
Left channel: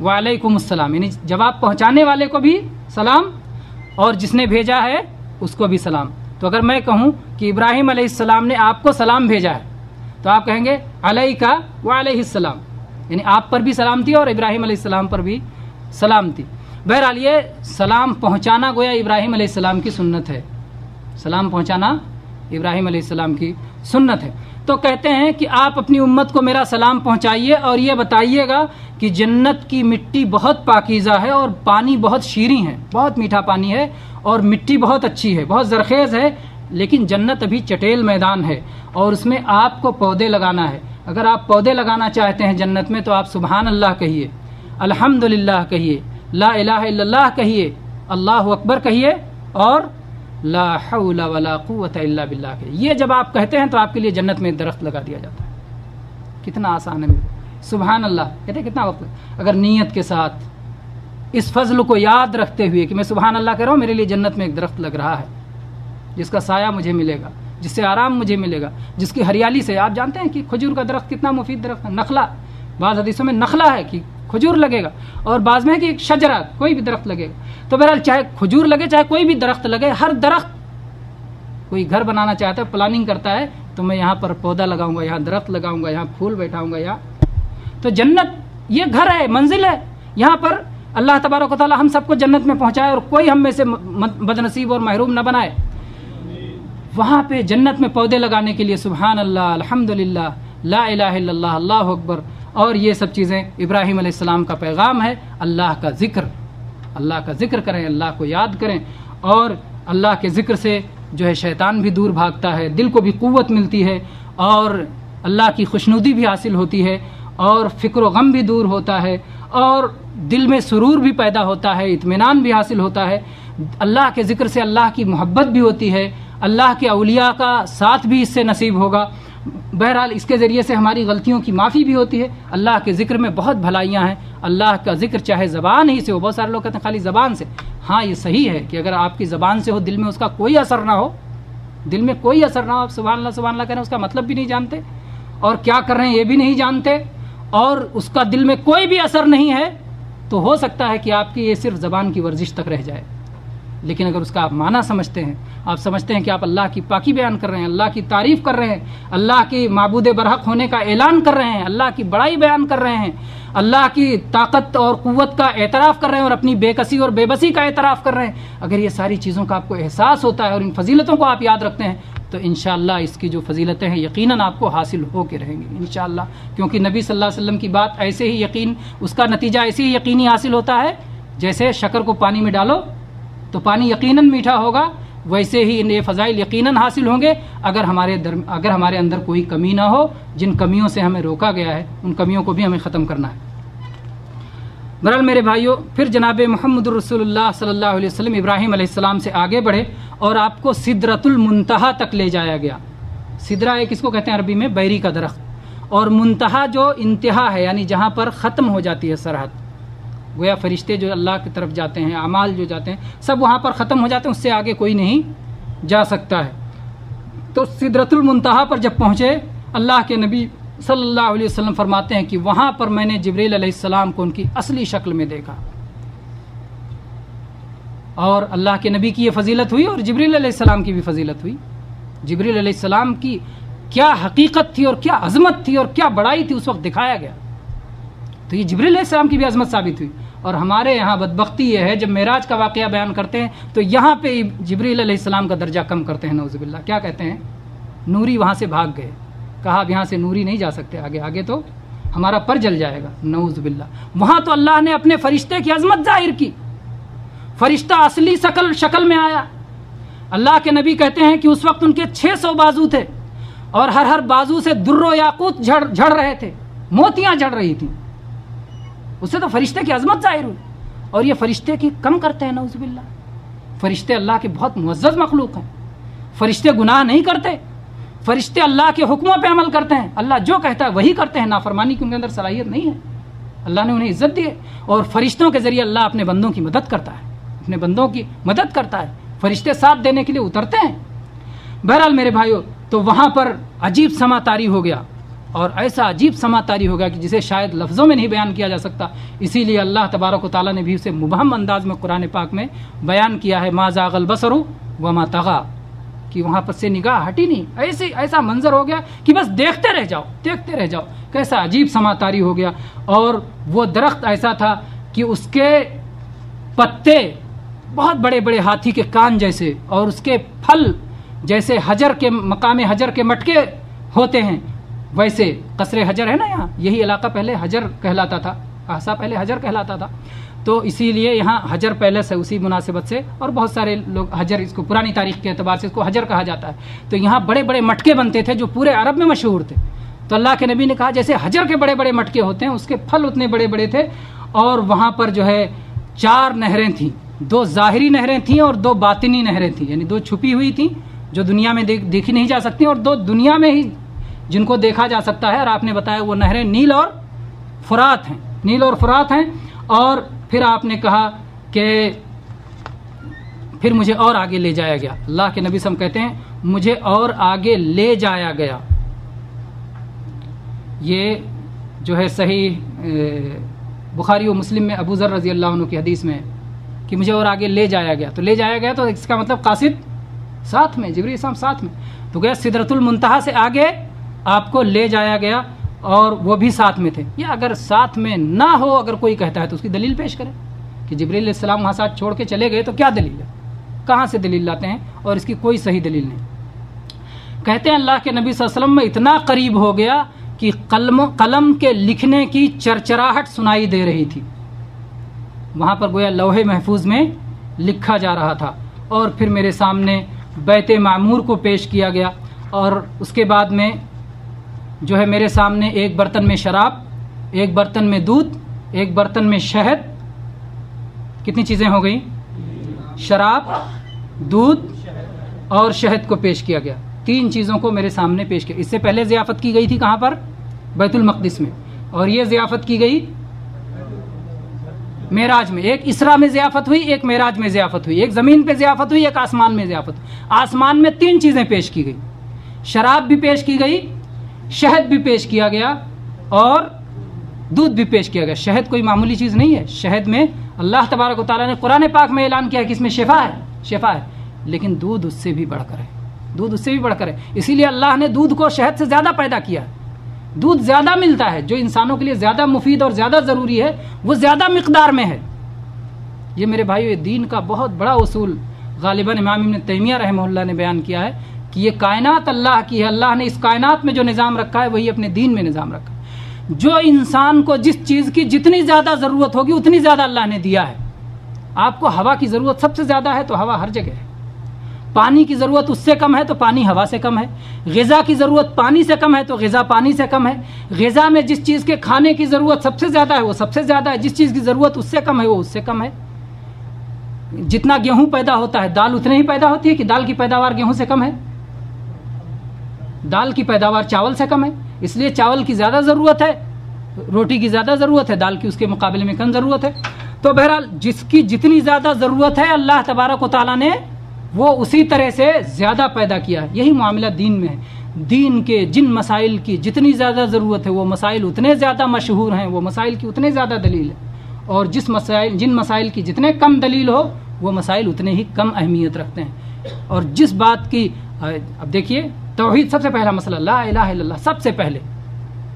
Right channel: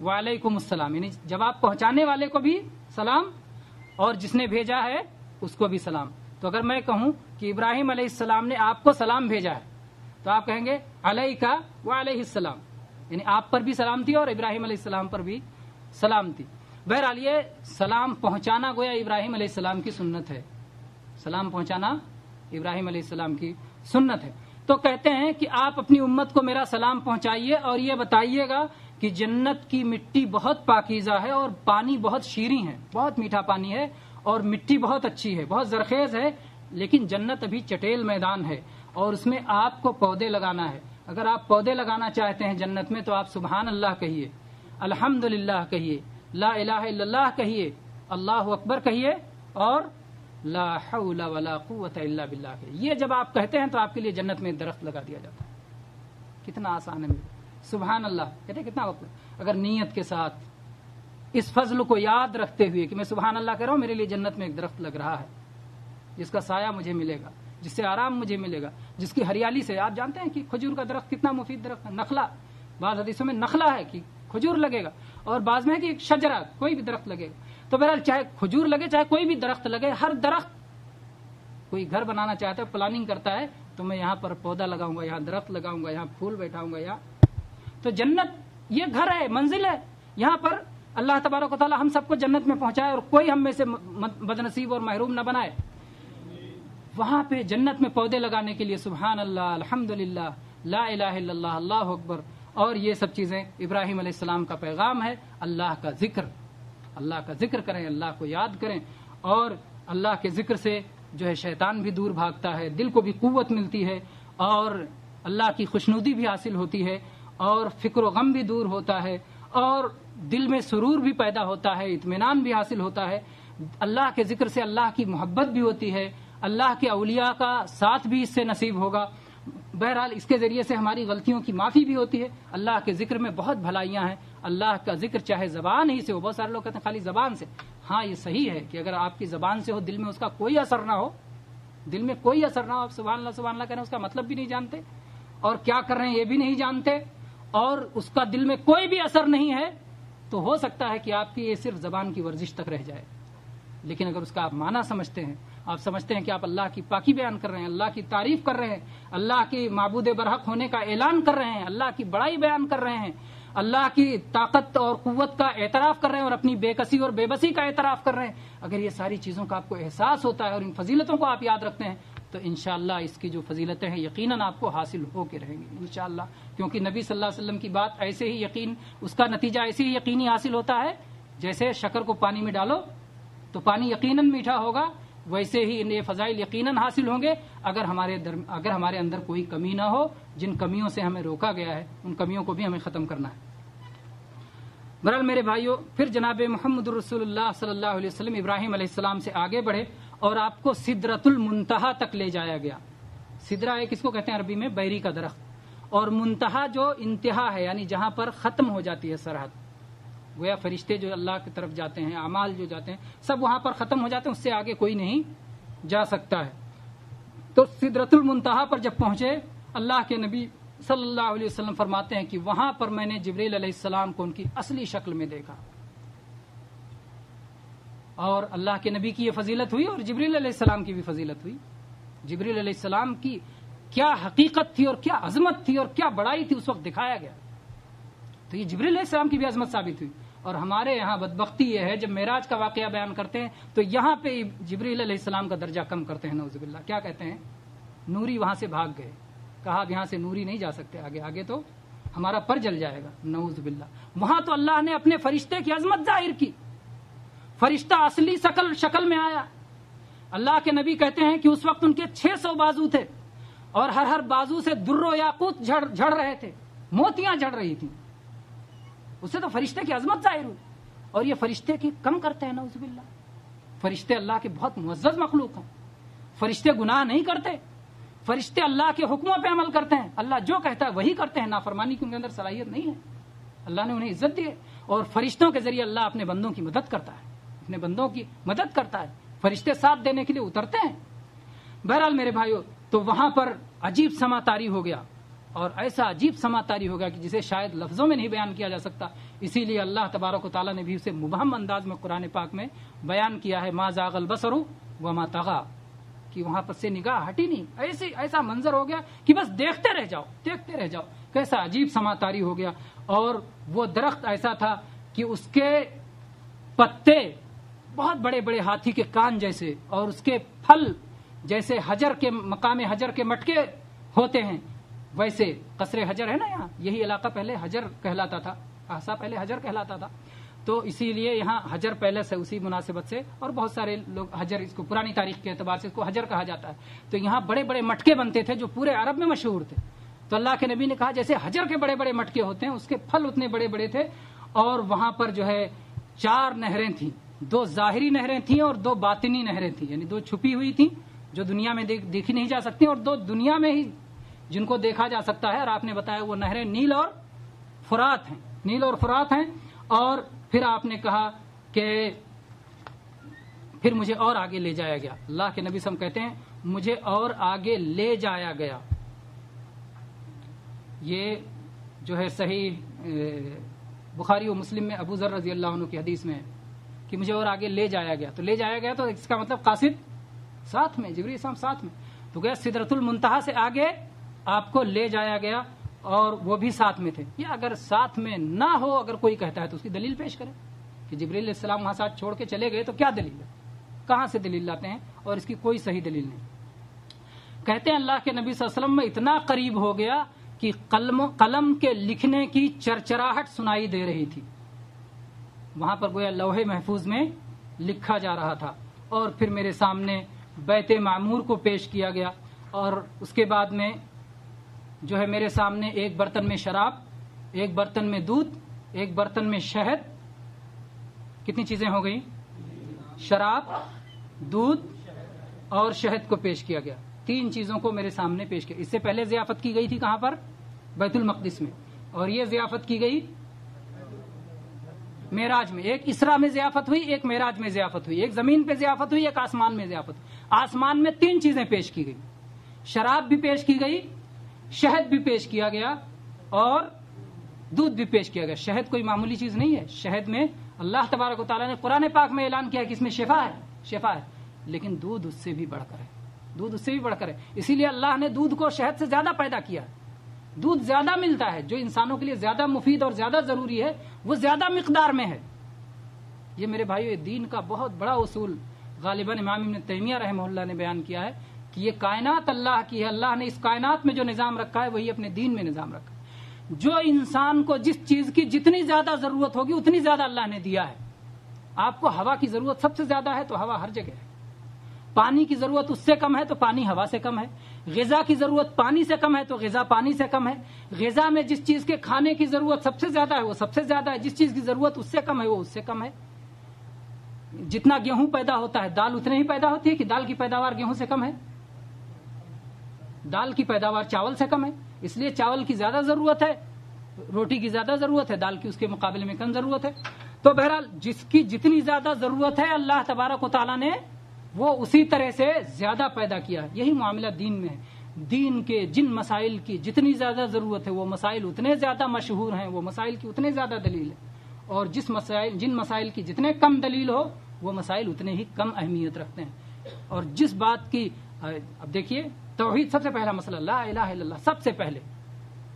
وعلیکم السلام, یعنی جواب پہنچانے والے کو بھی سلام اور جس نے بھیجا ہے اس کو بھی سلام. تو اگر میں کہوں کہ ابراہیم علیہ السلام نے آپ کو سلام بھیجا ہے تو آپ کہیں گے علیہ وعلیہ السلام, یعنی آپ پر بھی سلامتی اور ابراہیم علیہ السلام پر بھی سلامتی. بہرحال یہ سلام پہنچانا گویا ابراہیم علیہ السلام کی سنت ہے. سلام پہنچانا ابراہیم علیہ السلام کی سنت ہے. تو کہتے ہیں کہ آپ اپنی امت کو میرا سلام پہنچائیے اور یہ بتائیے گا کہ جنت کی مٹی بہت پاکیزہ ہے اور پانی بہت شیریں ہے, بہت میٹھا پانی ہے اور مٹی بہت اچھی ہے, بہت زرخیز ہے. لیکن جنت ابھی چٹیل میدان ہے اور اس میں آپ کو پودے لگانا ہے. اگر آپ پودے لگانا چاہتے ہیں جنت میں تو آپ سبحان اللہ کہیے, الحمدللہ کہیے, لا الہ الا اللہ کہیے, اللہ اکبر کہیے اور لا حول ولا قوت الا باللہ کہیے. یہ جب آپ کہتے ہیں تو آپ کے لیے جنت میں درخت لگا دیا جاتا ہے. کتنا آسان ہے. سبحان اللہ کہتے ہیں کتنا وقت ہے. اگر نیت کے ساتھ اس فضل کو یاد رکھتے ہوئے کہ میں سبحان اللہ کہہ رہا ہوں, میرے لیے جنت میں ایک درخت لگ رہا ہے جس کا سایہ مجھے ملے گا, جس سے آرام مجھے ملے گا, جس کی ہریالی سے, آپ جانتے ہیں کہ کھجور کا درخت کتنا مفید درخت ہے. نخلا, بعض حدیثوں میں نخلا ہے کہ کھجور لگے گا, اور بعض میں ہے کہ ایک شجرہ, کوئی بھی درخت لگے گا. تو بہرحال چاہے کھجور لگے چاہے کوئی بھی درخت لگے, ہر درخت, کوئی گھر بنانا چاہتا ہے, پلاننگ کرتا ہے تو میں یہاں پر پودا لگاؤں گا, یہاں درخت لگاؤں گا, یہاں پھول بیٹھاؤں گا. تو جنت یہ گھر ہے, منزل ہے. یہاں پر اللہ تبارک و تعالی ہم سب کو جنت میں پہنچائے اور کوئی ہم میں سے بدنصیب اور محروم نہ بنائے. وہاں پہ جنت میں پودے لگانے کے لیے سبحان اللہ, الحمدللہ, لا الہ الا اللہ, اللہ اکبر, اور یہ سب چیزیں ابراہیم علیہ السلام کا پیغام ہے. اللہ کا ذکر کریں, اللہ کو یاد کریں, اور اللہ کے ذکر سے جو ہے شیطان بھی دور بھاگتا ہے, دل کو بھی قوت ملتی ہے, اور اللہ کی خوشنودی بھی حاصل ہوتی ہے, اور فکر و غم بھی دور ہوتا ہے, اور دل میں سرور بھی پیدا ہوتا ہے, اطمینان بھی حاصل ہوتا ہے. اللہ کے ذکر سے اللہ کی محبت بھی ہوتی ہے, اللہ کے اولیاء کا ساتھ بھی اس سے نصیب ہوگا. بہرحال اس کے ذریعے سے ہماری غلطیوں کی معافی بھی ہوتی ہے. اللہ کے ذکر میں بہت بھلائیاں ہیں. اللہ کا ذکر چاہے زبان ہی سے ہو, بہت سارے لوگ کہتے ہیں خالی زبان سے, ہاں یہ صحیح ہے کہ اگر آپ کی زبان سے ہو, دل میں اس کا کوئی اثر نہ ہو دل میں کوئی اثر نہ ہو، آپ سبحان اللہ کہہ رہے ہیں، اس کا مطلب بھی نہیں جانتے اور کیا کر رہے ہیں یہ بھی نہیں جانتے، اور اس کا دل میں کوئی بھی اثر نہیں ہے، تو ہو سکتا ہے کہ آپ کی یہ صرف زبان کی ورزش تک رہ جائے. لیکن اگر اس کا آپ معنی سمجھتے ہیں، آپ سمجھتے ہیں کہ آپ اللہ کی پاکی بیان کر رہے ہیں، اللہ کی تعریف کر رہے ہیں، اللہ کی معبود برحق ہونے کا اعلان کر رہے ہیں، اللہ کی بڑائی بیان کر رہے ہیں، اللہ کی طاقت اور قوت کا اعتراف کر رہے ہیں اور اپنی بے کسی اور بے بسی کا اعتراف کر رہے ہیں، اگر یہ ساری چیزوں کا آپ کو احساس ہوتا ہے اور ان فضیلتوں کو آپ یاد رکھتے ہیں، تو انشاءاللہ اس کی جو فضیلتیں ہیں یقیناً آپ کو حاصل ہو کے رہیں گی انشاءاللہ. کیونکہ نبی صلی اللہ علیہ وسلم کی بات ایسے ہی یقین، اس کا نتیجہ ایسے ہی یقینی حاصل ہوتا ہے جیسے شکر کو پانی میں ڈالو تو پانی یقیناً میٹھا ہوگا، ویسے ہی یہ فضائل یقیناً حاصل ہوں گے اگر ہمارے اندر کوئی کمی نہ ہو. جن کمیوں سے ہمیں روکا گیا ہے ان کمیوں کو بھی ہمیں ختم کرنا ہے. بہرحال میرے بھائیوں، پھر جناب محمد الرسول اللہ صلی اللہ علیہ وسلم ابراہیم علیہ السلام سے آگے بڑھے اور آپ کو سدرۃ المنتہا تک لے جایا گیا. سدرہ ایک اس کو کہتے ہیں عربی میں بیری کا درخت، اور منتہا جو انتہا ہے یعنی جہاں پر ختم ہو جاتی ہے سرحد. گویا فرشتے جو اللہ کی طرف جاتے ہیں، اعمال جو جاتے ہیں، سب وہاں پر ختم ہو جاتے ہیں، اس سے آگے کوئی نہیں جا سکتا ہے. تو سدرۃ المنتہا پر جب پہنچے، اللہ کے نبی صلی اللہ علیہ وسلم فرماتے ہیں کہ وہاں پر میں نے جبریل علیہ السلام کو ان کی اصلی شکل میں دیکھا. اور اللہ کے نبی کی یہ فضیلت ہوئی اور جبریل علیہ السلام کی بھی فضیلت ہوئی. جبریل علیہ السلام کی کیا حقیقت تھی اور کیا عظمت تھی اور کیا بڑائی تھی اس وقت دکھایا گیا. تو یہ جبریل علیہ السلام کی بھی عظمت ثابت ہوئی. اور ہمارے یہاں بدبختی یہ ہے جب معراج کا واقعہ بیان کرتے ہیں تو یہاں پہ جبریل علیہ السلام کا درجہ کم کرتے ہیں. نعوذ باللہ. کیا کہتے ہیں؟ نوری وہاں سے بھاگ گئے. کہا اب یہاں سے نوری نہیں جا سکتے آگے تو ہمارا پر جل جائے گا. نعوذ باللہ. وہاں تو اللہ نے اپنے فرشتے کی عظمت ظاہر کی. فرشتہ اصلی شکل میں آیا. اللہ کے نبی کہتے ہیں کہ اس وقت ان کے 600 بازو تھے اور ہر بازو سے در و یاقوت جھڑ رہے تھے، موتیاں جھڑ رہی تھیں. اس سے تو فرشتے کی عظمت ظاہر ہوئی. اور یہ فرشتے کی کم کرتے ہیں. نعوذ باللہ. فرشتے اللہ کے بہت معزز مخلوق ہیں. فرشتے گناہ نہیں کرتے. فرشتے اللہ کے حکموں پہ عمل کرتے ہیں. اللہ جو کہتا ہے وہی کرتے ہیں. نافرمانی کی ان کے اندر صلاحیت نہیں ہے. اللہ نے انہیں عزت دی ہے اور فرشتوں کے ذریعے اللہ اپنے بندوں کی مدد کرتا ہے. اپنے بندوں کی مدد کرتا ہے. فرشتے ساتھ دینے کے لیے اترتے ہیں. بہرحال میرے بھائیوں، تو وہاں پر عجیب سما طاری ہو گیا اور ایسا عجیب سما طاری ہو گیا کہ جسے شاید لفظوں میں نہیں بیان کیا جا سکتا. اسی لیے اللہ تبارک و تعالیٰ نے بھی اسے مبہم انداز میں قرآن پاک میں بیان کیا ہے. ما زاغ البصر وما طغى، کہ وہاں پر سے نگاہ ہٹی نہیں. ایسا منظر ہو گیا کہ بس دیکھتے رہ جاؤ. کیسا عجیب سما طاری ہو گیا. اور وہ درخت ایسا تھا کہ اس کے پتے بہت بڑے بڑے ہاتھی کے کان جیسے اور اس کے پھل جیسے مقام حجر کے مٹکے ہوتے ہیں ویسے. قصر حجر ہے نا یہاں، یہی علاقہ پہلے حجر کہلاتا تھا. احسا پہلے حجر کہلاتا تھا. تو اسی لیے یہاں حجر پیلس ہے اسی مناسبت سے. اور بہت سارے لوگ حجر، اس کو پرانی تاریخ کے اعتبار سے اس کو حجر کہا جاتا ہے. تو یہاں بڑے بڑے مٹکے بنتے تھے جو پورے عرب میں مشہور تھے. تو اللہ کے نبی نے کہا جیسے حجر کے بڑے بڑے مٹکے ہوتے ہیں اس کے پھل اتنے بڑے بڑے تھے. اور وہاں پر جو ہے 4 نہریں تھیں. 2 ظاہری نہریں تھیں اور 2 باطنی نہریں تھیں، یعنی 2 چھپی ہوئی تھیں جو دنیا میں دیکھی نہیں جا سکتی اور 2 دنیا میں ہی جن کو دیکھا جا سکتا ہے. اور آپ نے بتایا وہ نہریں نیل اور فرات ہیں. اور پھر آپ نے کہا کہ پھر مجھے اور آگے لے جایا گیا. اللہ کے نبی صلی اللہ علیہ وسلم کہتے ہیں مجھے اور آگے لے جایا گیا. یہ جو ہے صحیح بخاری و مسلم میں ابو ذر رضی اللہ عنہ کی حدیث میں کہ مجھے اور آگے لے جایا گیا. تو لے جایا گیا تو اس کا مطلب قاصد ساتھ میں، جبریل السلام ساتھ میں. تو گیا سدرۃ المنتہا سے آگے آپ کو لے جایا گیا اور وہ بھی ساتھ میں تھے. یا اگر ساتھ میں نہ ہو، اگر کوئی کہتا ہے تو اس کی دلیل پیش کرے کہ جبریل علیہ السلام وہاں ساتھ چھوڑ کے چلے گئے تو کیا دلیل ہے، کہاں سے دلیل لاتے ہیں؟ اور اس کی کوئی صحیح دلیل نہیں. کہتے ہیں اللہ کے نبی صلی اللہ علیہ وسلم میں اتنا قریب ہو گیا کہ قلم کے لکھنے کی چرچراہٹ سنائی دے رہی تھی. وہاں پر گویا لوح محفوظ میں لکھا جا رہا تھا. اور پھر میرے سامنے بیت معمور کو پیش کیا گیا اور اس کے بعد میں جو ہے میرے سامنے ایک برتن میں شراب، ایک برتن میں دودھ، ایک برتن میں شہد. کتنی چیزیں ہو گئیں؟ شراب، دودھ اور شہد کو پیش کیا گیا. 3 چیزوں کو میرے سامنے پیش کیا. اس سے پہلے ضیافت کی گئی تھی کہاں پر؟ بیت المقدس میں. اور یہ ضیافت کی گئی معراج میں، ایک اسرا میں ضیافت ہوئی، ایک معراج میں ضیافت ہوئی، ایک زمین پہ ضیافت ہوئی، ایک آسمان میں ضیافت ہوئی۔ آسمان میں 3 چیزیں پیش کی گئی، شراب بھی پیش کی گئی، شہد بھی پیش کیا گیا اور دودھ بھی پیش کیا گیا۔ شہد کوئی معمولی چیز نہیں ہے، شہد میں اللہ تبارک و تعالیٰ نے قرآن پاک میں اعلان کیا ہے کہ اس میں شفا ہے، شفا ہے، لیکن دودھ اس سے بھی بڑھ کر ہے، دودھ اس سے بھی بڑھ کر ہے۔ اسی لیے اللہ نے دودھ کو شہد سے زیادہ پیدا کیا ہے۔ دودھ زیادہ ملتا ہے، جو انسانوں کے لیے زیادہ مفید اور زیادہ ضروری ہے وہ زیادہ مقدار میں ہے۔ یہ میرے بھائیو دین کا بہت بڑا اصول غالباً امام ابن تیمیہ رحمہ اللہ نے بیان کیا ہے کہ یہ کائنات اللہ کی ہے، اللہ نے اس کائنات میں جو نظام رکھا ہے وہی اپنے دین میں نظام رکھا ہے۔ جو انسان کو جس چیز کی جتنی زیادہ ضرورت ہوگی اتنی زیادہ اللہ نے دیا ہے۔ آپ کو ہوا کی ضرورت سب سے زیادہ ہے تو ہوا ہر جگہ ہے، پانی کی ضرورت اس سے کم ہے تو پانی ہوا سے کم ہے، غذا کی ضرورت پانی سے کم ہے تو غذا پانی سے کم ہے، غذا میں جس چیز کے کھانے کی ضرورت سب سے زیادہ ہے وہ سب سے زیادہ ہے، جس چیز کی ضرورت اس سے کم ہے وہ اس سے کم ہے۔ جتنا گیہوں پیدا ہوتا ہے دال اتنے ہی پیدا ہوتی ہے کہ دال کی پیداوار گیہوں سے کم ہے؟ دال کی پیداوار چاول سے کم ہے، اس لیے چاول کی زیادہ ضرورت ہے، روٹی کی زیادہ ضرورت ہے، دال کی اس کے مقابلے میں کم ضرورت ہے۔ تو بہرحال جس کی جتنی زیادہ ضرورت ہے اللہ تبارک و تعالیٰ نے وہ اسی طرح سے زیادہ پیدا کیا ہے۔ یہی معاملہ دین میں ہے، دین کے جن مسائل کی جتنی زیادہ ضرورت ہے وہ مسائل اتنے زیادہ مشہور ہیں، وہ مسائل کی اتنے زیادہ دلیل ہے، اور جن مسائل کی جتنے کم دلیل ہو وہ مسائل اتنے ہی کم اہمیت رکھتے ہیں۔ اور جس بات کی اب دیکھیے توحید سب سے پہلا مسئلہ، لا الہ الا اللہ، سب سے پہلے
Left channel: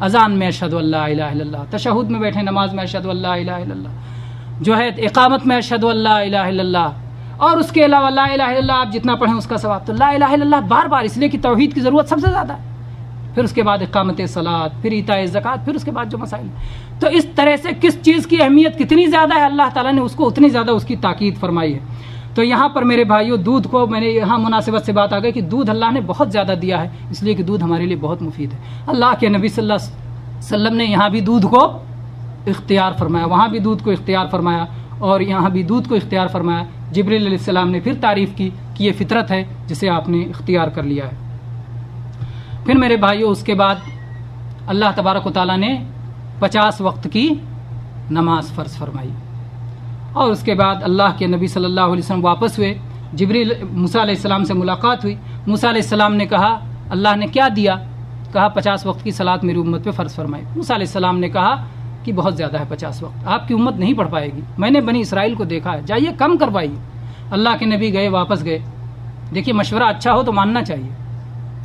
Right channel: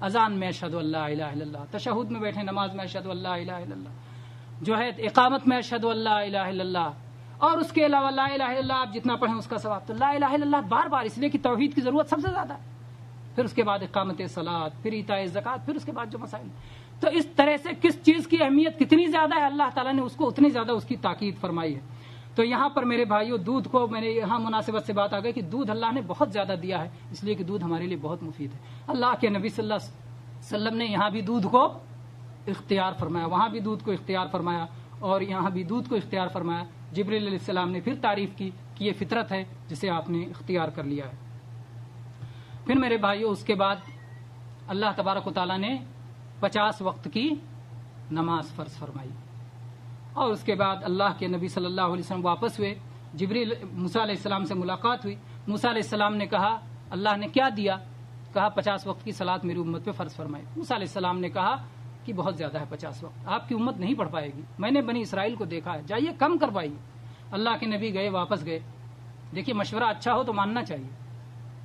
اذان میں اشہد ان لا الہ الا اللہ، تشہد میں بیٹھے نماز میں اشہد ان لا الہ الا اللہ، جو ہے اقامت میں اشہد ان لا الہ الا اللہ، اور اس کے علاوہ لا الہ الا اللہ آپ جتنا پڑھیں اس کا ثواب۔ تو لا الہ الا اللہ بار بار اس لیے کہ توحید کی ضرورت سب سے زیادہ ہے، پھر اس کے بعد اقامت صلاۃ، پھر ایتاء زکوٰۃ، پھر اس کے بعد جو مسائل۔ تو اس طرح سے کس چیز کی اہمیت کتنی زیادہ ہے اللہ تعالیٰ نے اس کو اتنی زیادہ اس کی تاکید فرمائی ہے۔ تو یہاں پر میرے بھائیوں دودھ کو میں نے یہاں مناسبت سے بات آ گئی کہ دودھ اللہ نے بہت زیادہ دیا ہے، اس لیے کہ دودھ ہمارے لیے بہت مفید ہے۔ اللہ کے نبی صلی اللہ علیہ وسلم نے یہاں بھی دودھ کو اختیار فرمایا، وہاں بھی دودھ کو اختیار فرمایا، اور یہاں بھی دودھ کو اختیار فرمایا۔ جبریل علیہ السلام نے پھر تعریف کی کہ یہ فطرت ہے جسے آپ نے اختیار کر لیا ہے۔ پھر میرے بھائیوں اس کے بعد اللہ تبارک و تعالیٰ نے 50 وقت کی نماز فرض فرمائی، اور اس کے بعد اللہ کے نبی صلی اللہ علیہ وسلم واپس ہوئے، جبریل موسیٰ علیہ السلام سے ملاقات ہوئی، موسیٰ علیہ السلام نے کہا اللہ نے کیا دیا؟ کہا 50 وقت کی صلاۃ میری امت پہ فرض فرمائی۔ موسیٰ علیہ السلام نے کہا کہ بہت زیادہ ہے 50 وقت، آپ کی امت نہیں پڑھ پائے گی، میں نے بنی اسرائیل کو دیکھا ہے، جائیے کم کروائیے۔ اللہ کے نبی گئے، واپس گئے۔ دیکھیے مشورہ اچھا ہو تو ماننا چاہیے،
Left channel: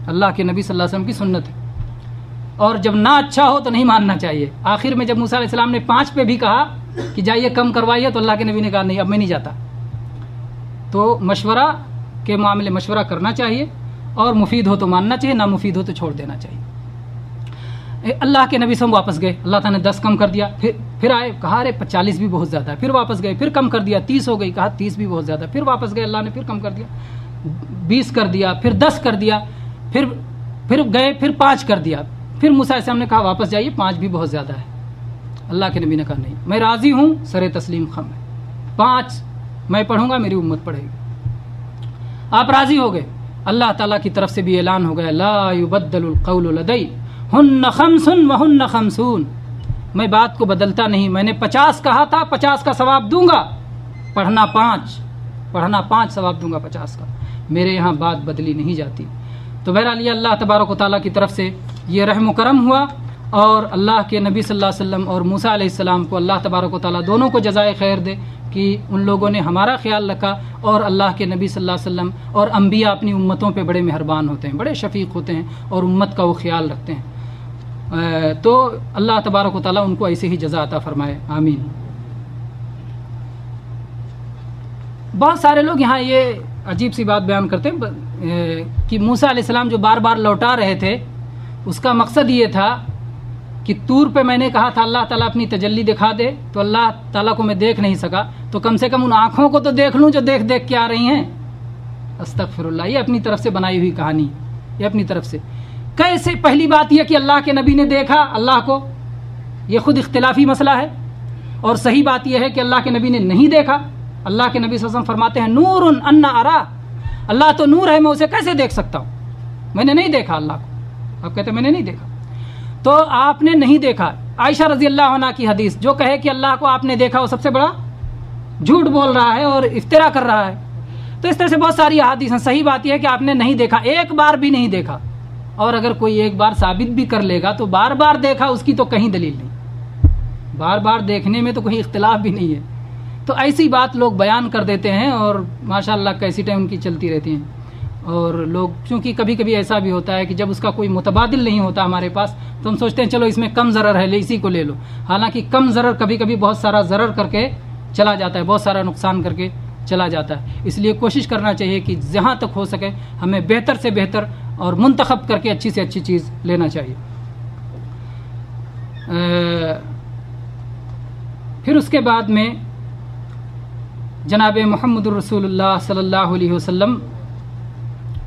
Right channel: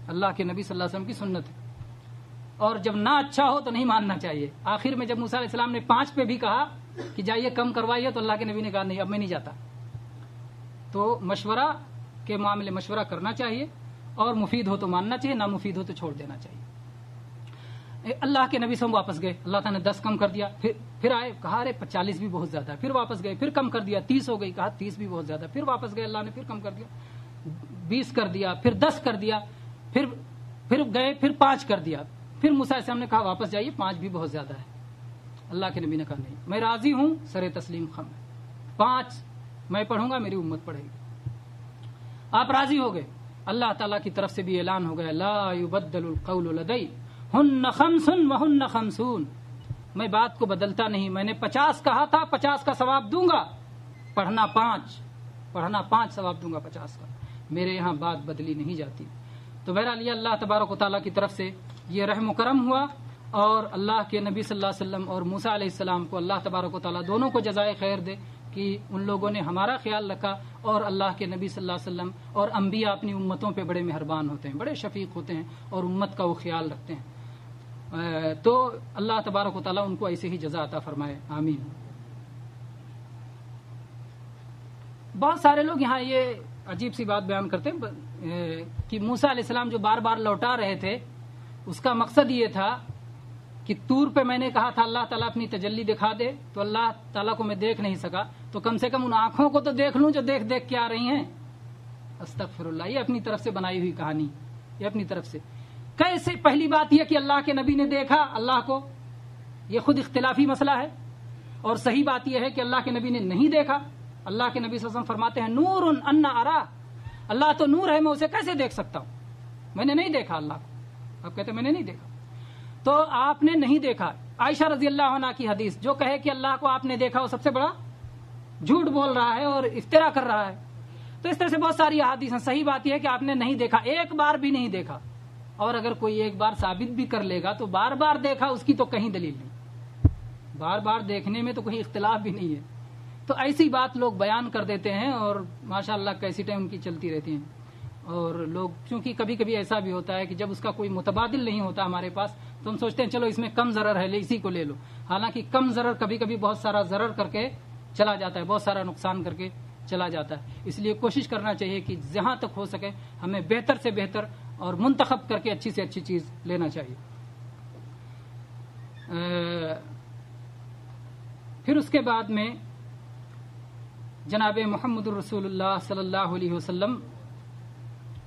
اللہ کے نبی صلی اللہ علیہ وسلم کی سنت ہے، اور جب نہ اچھا ہو تو نہیں ماننا چاہیے۔ آخر میں جب موسیٰ علیہ السلام نے 5 پہ بھی کہا کہ جائیے کم کروائیے، تو اللہ کے نبی نے کہا نہیں اب میں نہیں جاتا۔ تو مشورہ کے معاملے مشورہ کرنا چاہیے، اور مفید ہو تو ماننا چاہیے، نہ مفید ہو تو چھوڑ دینا چاہیے۔ اللہ کے نبی سے ہم واپس گئے، اللہ تعالیٰ نے 10 کم کر دیا، پھر آئے، کہا ارے 40 بھی بہت زیادہ ہے، پھر واپس گئے، پھر کم کر دیا، 30 ہو گئی، کہا 30 بھی بہت زیادہ ہے، پھر واپس گئے، اللہ نے پھر کم کر دیا، 20 کر دیا، پھر 10 کر دیا، پھر گئے، پھر 5 کر دیا، پھر موسیٰ علیہ السلام نے کہا واپس جائیے، 5 بھی بہت زیادہ ہے۔ اللہ کے نبی نے کہا نہیں، میں راضی ہوں، سر تسلیم خم ہے، 5 میں پڑھوں گا، میری امت پڑھے گی۔ آپ راضی ہو گئے، اللہ تعالیٰ کی طرف سے بھی اعلان ہو گیا لا یبدل القول لدی ہن خمس وہن خمسون، میں بات کو بدلتا نہیں، میں نے 50 کہا تھا، 50 کا ثواب دوں گا، پڑھنا 5 ثواب دوں گا 50 کا، میرے یہاں بات بدلی نہیں جاتی۔ تو بہرحال یہ اللہ تبارک و تعالیٰ کی طرف سے یہ رحم و کرم ہوا، اور اللہ کے نبی صلی اللہ علیہ وسلم اور موسیٰ علیہ السلام کو اللہ تبارک و تعالیٰ دونوں کو جزائے خیر دے کہ ان لوگوں نے ہمارا خیال رکھا، اور اللہ کے نبی صلی اللہ علیہ وسلم اور انبیاء اپنی امتوں پہ بڑے مہربان ہوتے ہیں، بڑے شفیق ہوتے ہیں، اور امت کا وہ خیال رکھتے ہیں۔ تو اللہ تبارک و تعالیٰ ان کو ایسے ہی جزا عطا فرمائے، آمین۔ بہت سارے لوگ یہاں یہ عجیب سی بات بیان کرتے ہیں کہ موسیٰ علیہ السلام جو بار بار لوٹا رہے تھے اس کا مقصد یہ تھا کہ طور پہ میں نے کہا تھا اللہ تعالیٰ اپنی تجلی دکھا دے، تو اللہ تعالیٰ کو میں دیکھ نہیں سکا، تو کم سے کم ان آنکھوں کو تو دیکھ لوں جو دیکھ دیکھ کے آ رہی ہیں۔ استغفر اللہ، یہ اپنی طرف سے بنائی ہوئی کہانی، یہ اپنی طرف سے کیسے؟ پہلی بات یہ کہ اللہ کے نبی نے دیکھا اللہ کو، یہ خود اختلافی مسئلہ ہے، اور صحیح بات یہ ہے کہ اللہ کے نبی نے نہیں دیکھا۔ اللہ کے نبی صلی اللہ علیہ وسلم فرماتے ہیں نور انا ارا، اللہ تو نور ہے، میں اسے کیسے دیکھ سکتا ہوں؟ میں نے نہیں دیکھا اللہ کو۔ آپ کہتے ہیں میں نے نہیں دیکھا، تو آپ نے نہیں دیکھا، عائشہ رضی اللہ عنہ کی حدیث، جو کہے کہ اللہ کو آپ نے دیکھا وہ سب سے بڑا جھوٹ بول رہا ہے اور افترا کر رہا ہے۔ تو اس طرح سے بہت ساری احادیث ہیں۔ صحیح بات یہ ہے کہ آپ نے نہیں دیکھا، ایک بار بھی نہیں دیکھا، اور اگر کوئی ایک بار ثابت بھی کر لے گا تو بار بار دیکھا اس کی تو کہیں دلیل نہیں، بار بار دیکھنے میں تو کوئی اختلاف بھی نہیں ہے۔ تو ایسی بات لوگ بیان کر دیتے ہیں اور ماشاءاللہ کیسٹیں ان کی چلتی رہتی ہیں، اور لوگ چونکہ کبھی کبھی ایسا بھی ہوتا ہے کہ جب اس کا کوئی متبادل نہیں ہوتا ہمارے پاس تو ہم سوچتے ہیں چلو اس میں کم ضرر ہے، اسی کو لے لو، حالانکہ کم ضرر کبھی کبھی بہت سارا ضرر کر کے چلا جاتا ہے، بہت سارا نقصان کر کے چلا جاتا ہے۔ اس لیے کوشش کرنا چاہیے کہ جہاں تک ہو سکے ہمیں بہتر سے بہتر اور منتخب کر کے اچھی سے اچھی چیز لینا چاہیے۔ پھر اس کے بعد میں جناب محمد الرسول اللہ صلی اللہ علیہ وسلم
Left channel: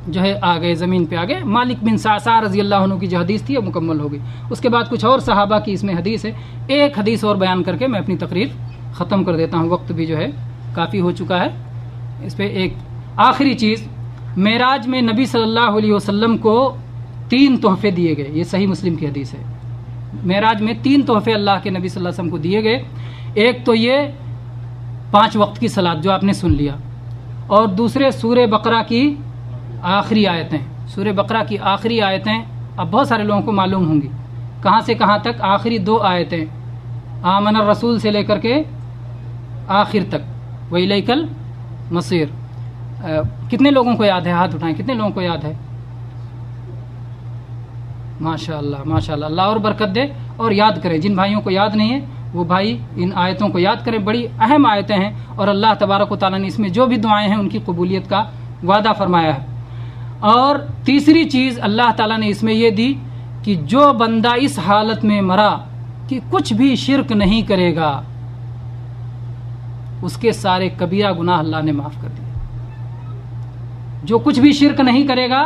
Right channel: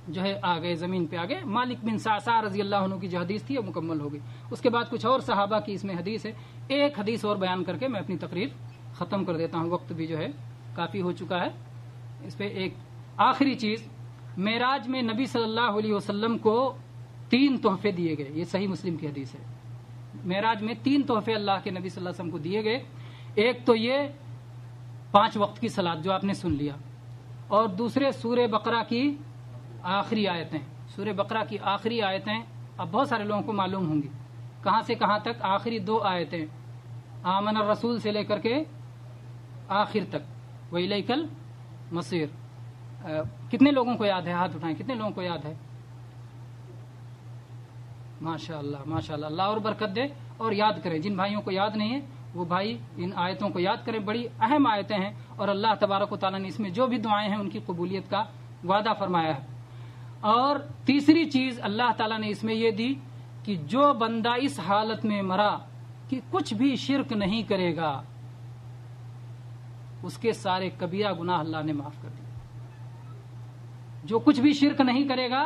جو ہے آ گئے، زمین پہ آ گئے۔ مالک بن صعصع رضی اللہ عنہ کی جو حدیث تھی وہ مکمل ہو گئی۔ اس کے بعد کچھ اور صحابہ کی اس میں حدیث ہے، ایک حدیث اور بیان کر کے میں اپنی تقریر ختم کر دیتا ہوں، وقت بھی جو ہے کافی ہو چکا ہے۔ اس پہ ایک آخری چیز، معراج میں نبی صلی اللہ علیہ وسلم کو 3 تحفے دیے گئے، یہ صحیح مسلم کی حدیث ہے۔ معراج میں 3 تحفے اللہ کے نبی صلی اللہ علیہ وسلم کو دیے گئے، ایک تو یہ 5 وقت کی صلاۃ جو آپ نے سن لیا، اور دوسرے سورہ بقرہ کی آخری آیتیں۔ سورہ بقرہ کی آخری آیتیں اب بہت سارے لوگوں کو معلوم ہوں گی، کہاں سے کہاں تک؟ آخری 2 آیتیں، آمن الرسول سے لے کر کے آخر تک، وَإِلَيْكَ الْمَصِيرُ۔ کتنے لوگوں کو یاد ہے؟ ہاتھ اٹھائیں، کتنے لوگوں کو یاد ہے؟ ماشاءاللہ ماشاءاللہ، اللہ اور برکت دے، اور یاد کریں۔ جن بھائیوں کو یاد نہیں ہے وہ بھائی ان آیتوں کو یاد کریں، بڑی اہم آیتیں ہیں، اور اللہ تبارک و تعالیٰ نے اس میں جو بھی دعائیں ہیں ان کی قبولیت کا وعدہ فرمایا ہے۔ اور تیسری چیز اللہ تعالیٰ نے اس میں یہ دی کہ جو بندہ اس حالت میں مرا کہ کچھ بھی شرک نہیں کرے گا، اس کے سارے کبیرہ گناہ اللہ نے معاف کر دیے۔ جو کچھ بھی شرک نہیں کرے گا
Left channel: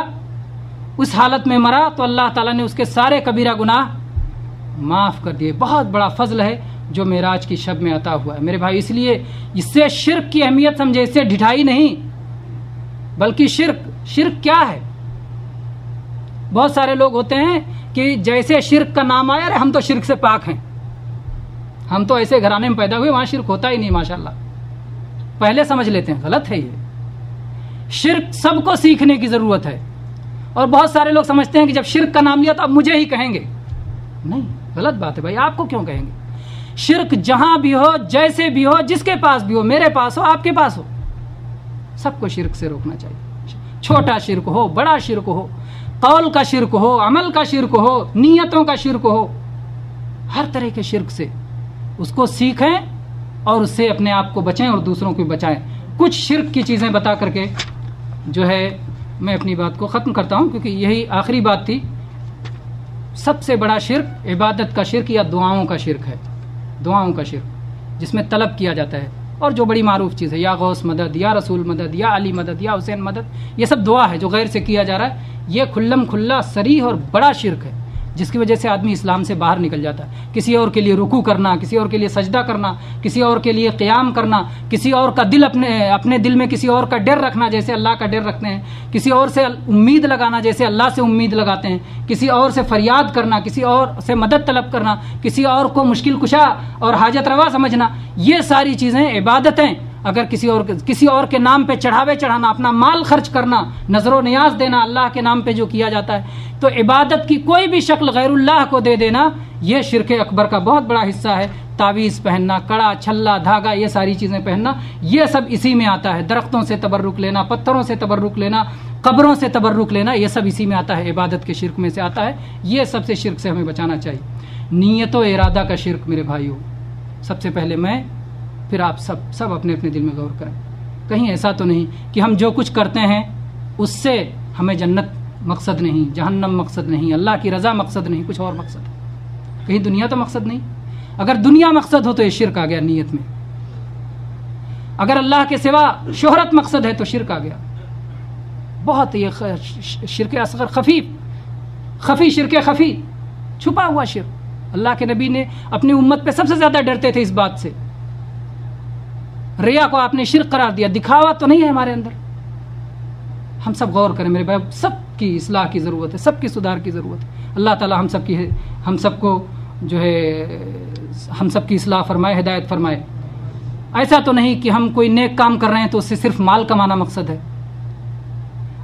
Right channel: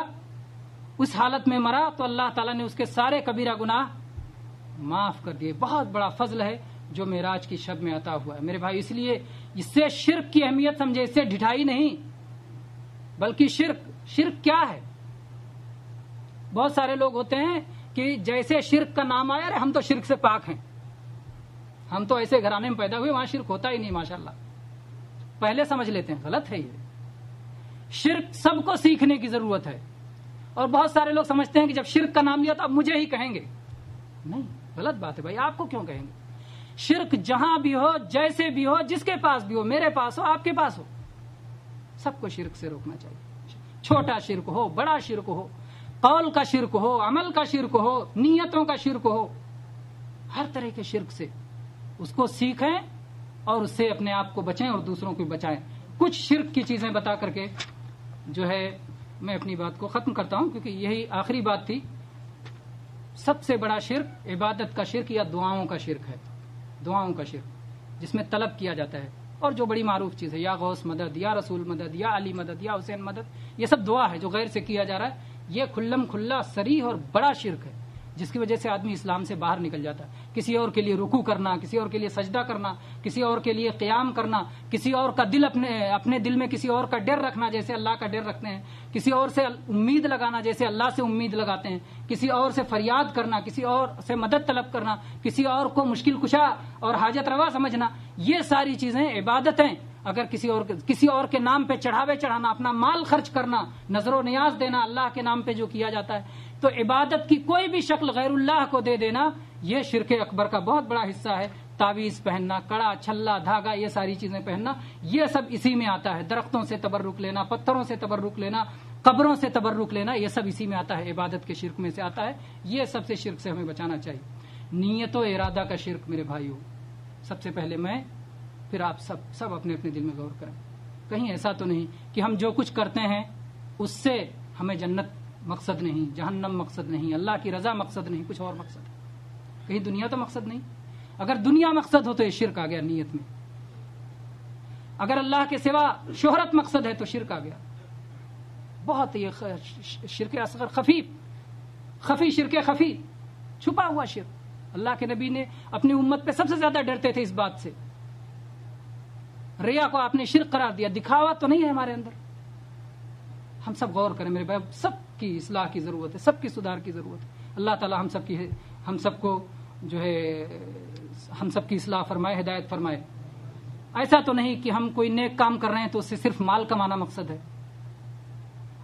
اس حالت میں مرا تو اللہ تعالیٰ نے اس کے سارے کبیرہ گناہ معاف کر دیے۔ بہت بڑا فضل ہے جو معراج کی شب میں عطا ہوا ہے میرے بھائی۔ اس لیے اس سے شرک کی اہمیت سمجھے، اس سے ڈھٹائی نہیں، بلکہ شرک کیا ہے؟ بہت سارے لوگ ہوتے ہیں کہ جیسے شرک کا نام آیا، ارے ہم تو شرک سے پاک ہیں، ہم تو ایسے گھرانے میں پیدا ہوئے وہاں شرک ہوتا ہی نہیں، ماشاءاللہ پہلے سمجھ لیتے ہیں، غلط ہے یہ۔ شرک سب کو سیکھنے کی ضرورت ہے، اور بہت سارے لوگ سمجھتے ہیں کہ جب شرک کا نام لیا تو اب مجھے ہی کہیں گے، نہیں، غلط بات ہے بھائی، آپ کو کیوں کہیں گے؟ شرک جہاں بھی ہو، جیسے بھی ہو، جس کے پاس بھی ہو، میرے پاس ہو، آپ کے پاس ہو، سب کو شرک سے روکنا چاہیے۔ چھوٹا شرک ہو، بڑا شرک ہو، قول کا شرک ہو، عمل کا شرک ہو، نیتوں کا شرک ہو، ہر طرح کے شرک سے اس کو سیکھیں اور اس سے اپنے آپ کو بچیں اور دوسروں کو بچائیں۔ کچھ شرک کی چیزیں بتا کر کے جو ہے میں اپنی بات کو ختم کرتا ہوں، کیونکہ یہی آخری بات تھی۔ سب سے بڑا شرک عبادت کا شرک یا دعاؤں کا شرک ہے، دعاؤں کا شرک جس میں طلب کیا جاتا ہے، اور جو بڑی معروف چیز ہے، یا غوث مدد، یا رسول مدد، یا علی مدد، یا حسین مدد، یہ سب دعا ہے جو غیر سے کیا جا رہا ہے۔ یہ کھلم کھلا صریح اور بڑا شرک ہے، جس کی وجہ سے آدمی اسلام سے باہر نکل جاتا ہے۔ کسی اور کے لیے رکوع کرنا، کسی اور کے لیے سجدہ کرنا، کسی اور کے لیے قیام کرنا، کسی اور کا دل اپنے دل میں کسی اور کا ڈر رکھنا جیسے اللہ کا ڈر رکھتے ہیں، کسی اور سے امید لگانا جیسے اللہ سے امید لگاتے ہیں، کسی اور سے فریاد کرنا، کسی اور سے مدد طلب کرنا، کسی اور کو مشکل کشا اور حاجت روا سمجھنا، یہ ساری چیزیں عبادتیں اگر کسی اور کے نام پہ چڑھاوے چڑھانا، اپنا مال خرچ کرنا، نظر و نیاز دینا اللہ کے نام پہ جو کیا جاتا ہے، تو عبادت کی کوئی بھی شکل غیر اللہ کو دے دینا، یہ شرک اکبر کا بہت بڑا حصہ ہے۔ تعویذ پہننا، کڑا، چھلا، دھاگا، یہ ساری چیزیں پہننا، یہ سب اسی میں آتا ہے۔ درختوں سے تبرک لینا، پتھروں سے تبرک لینا، قبروں سے تبرک لینا، یہ سب اسی میں آتا ہے، عبادت کے شرک میں سے آتا ہے۔ یہ سب سے شرک سے ہمیں بچانا چاہیے۔ نیت و ارادہ کا شرک میرے بھائیوں، سب سے پہلے میں، پھر آپ سب اپنے اپنے دل میں غور کریں۔ کہیں ایسا تو نہیں کہ ہم جو کچھ کرتے ہیں اس سے ہمیں جنت مقصد نہیں، جہنم مقصد نہیں، اللہ کی رضا مقصد نہیں، کچھ اور مقصد ہے؟ کہیں دنیا تو مقصد نہیں؟ اگر دنیا مقصد ہو تو یہ شرک آ گیا نیت میں۔ اگر اللہ کے سوا شہرت مقصد ہے تو شرک آ گیا۔ بہت یہ شرک اصغر، خفی شرک خفی، چھپا ہوا شرک۔ اللہ کے نبی نے اپنی امت پہ سب سے زیادہ ڈرتے تھے اس بات سے۔ ریا کو آپ نے شرک قرار دیا، دکھاوا تو نہیں ہے ہمارے اندر۔ ہم سب غور کریں میرے بھائی، سب کی اصلاح کی ضرورت ہے، سب کی سدھار کی ضرورت ہے۔ اللہ تعالی ہم سب کو جو ہے ہم سب کی اصلاح فرمائے، ہدایت فرمائے۔ ایسا تو نہیں کہ ہم کوئی نیک کام کر رہے ہیں تو اس سے صرف مال کمانا مقصد ہے،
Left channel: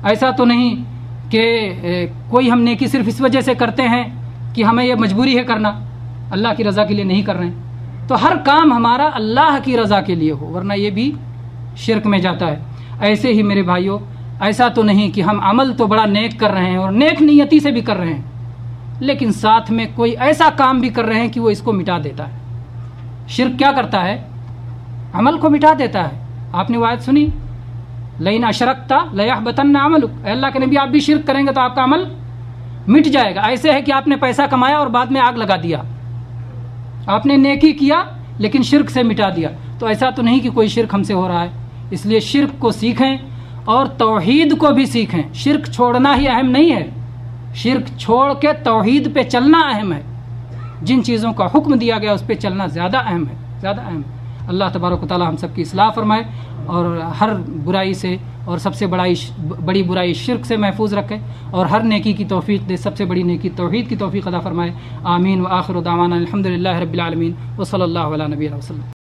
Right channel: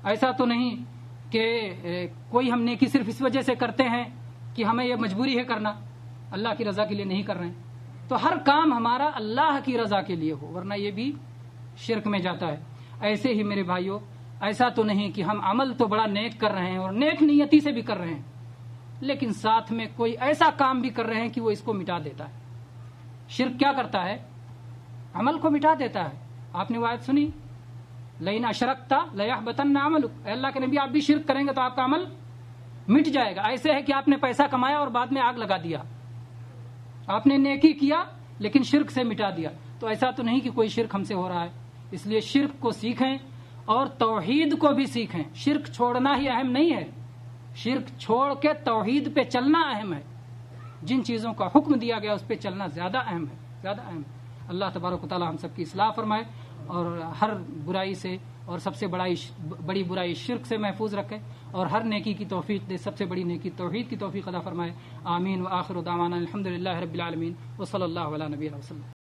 ایسا تو نہیں کہ کوئی ہم نیکی صرف اس وجہ سے کرتے ہیں کہ ہمیں یہ مجبوری ہے کرنا، اللہ کی رضا کے لیے نہیں کر رہے ہیں، تو ہر کام ہمارا اللہ کی رضا کے لیے ہو، ورنہ یہ بھی شرک میں جاتا ہے۔ ایسے ہی میرے بھائیوں، ایسا تو نہیں کہ ہم عمل تو بڑا نیک کر رہے ہیں اور نیک نیتی سے بھی کر رہے ہیں، لیکن ساتھ میں کوئی ایسا کام بھی کر رہے ہیں کہ وہ اس کو مٹا دیتا ہے۔ شرک کیا کرتا ہے؟ عمل کو مٹا دیتا ہے۔ آپ نے وہ آیت سنی، لئن اشرکت لیحبطن عملک، اے اللہ کے نبی آپ بھی شرک کریں گے تو آپ کا عمل مٹ جائے گا۔ ایسے ہے کہ آپ نے پیسہ کمایا اور بعد میں آگ لگا دیا، آپ نے نیکی کیا لیکن شرک سے مٹا دیا، تو ایسا تو نہیں کہ کوئی شرک ہم سے ہو رہا ہے۔ اس لیے شرک کو سیکھیں اور توحید کو بھی سیکھیں۔ شرک چھوڑنا ہی اہم نہیں ہے، شرک چھوڑ کے توحید پہ چلنا اہم ہے، جن چیزوں کا حکم دیا گیا اس پہ چلنا زیادہ اہم ہے، زیادہ اہم ہے۔ اللہ تبارک و تعالی ہم سب کی اصلاح فرمائے اور ہر برائی سے اور سب سے بڑی برائی شرک سے محفوظ رکھے اور ہر نیکی کی توفیق دے، سب سے بڑی نیکی توحید کی توفیق عطا فرمائے۔ آمین۔ وآخر دعوانا الحمدللہ رب العالمین وصلی اللہ علی نبینا وسلم۔